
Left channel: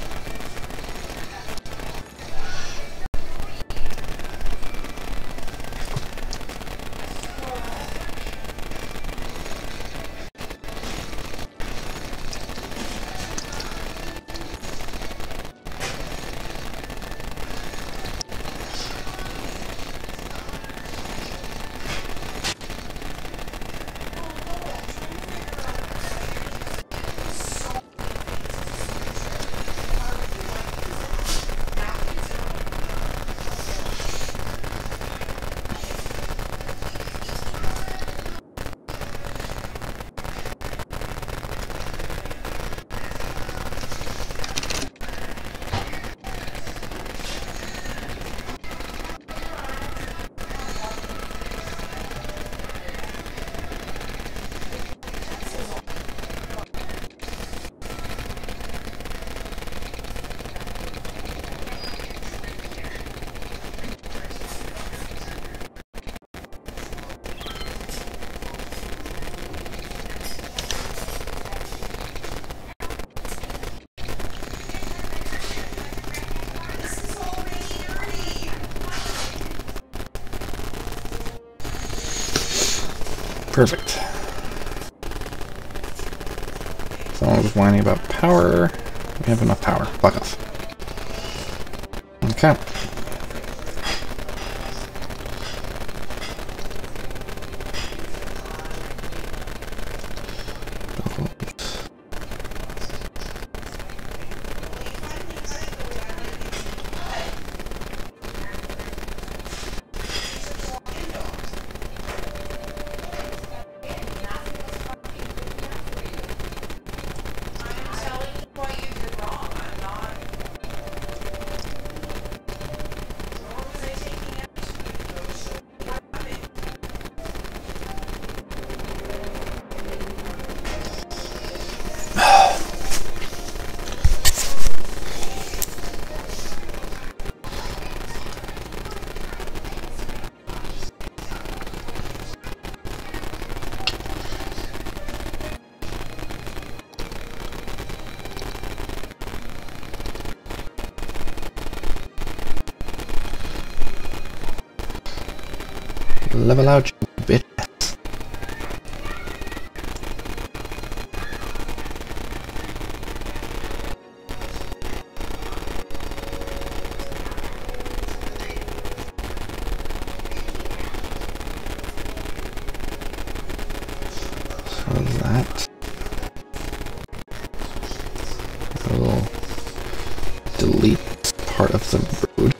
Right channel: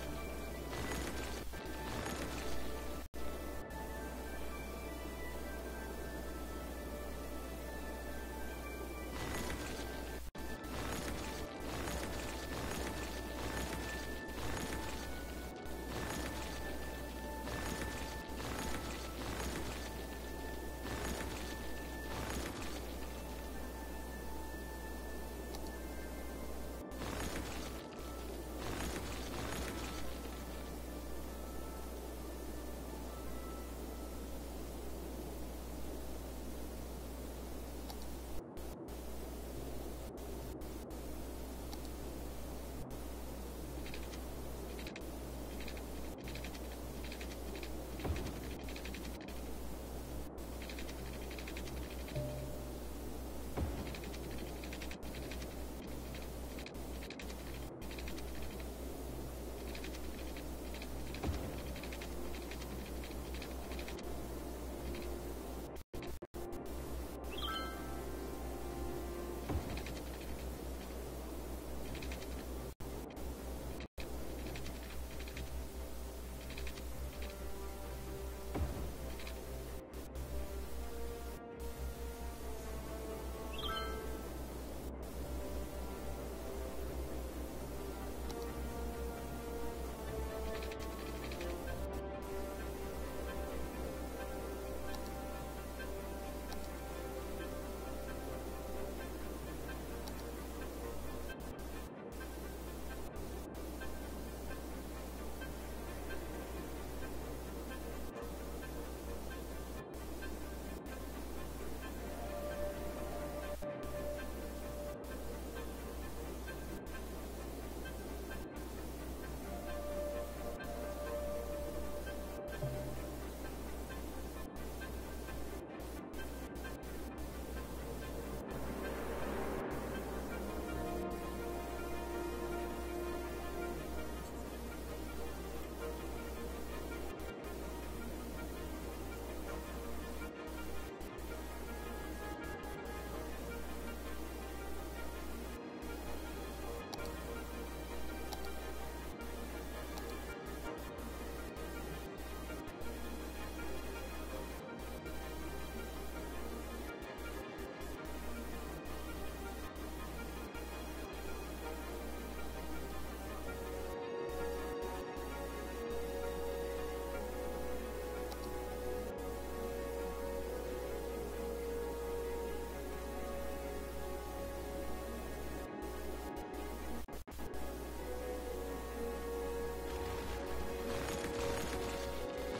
Perfect. Someone was whining about power. We have enough power. Fuck off. Okay. Level out, you bitch. So that will delete part of the road.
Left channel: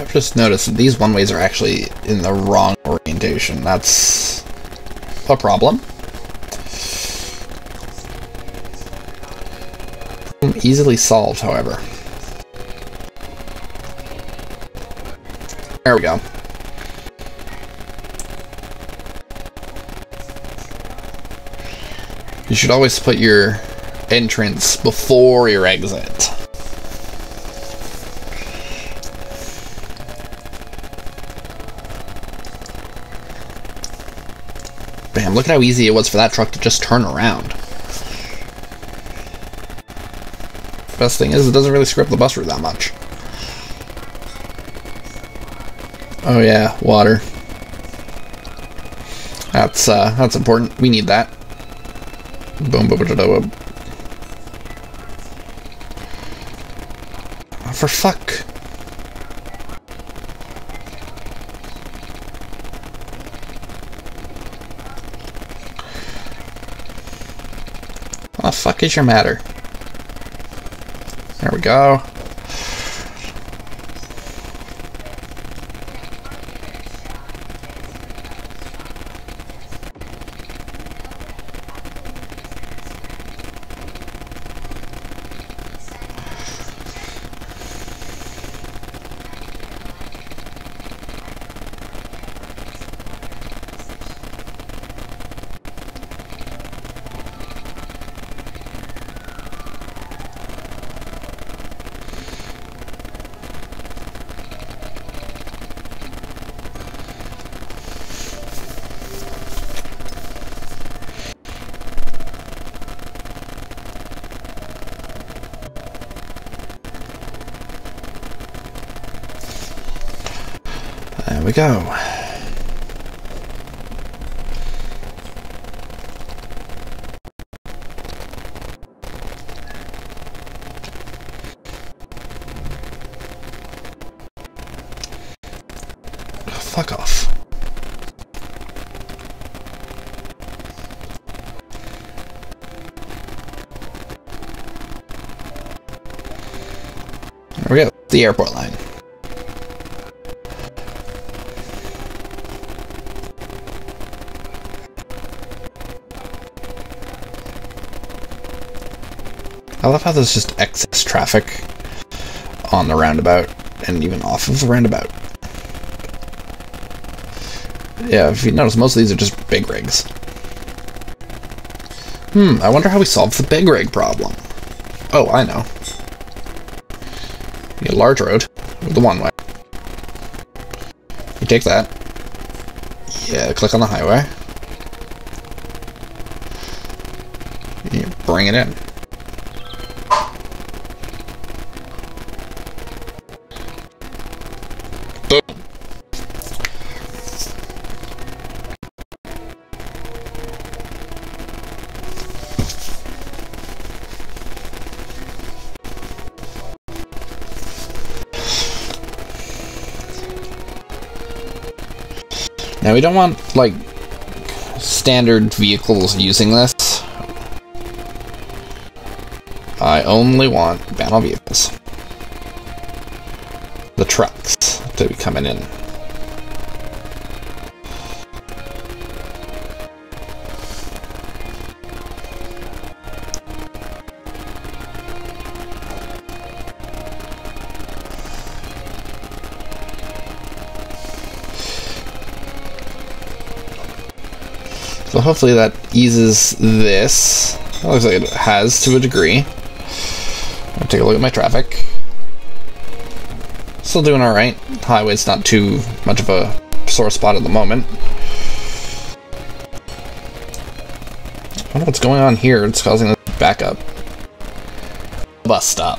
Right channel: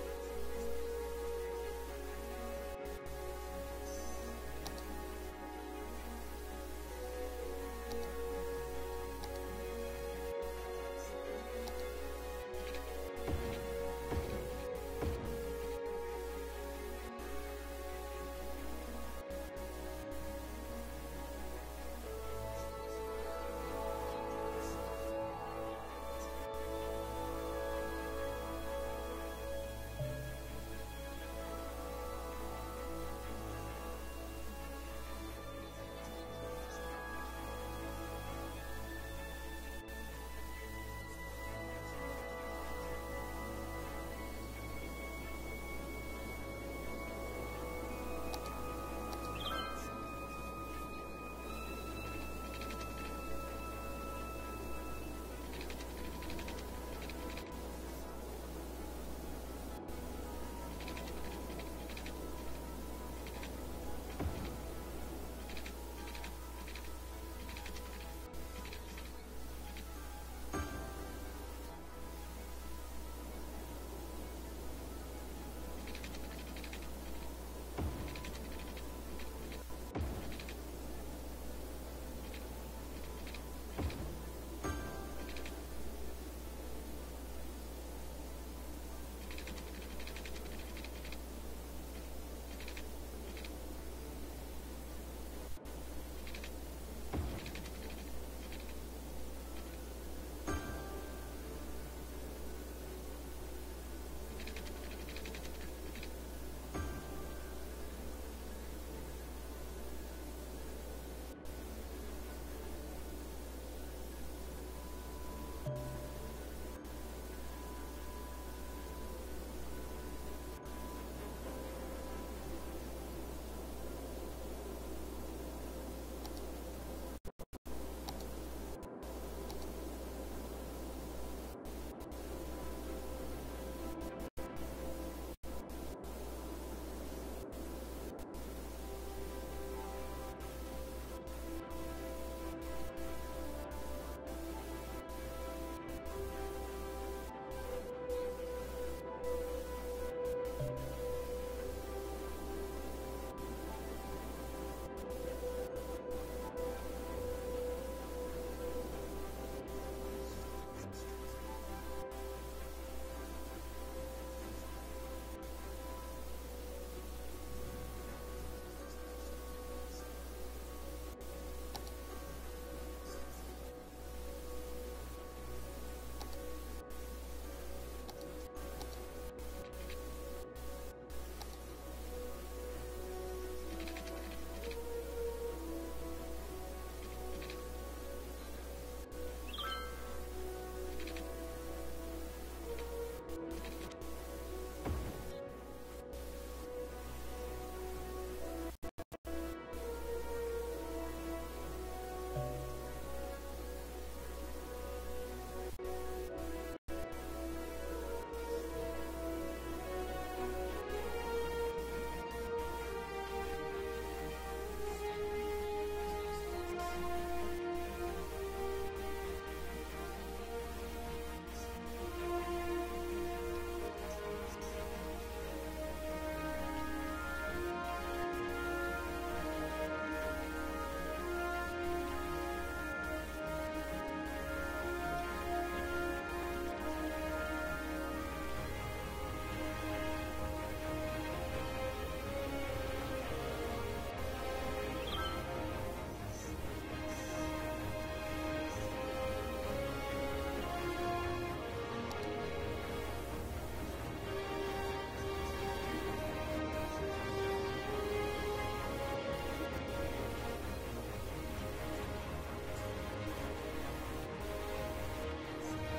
I've just noticed that these one-ways are actually in the wrong orientation. That's a problem. Easily solved, however. There we go. You should always put your entrance before your exit. Bam, look at how easy it was for that truck to just turn around. Best thing is it doesn't really screw up the bus route that much. Oh yeah, water. That's important. We need that. Boom, boom, boom, boom. Oh, for fuck. What the fuck is your matter? There we go. There we go. Fuck off. There we go. The airport line. I love how there's just excess traffic on the roundabout and even off of the roundabout. Yeah, if you notice, most of these are just big rigs. I wonder how we solve the big rig problem. Oh, I know. You get a large road with the one way. You take that. Yeah, click on the highway. You bring it in. Boom. Now we don't want, like, standard vehicles using this. I only want battle vehicles. The trucks to be coming in. So hopefully that eases this. It looks like it has to a degree. I'll take a look at my traffic. Still doing alright. Highway's not too much of a sore spot at the moment. I wonder what's going on here. It's causing this backup. Bus stop.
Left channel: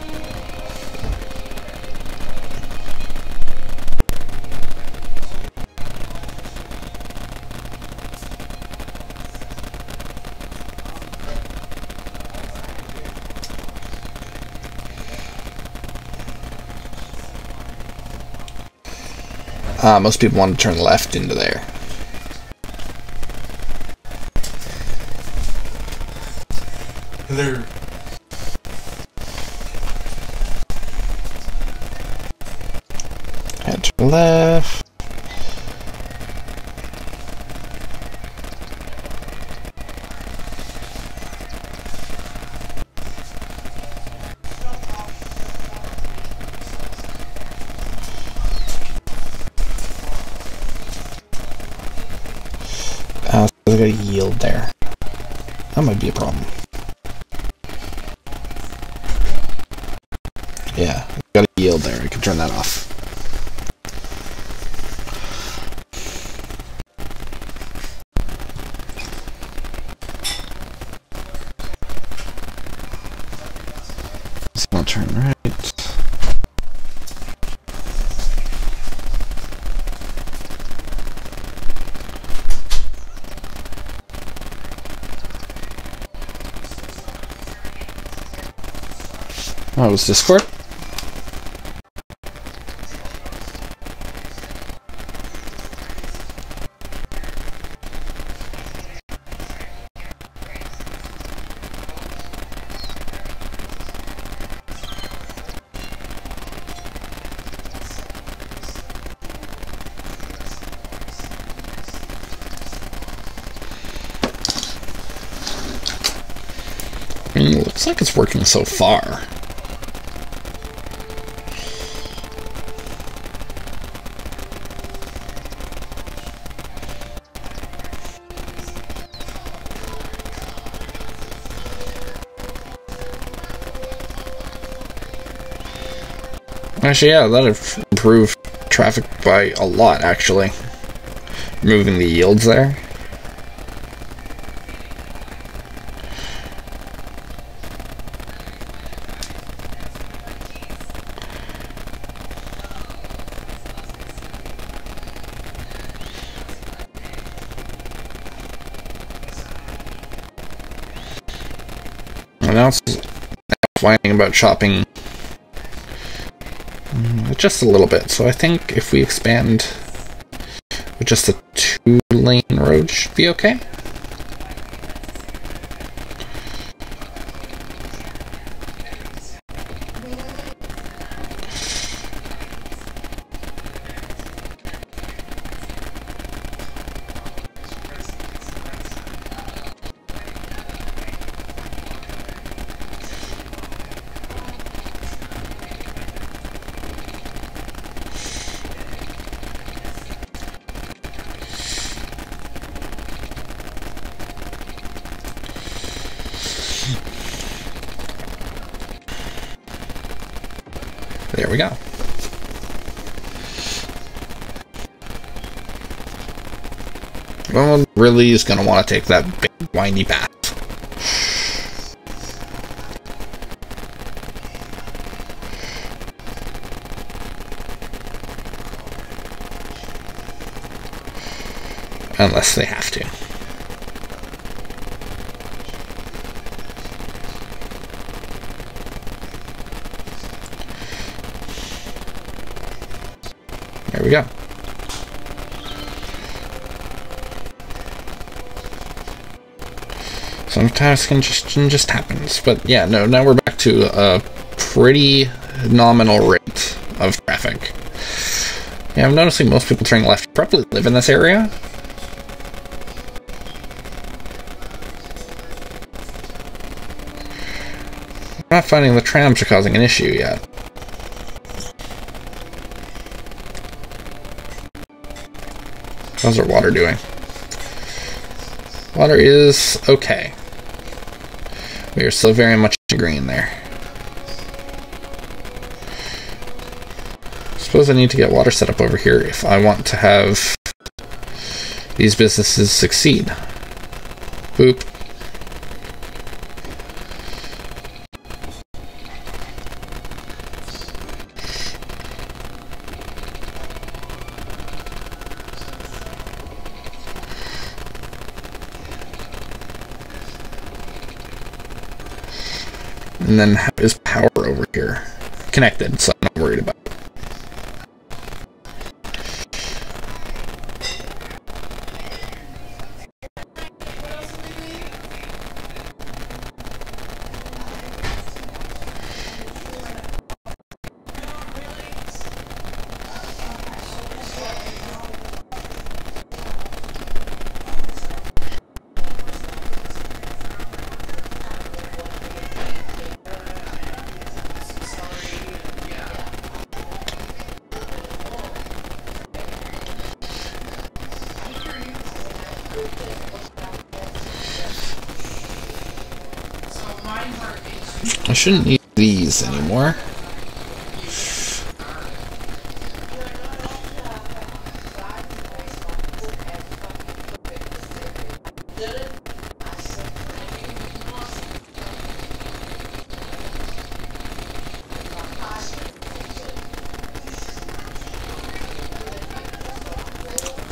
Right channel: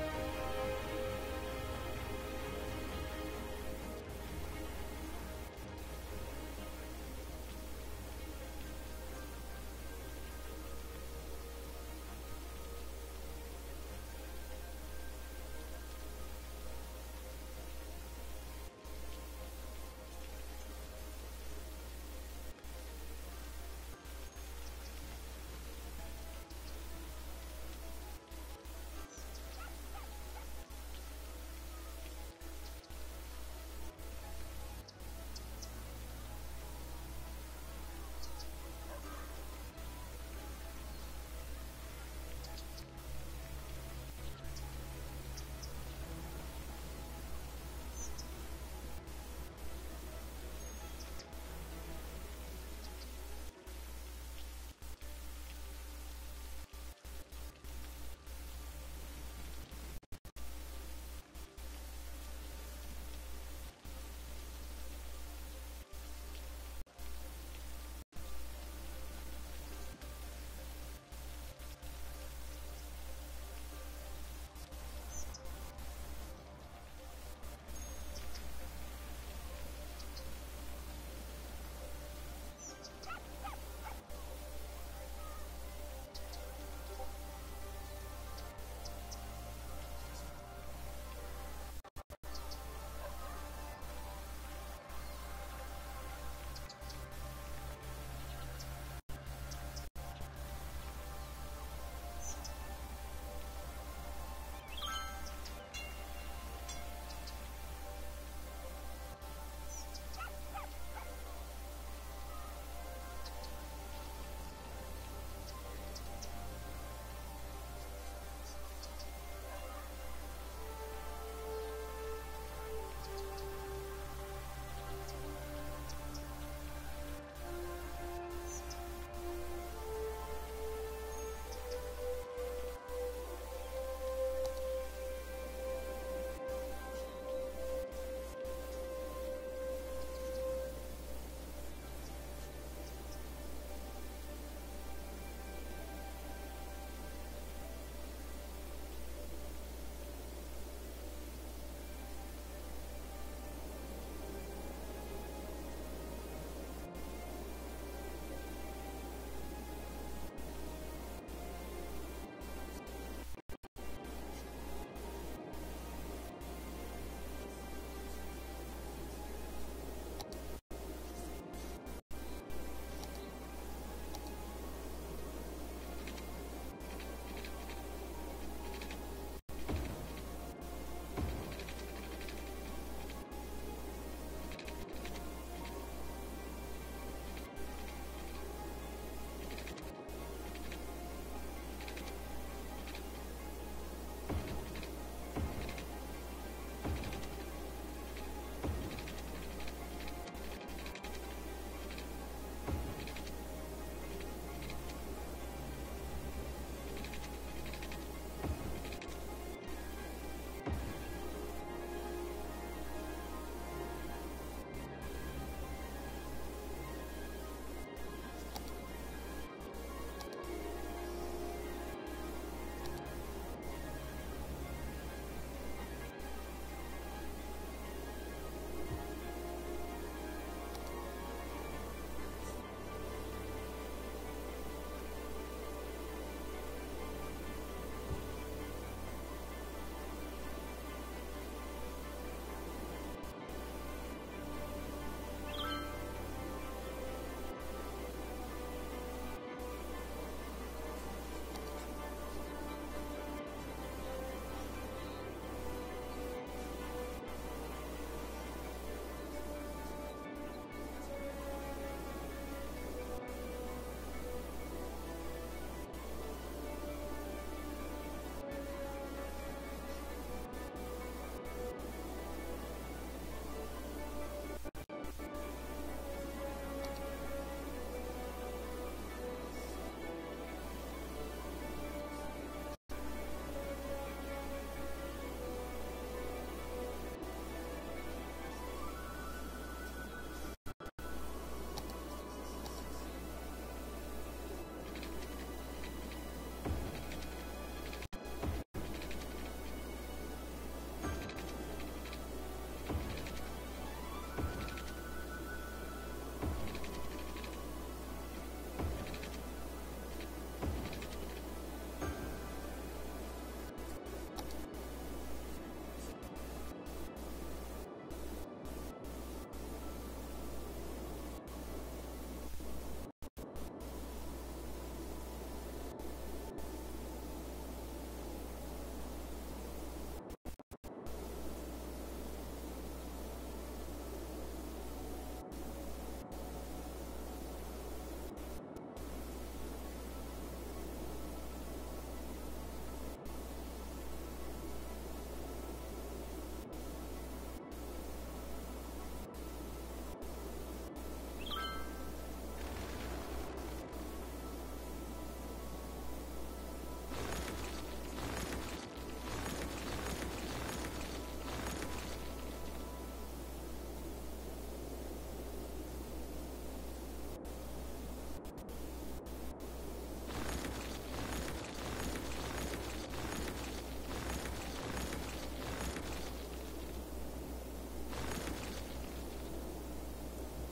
Most people want to turn left into there. Hello. Had to left. So I got a yield there. That might be a problem. Yeah, got a yield there. I can turn that off. So I'll turn right. Oh, it was Discord? Looks like it's working so far. Actually, yeah, that'd improve traffic by a lot, actually. Removing the yields there. And now it's whining about chopping just a little bit. So I think if we expand with just a 2-lane road should be okay. There we go. No one really is going to want to take that big windy path. Unless they have to. There we go. Sometimes congestion just happens, but yeah, no, now we're back to a pretty nominal rate of traffic. Yeah, I'm noticing most people turning left probably live in this area. I'm not finding the trams are causing an issue yet. How's our water doing? Water is okay. We are still very much green there. Suppose I need to get water set up over here if I want to have these businesses succeed. Boop. And then how is power over here? Connected, so I'm not worried about it. I shouldn't need these anymore.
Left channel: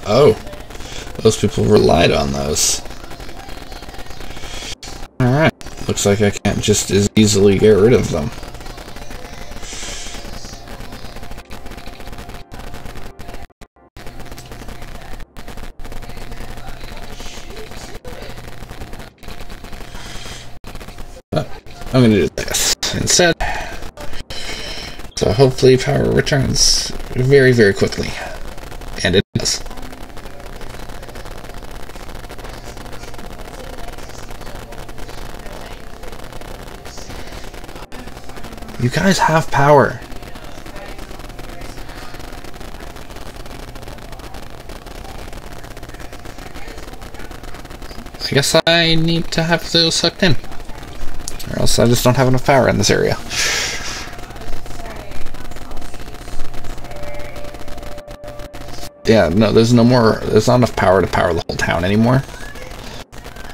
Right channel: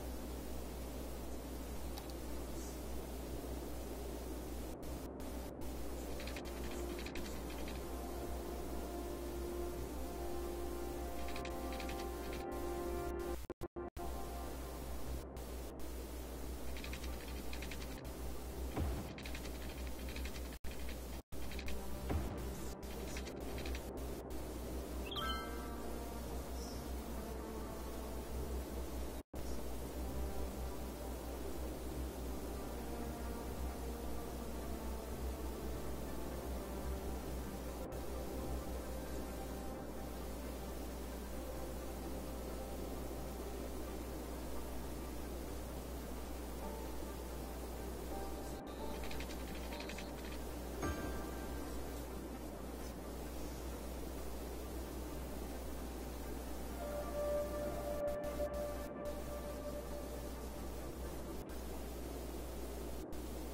Oh, those people relied on those. Alright, looks like I can't just as easily get rid of them. But I'm going to do this instead. So hopefully power returns very, very quickly. And it does. You guys have power. I guess I need to have those sucked in. Or else I just don't have enough power in this area. Yeah, no, there's not enough power to power the whole town anymore.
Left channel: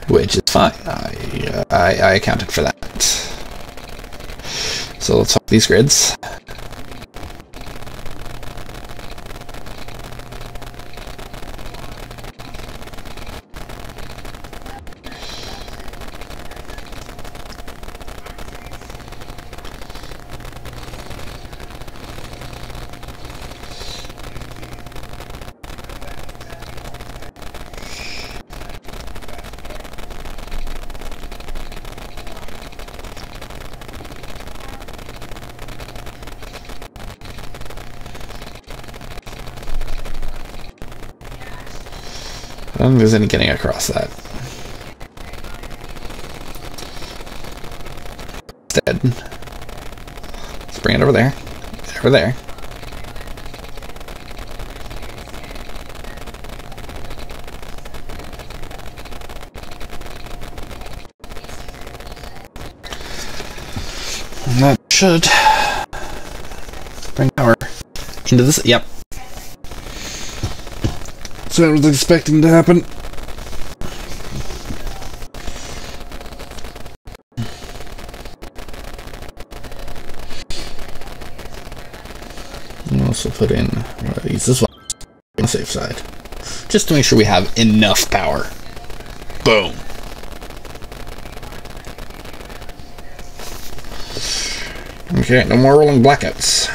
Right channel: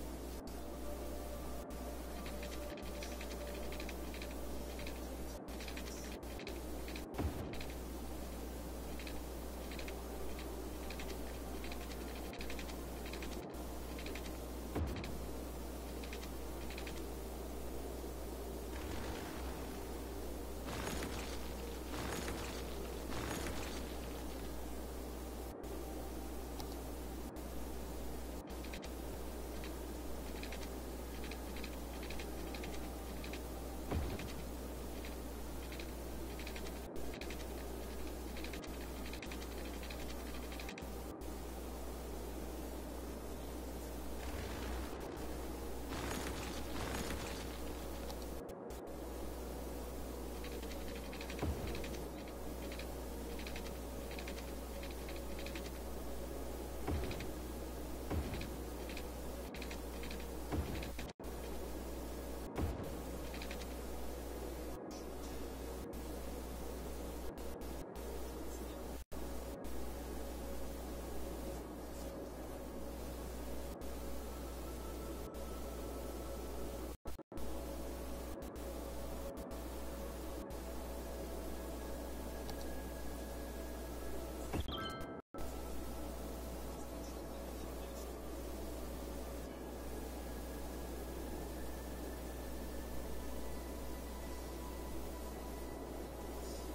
Which is fine. I accounted for that. So let's swap these grids. I don't think there's any getting across that. Instead, let's bring it over there. Over there. And that should bring power into this. Yep. That's what I was expecting to happen. I'll also put in one of these as well on the safe side. Just to make sure we have enough power. Boom. Okay, no more rolling blackouts.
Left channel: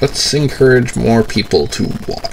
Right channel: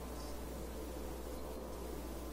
Let's encourage more people to walk.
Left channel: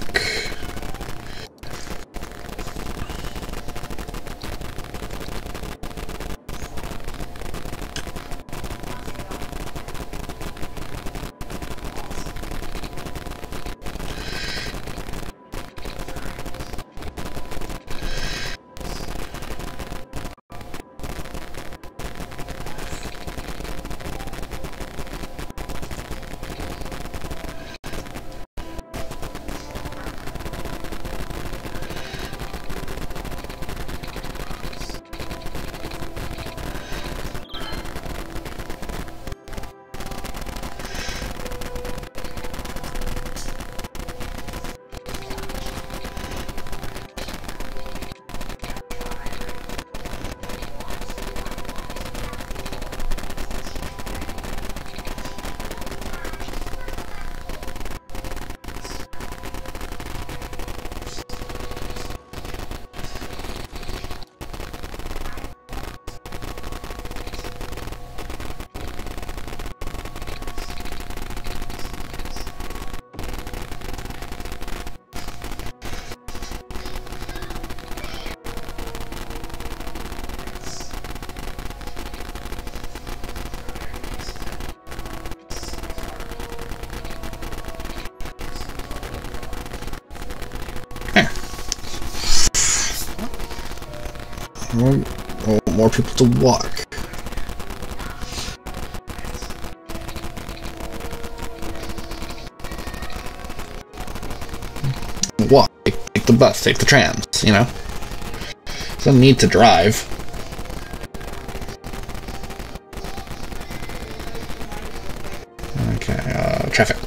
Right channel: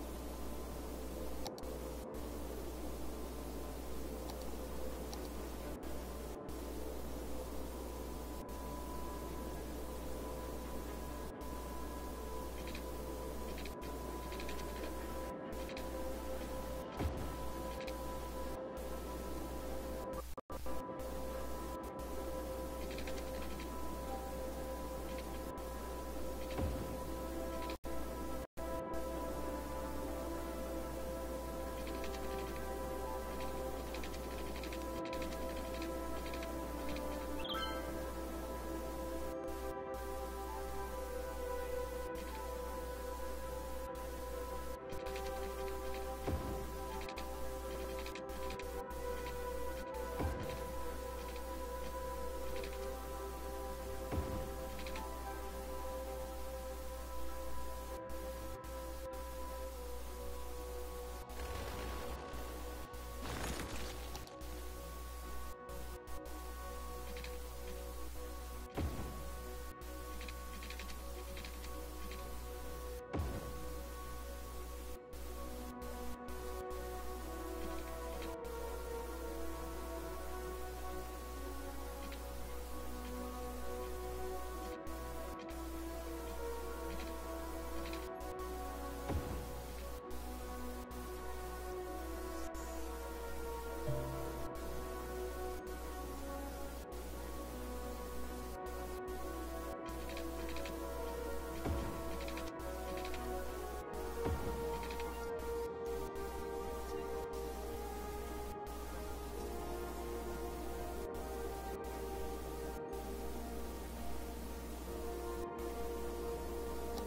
I want more people to walk. Walk. Take the bus. Take the trams. You know. Doesn't need to drive. Okay. Traffic.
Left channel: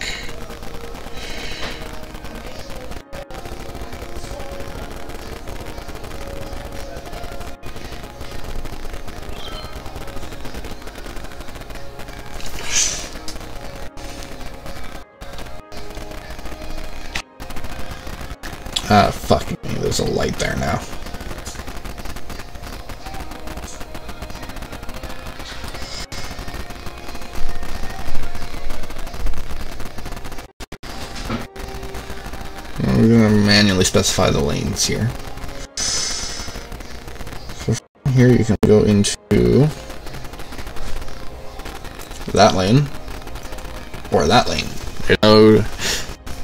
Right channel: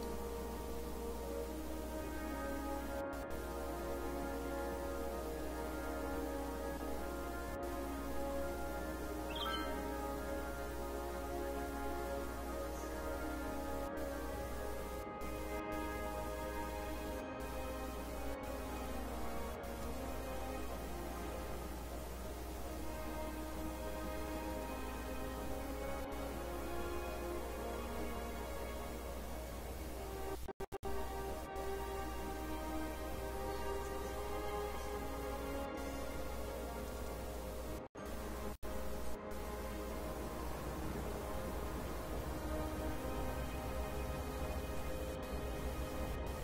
Ah, fuck me. There's a light there now. We're gonna manually specify the lanes here. So from here you can go into that lane or that lane. There's no.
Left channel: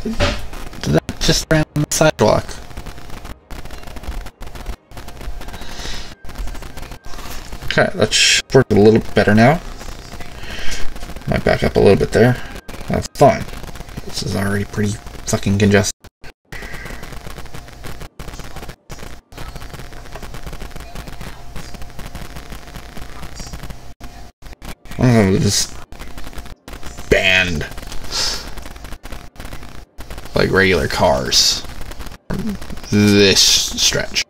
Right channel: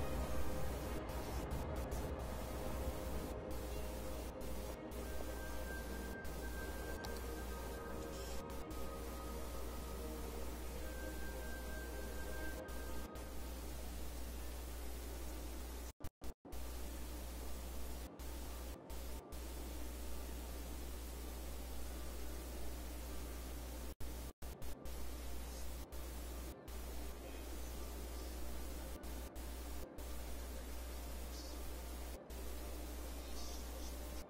Did that just ran on the sidewalk? Okay, that should work a little bit better now. Might back up a little bit there. That's fine. This is already pretty fucking congested. Oh, just banned like regular cars from this stretch.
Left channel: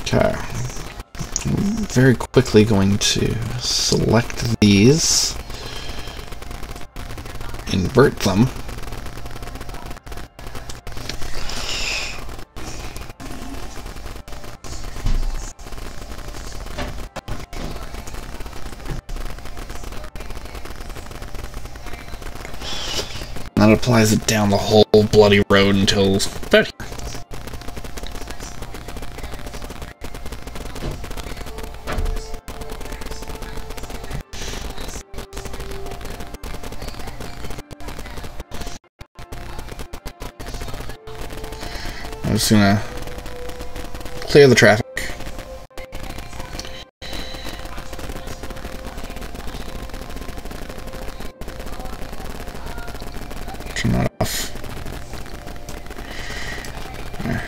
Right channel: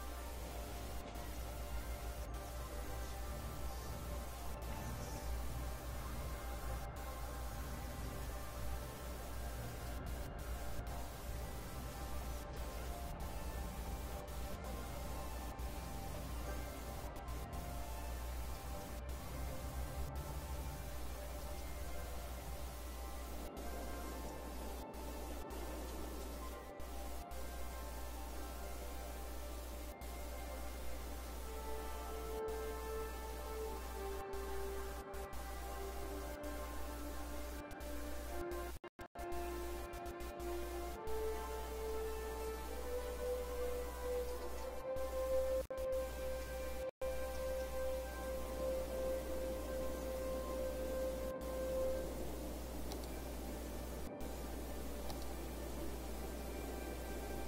Okay. I'm very quickly going to select these. Invert them. That applies it down the whole bloody road until about here. I'm just gonna clear the traffic. Turn that off. There.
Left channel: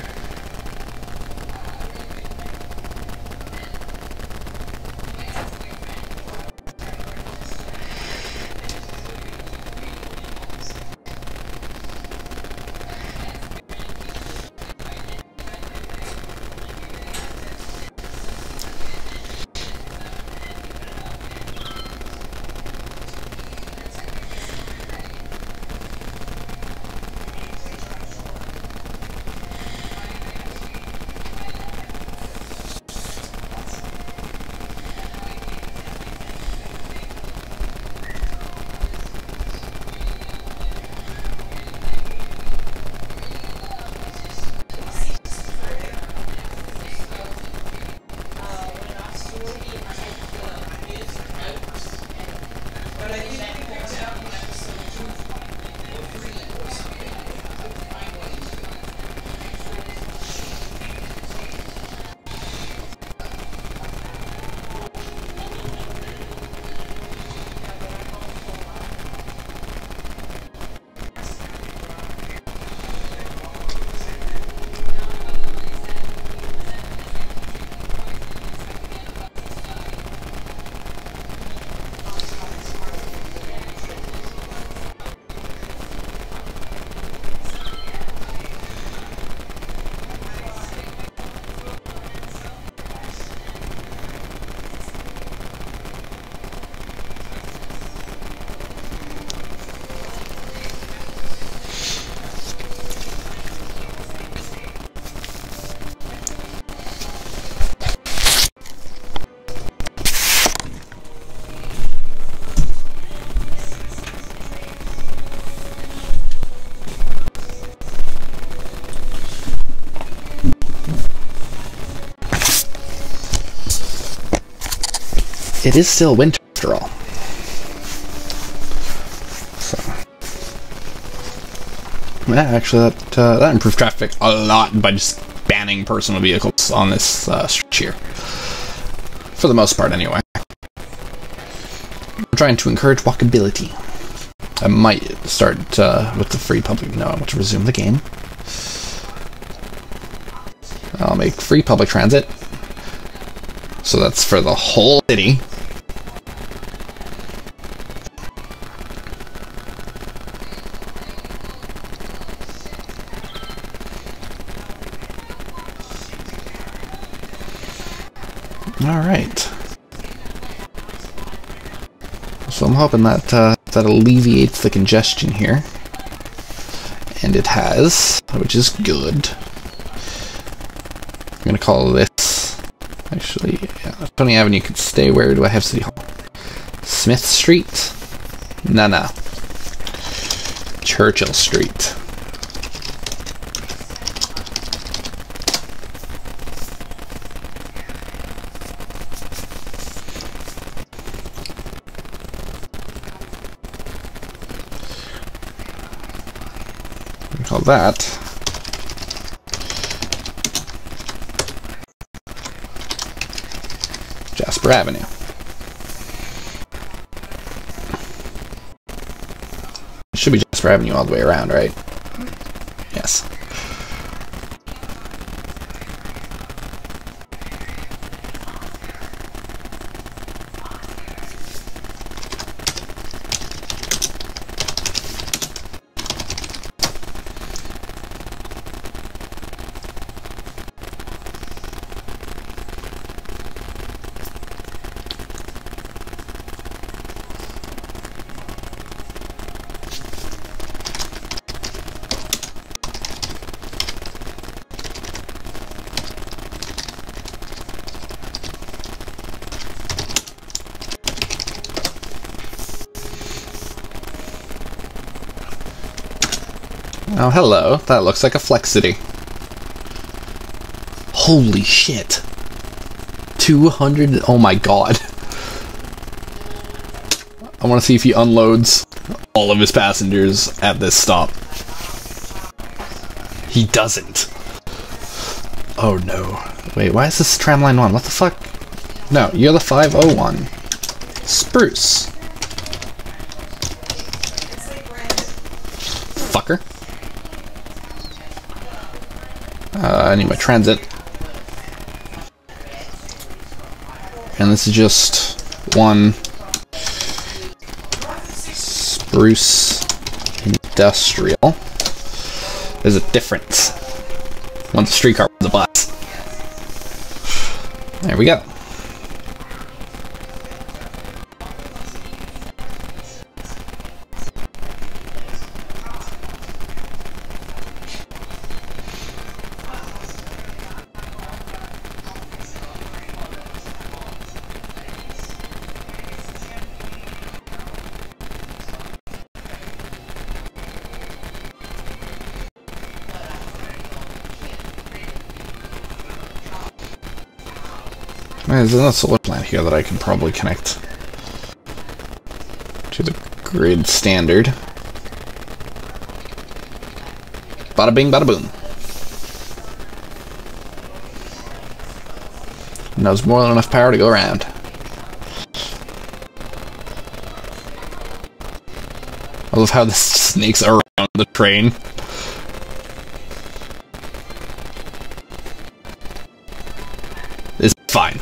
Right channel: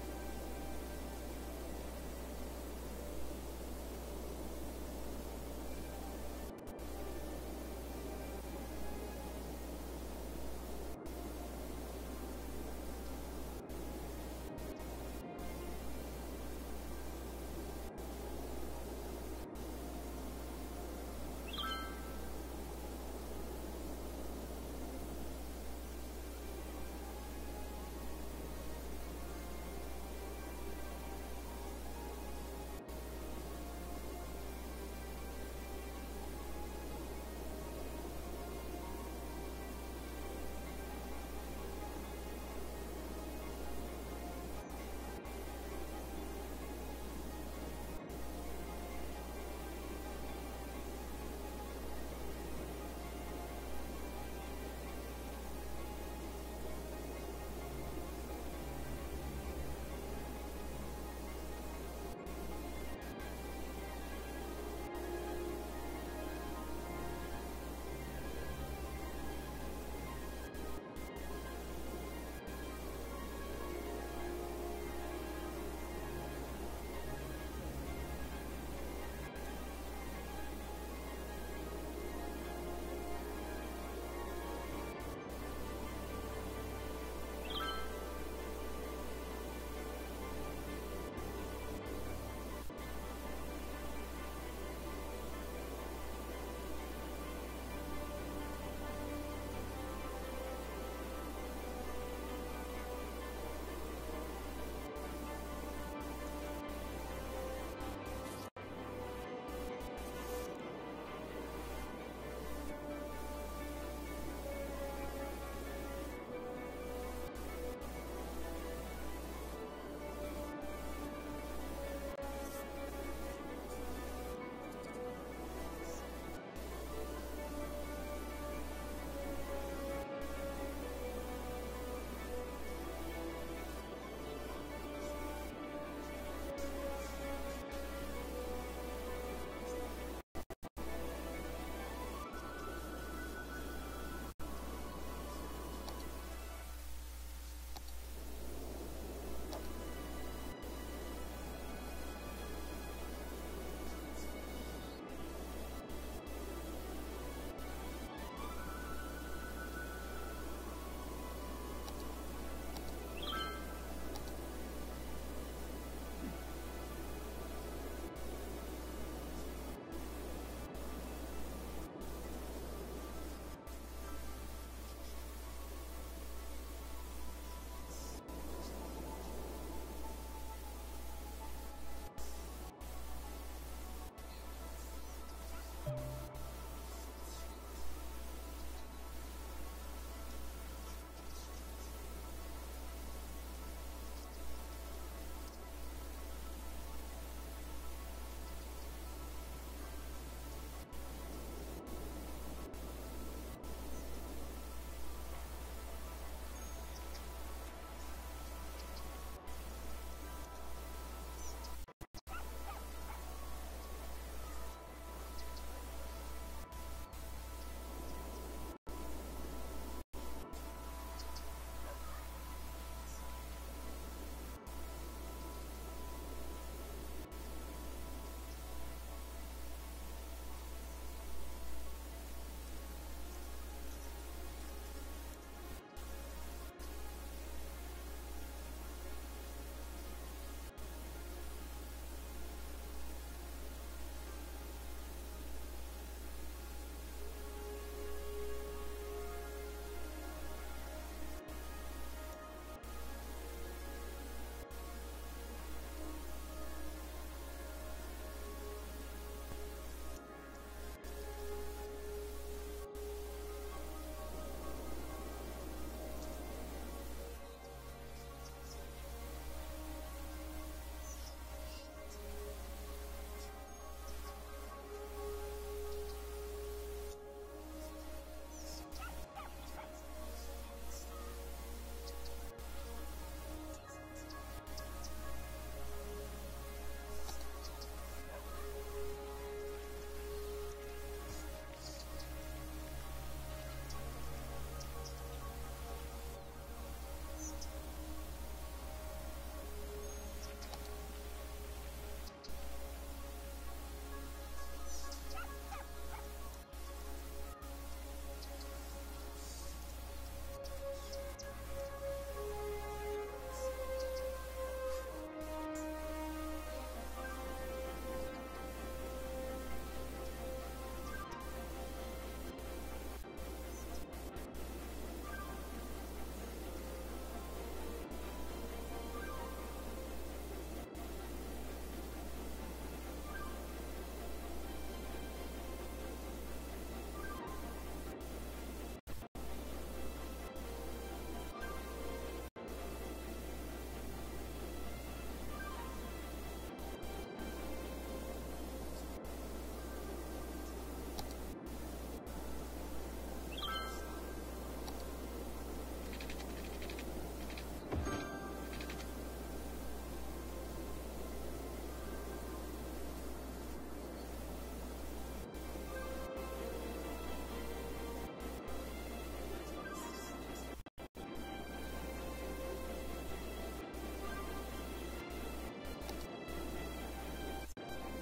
it is still winter after all. So, yeah, actually, that improved traffic a lot by just banning personal vehicles on this stretch here. For the most part, anyway. I'm trying to encourage walkability. I might start with the free public. No, I want to resume the game. I'll make free public transit. So that's for the whole city. Alright. So I'm hoping that that alleviates the congestion here. And it has, which is good. I'm gonna call this, actually, yeah, Tony Avenue could stay. Where do I have City Hall? Smith Street? No. Churchill Street. Call that Jasper Avenue. It should be Jasper Avenue all the way around, right? Yes. Oh, hello. That looks like a Flex City. Holy shit. 200... Oh my god. I want to see if he unloads all of his passengers at this stop. He doesn't. Oh no. Wait, why is this tramline 1? What the fuck? No, you're the 501. Spruce. Fucker. I need my transit. And this is just one Spruce Industrial. There's a difference. One's a streetcar, one's a bus. There we go. There's another solar plant here that I can probably connect to the grid standard. Bada bing, bada boom. And there's more than enough power to go around. I love how this snakes around the train. It's fine.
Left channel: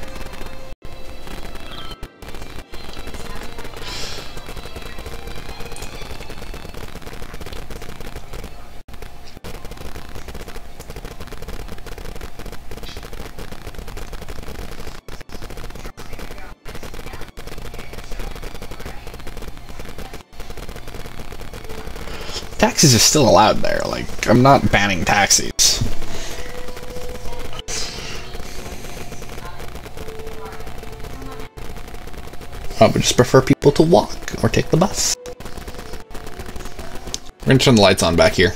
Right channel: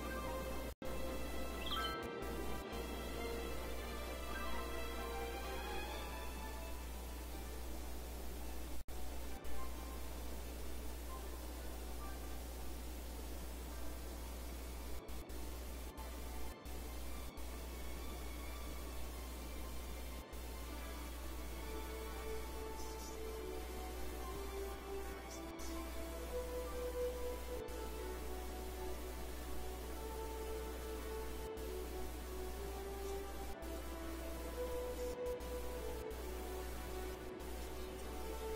Taxis are still allowed there. Like, I'm not banning taxis. I would just prefer people to walk or take the bus. We're gonna turn the lights on back here.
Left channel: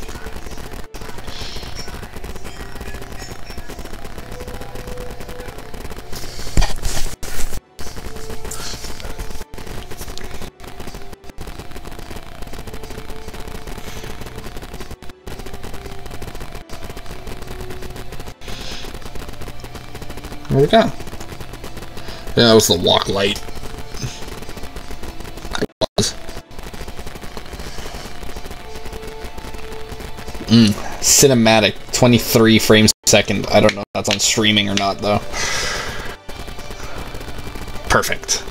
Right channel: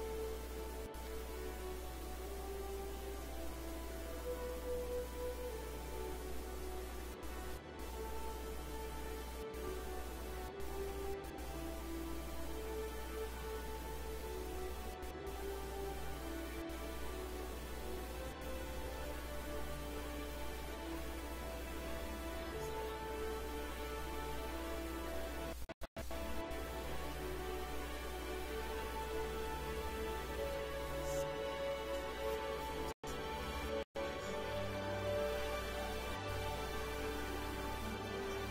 There we go. Yeah, that was the walk light. Cinematic, 23 frames per second. I don't know if that's on streaming or not, though. Perfect.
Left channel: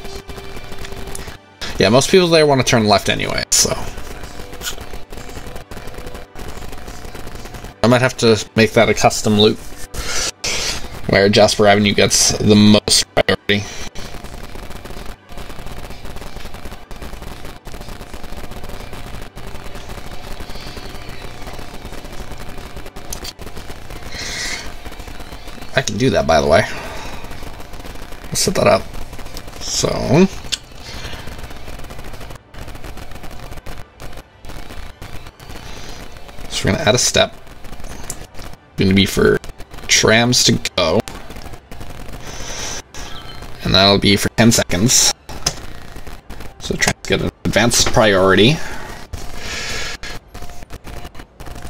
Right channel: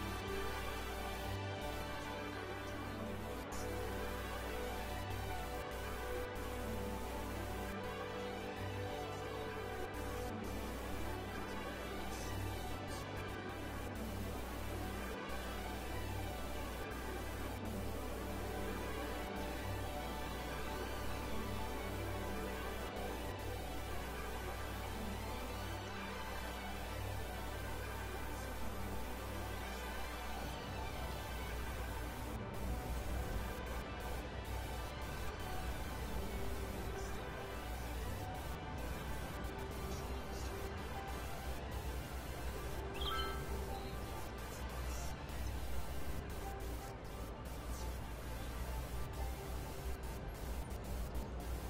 Yeah, most people there want to turn left anyway, so... I might have to make that a custom loop, where Jasper Avenue gets the most priority. I can do that, by the way. Let's set that up. So we're gonna add a step. Going to be for trams to go, and that'll be for 10 seconds. So trams get an advanced priority.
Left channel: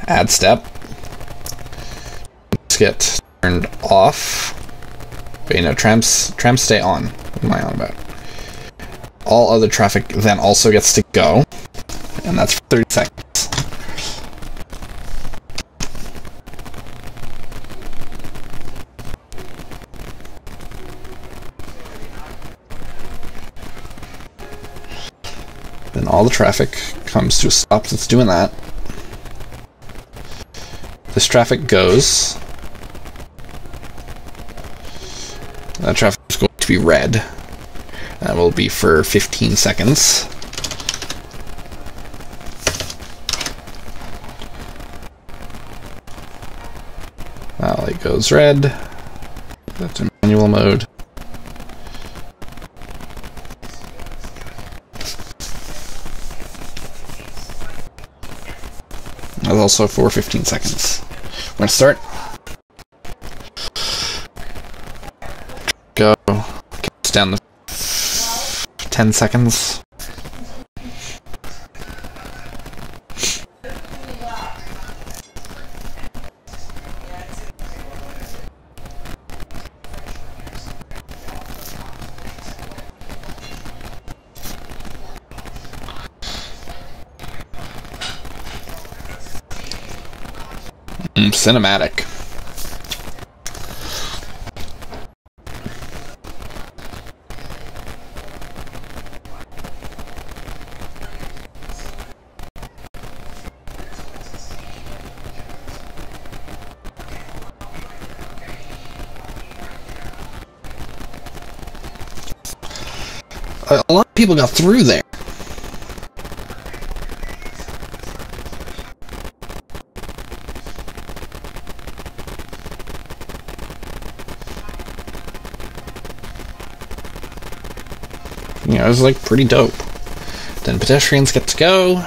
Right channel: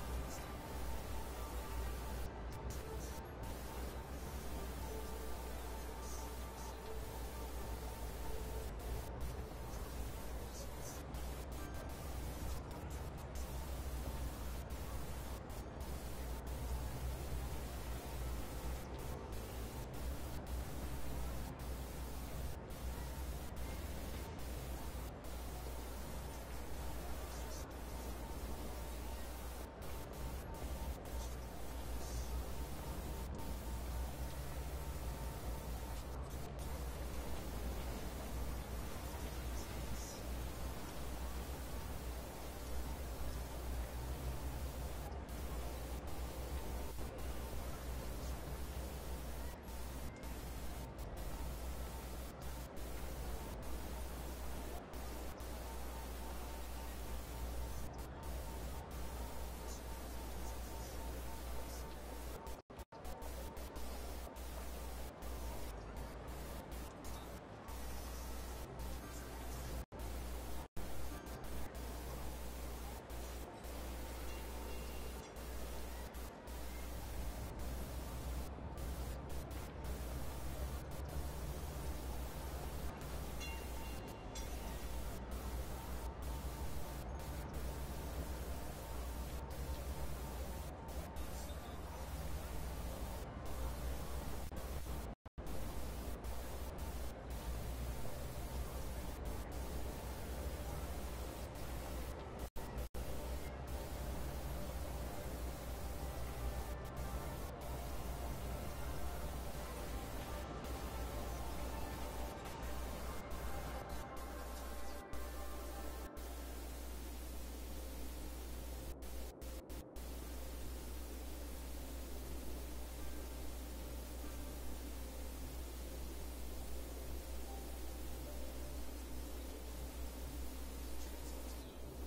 Add step. Let's get turned off. Wait, no, trams stay on. What am I on about? All other traffic then also gets to go, and that's for 30 seconds. Then all the traffic comes to a stop that's doing that. This traffic goes. That traffic is going to be red. That will be for 15 seconds. That light goes red. That's in manual mode. That's also for 15 seconds. We're gonna start. Go. Counts down to 10 seconds. Cinematic. A lot of people got through there. You know, it was like pretty dope. Then pedestrians get to go.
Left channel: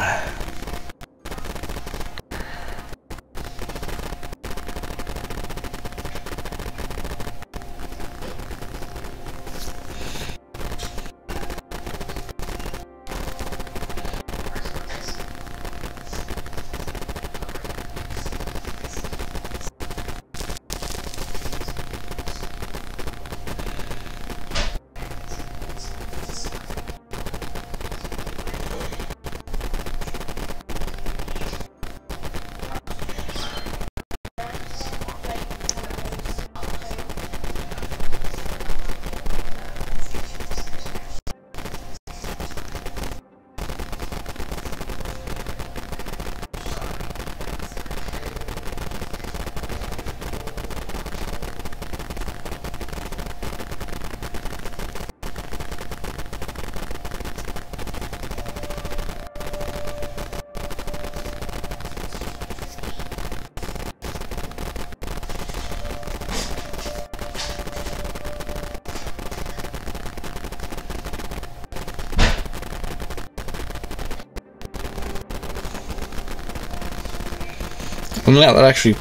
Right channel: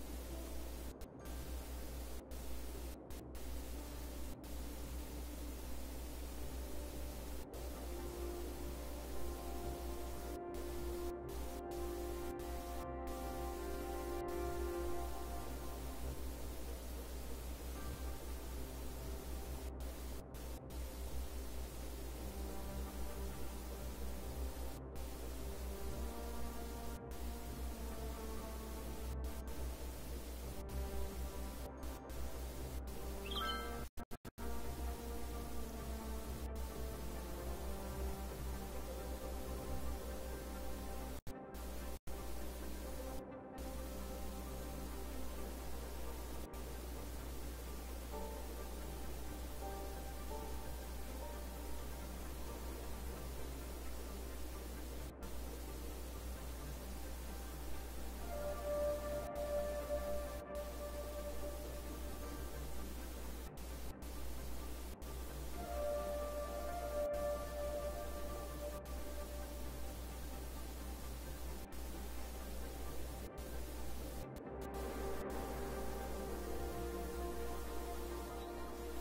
And yeah, that actually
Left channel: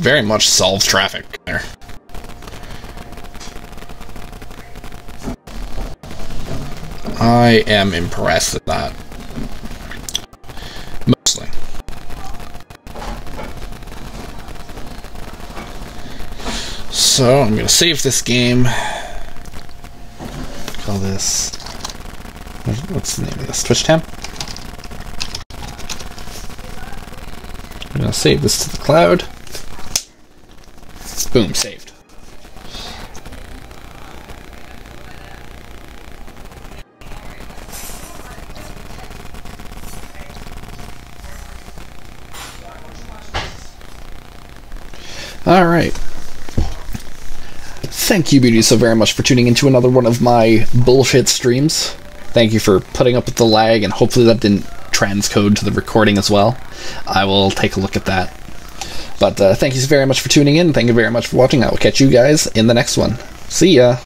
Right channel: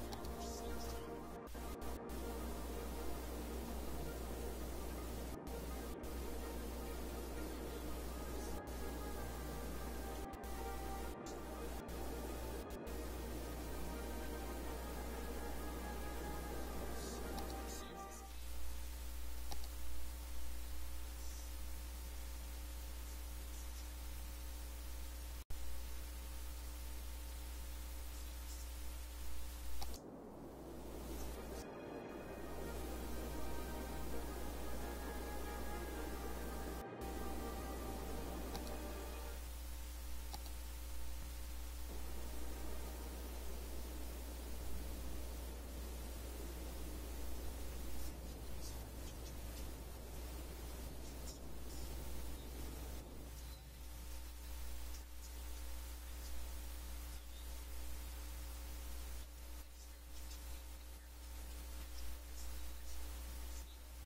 very much solves traffic there. I am impressed at that. Mostly. So I'm going to save this game. Call this... What's the name of this? Twitch tab? I'm going to save this to the cloud. Boom, saved. Alright. Thank you, beauties, so very much for tuning into another one of my bullshit streams. Thank you for putting up with the lag, and hopefully that didn't transcode to the recording as well. I will take a look at that. But thank you so very much for tuning in. Thank you very much for watching. I will catch you guys in the next one. See ya!